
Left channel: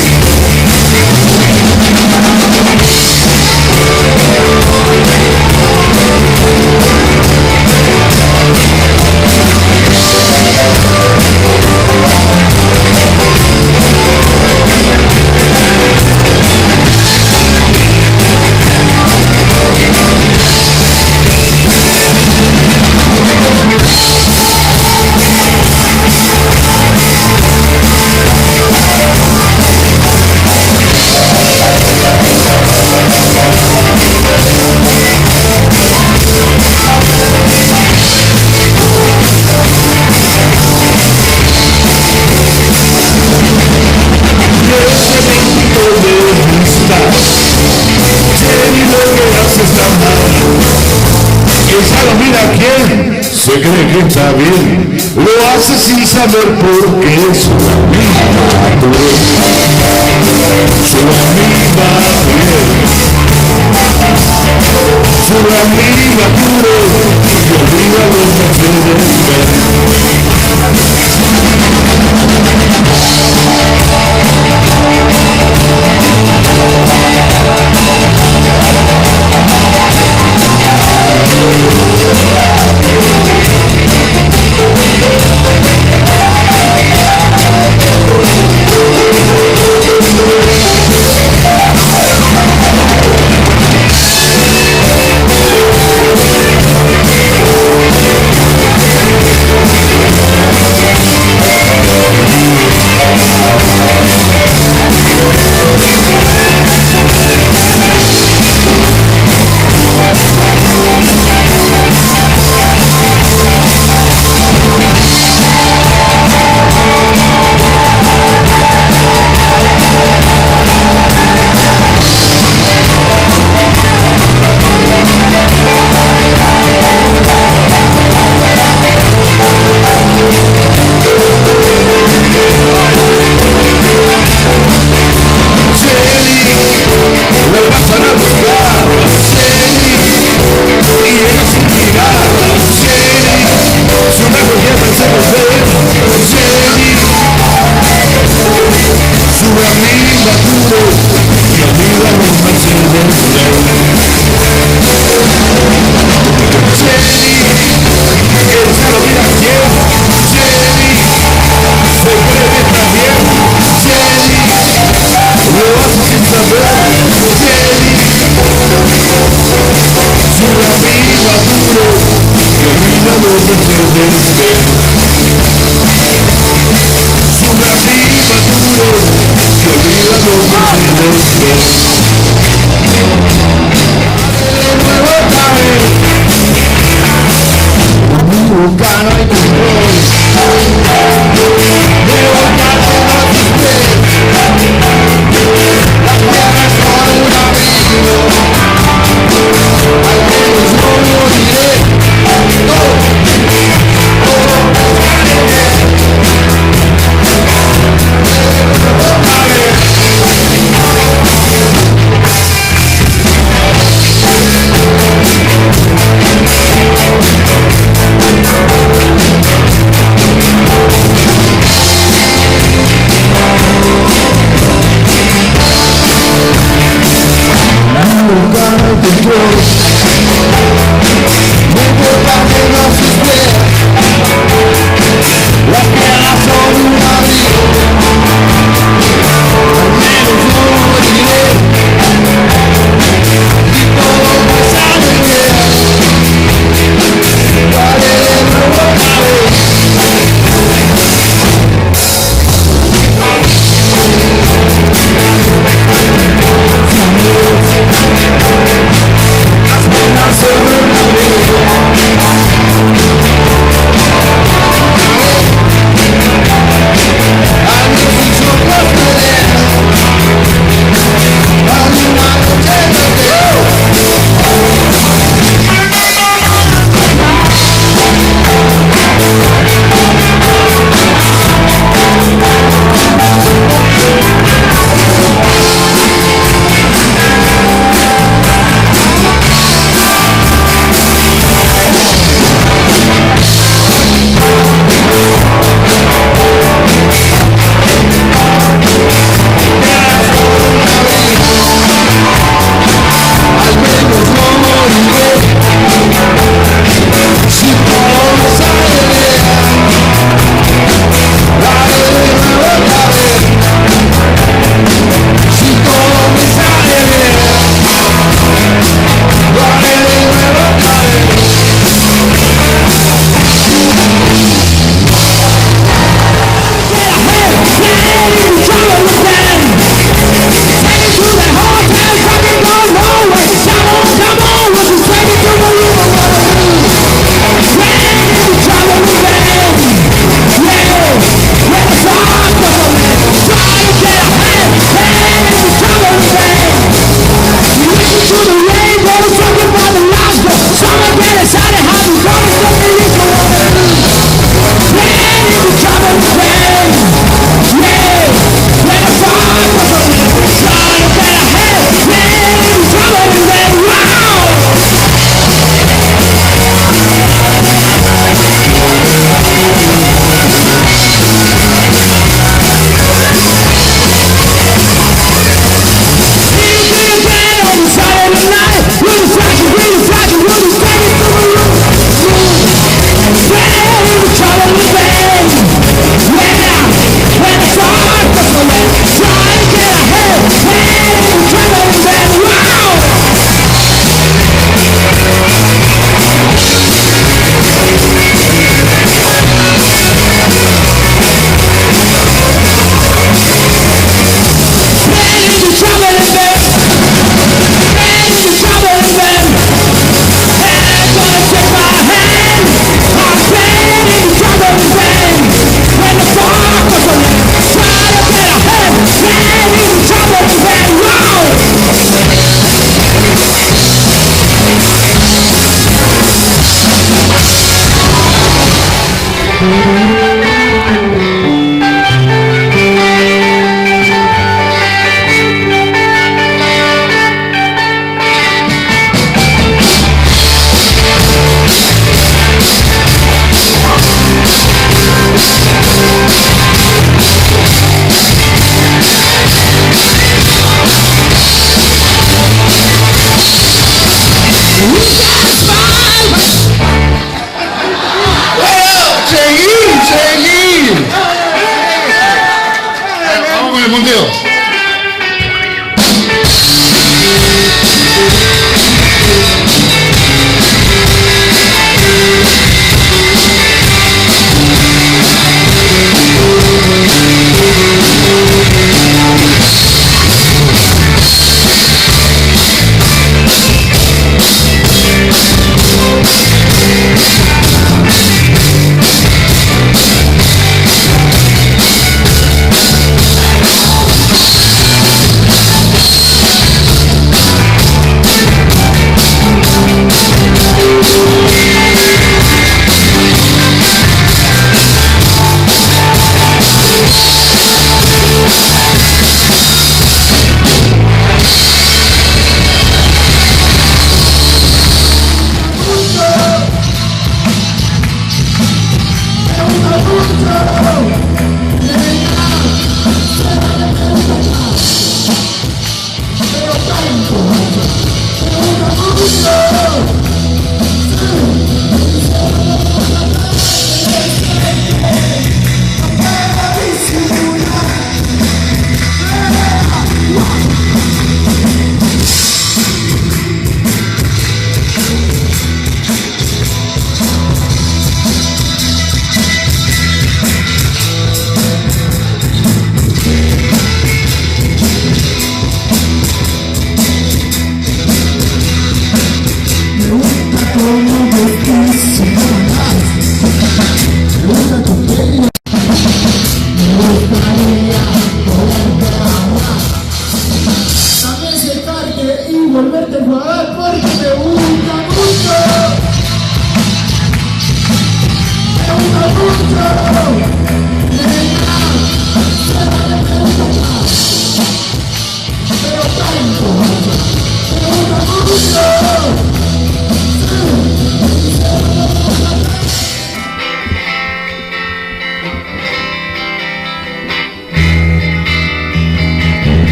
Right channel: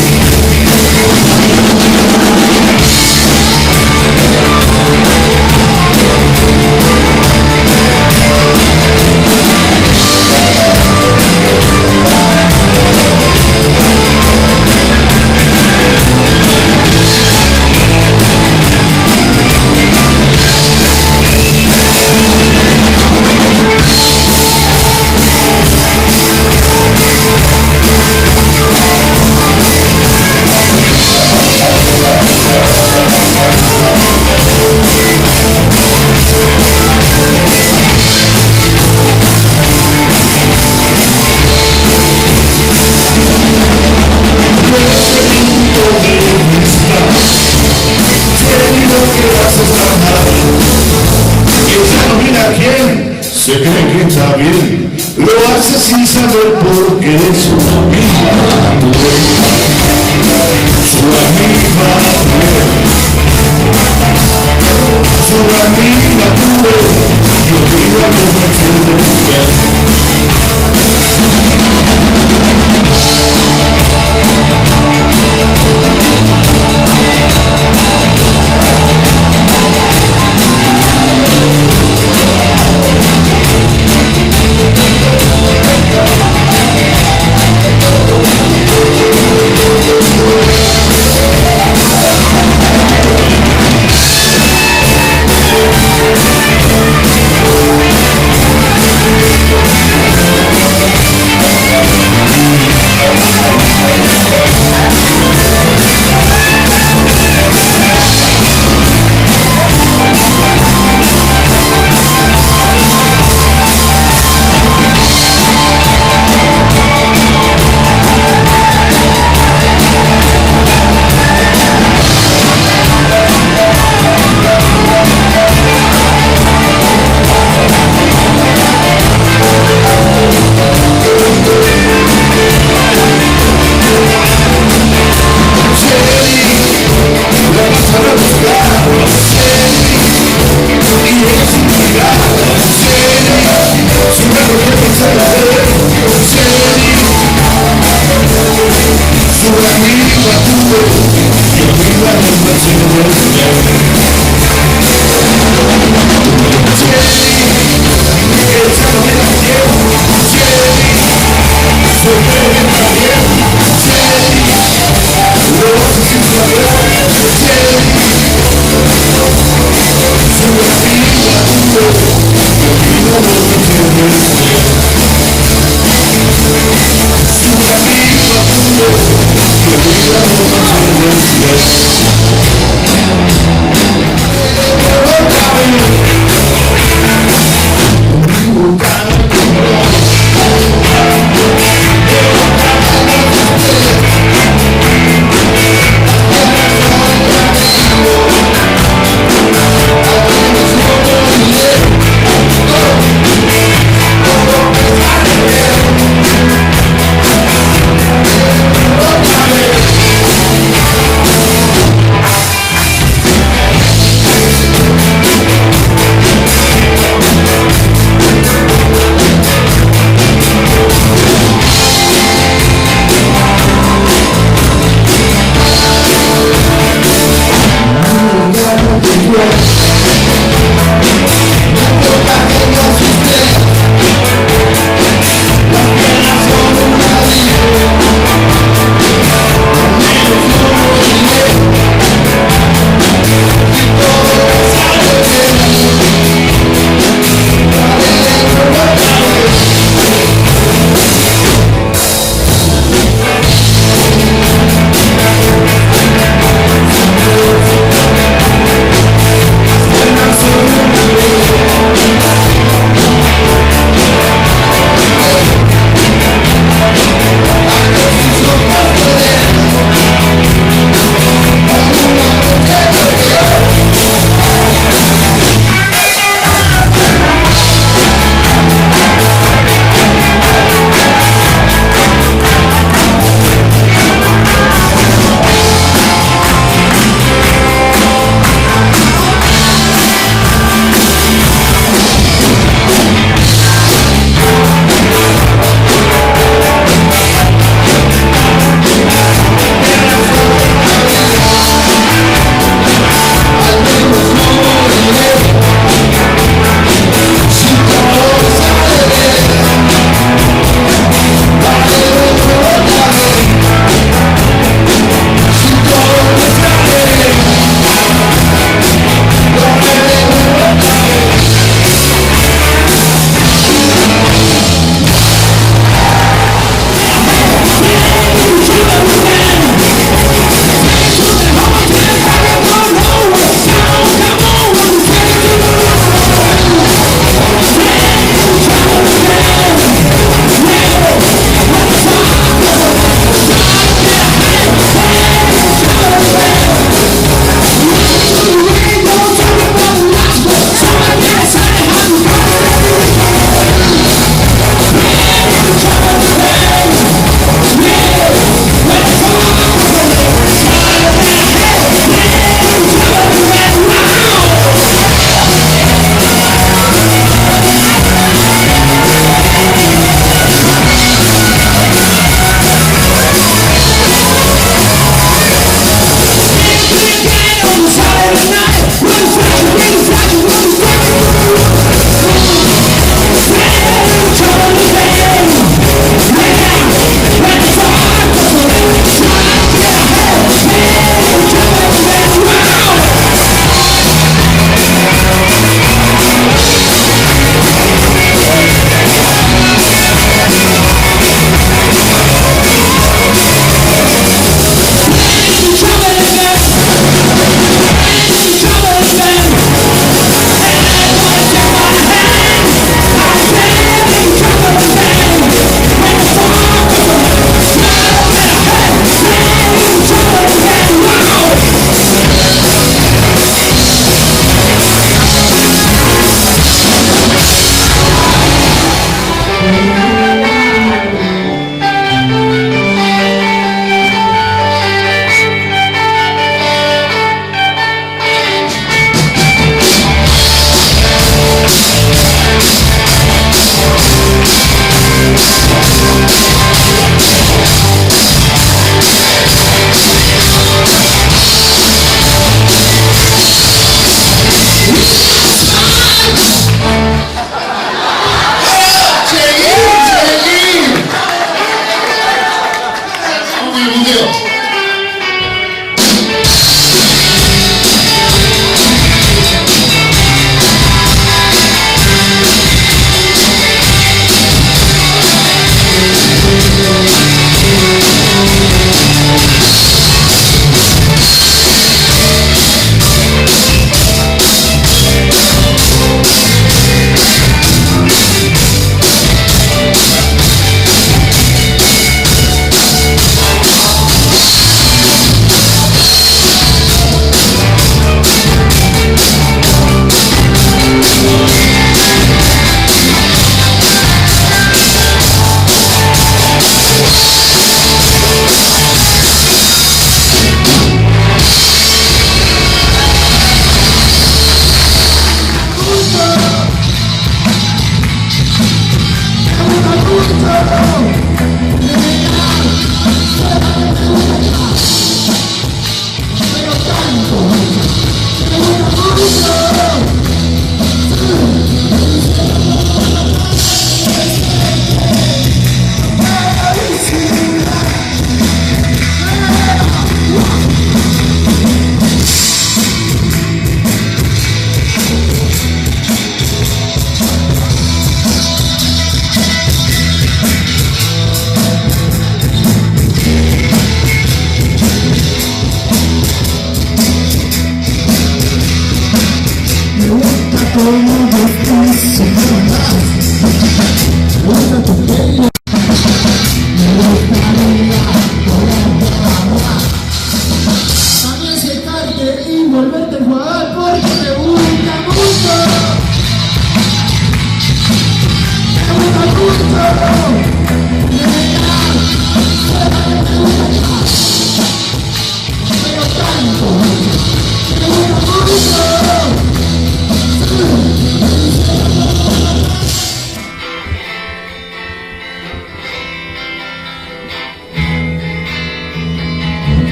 hace estar mal. Ella no mira a quién, se cree que está bien, lo hace sin saber por qué. Su amiga su amiga su amiga y olvida los Mercedes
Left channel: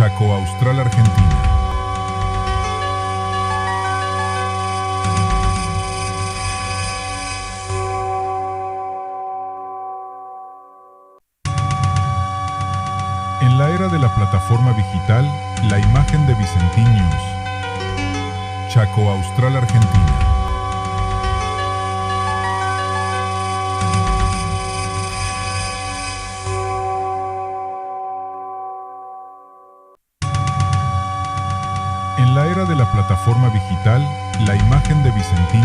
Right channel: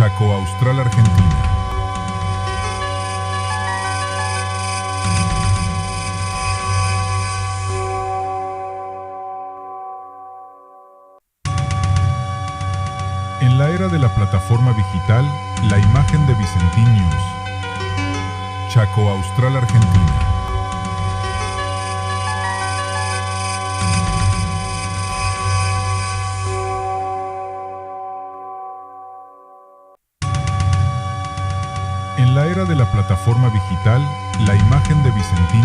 Chaco Austral, Argentina. En la era de la plataforma digital, la imagen de Vicentiños. Chaco Austral, Argentina. En la era de la plataforma digital, la imagen de Vicentiños.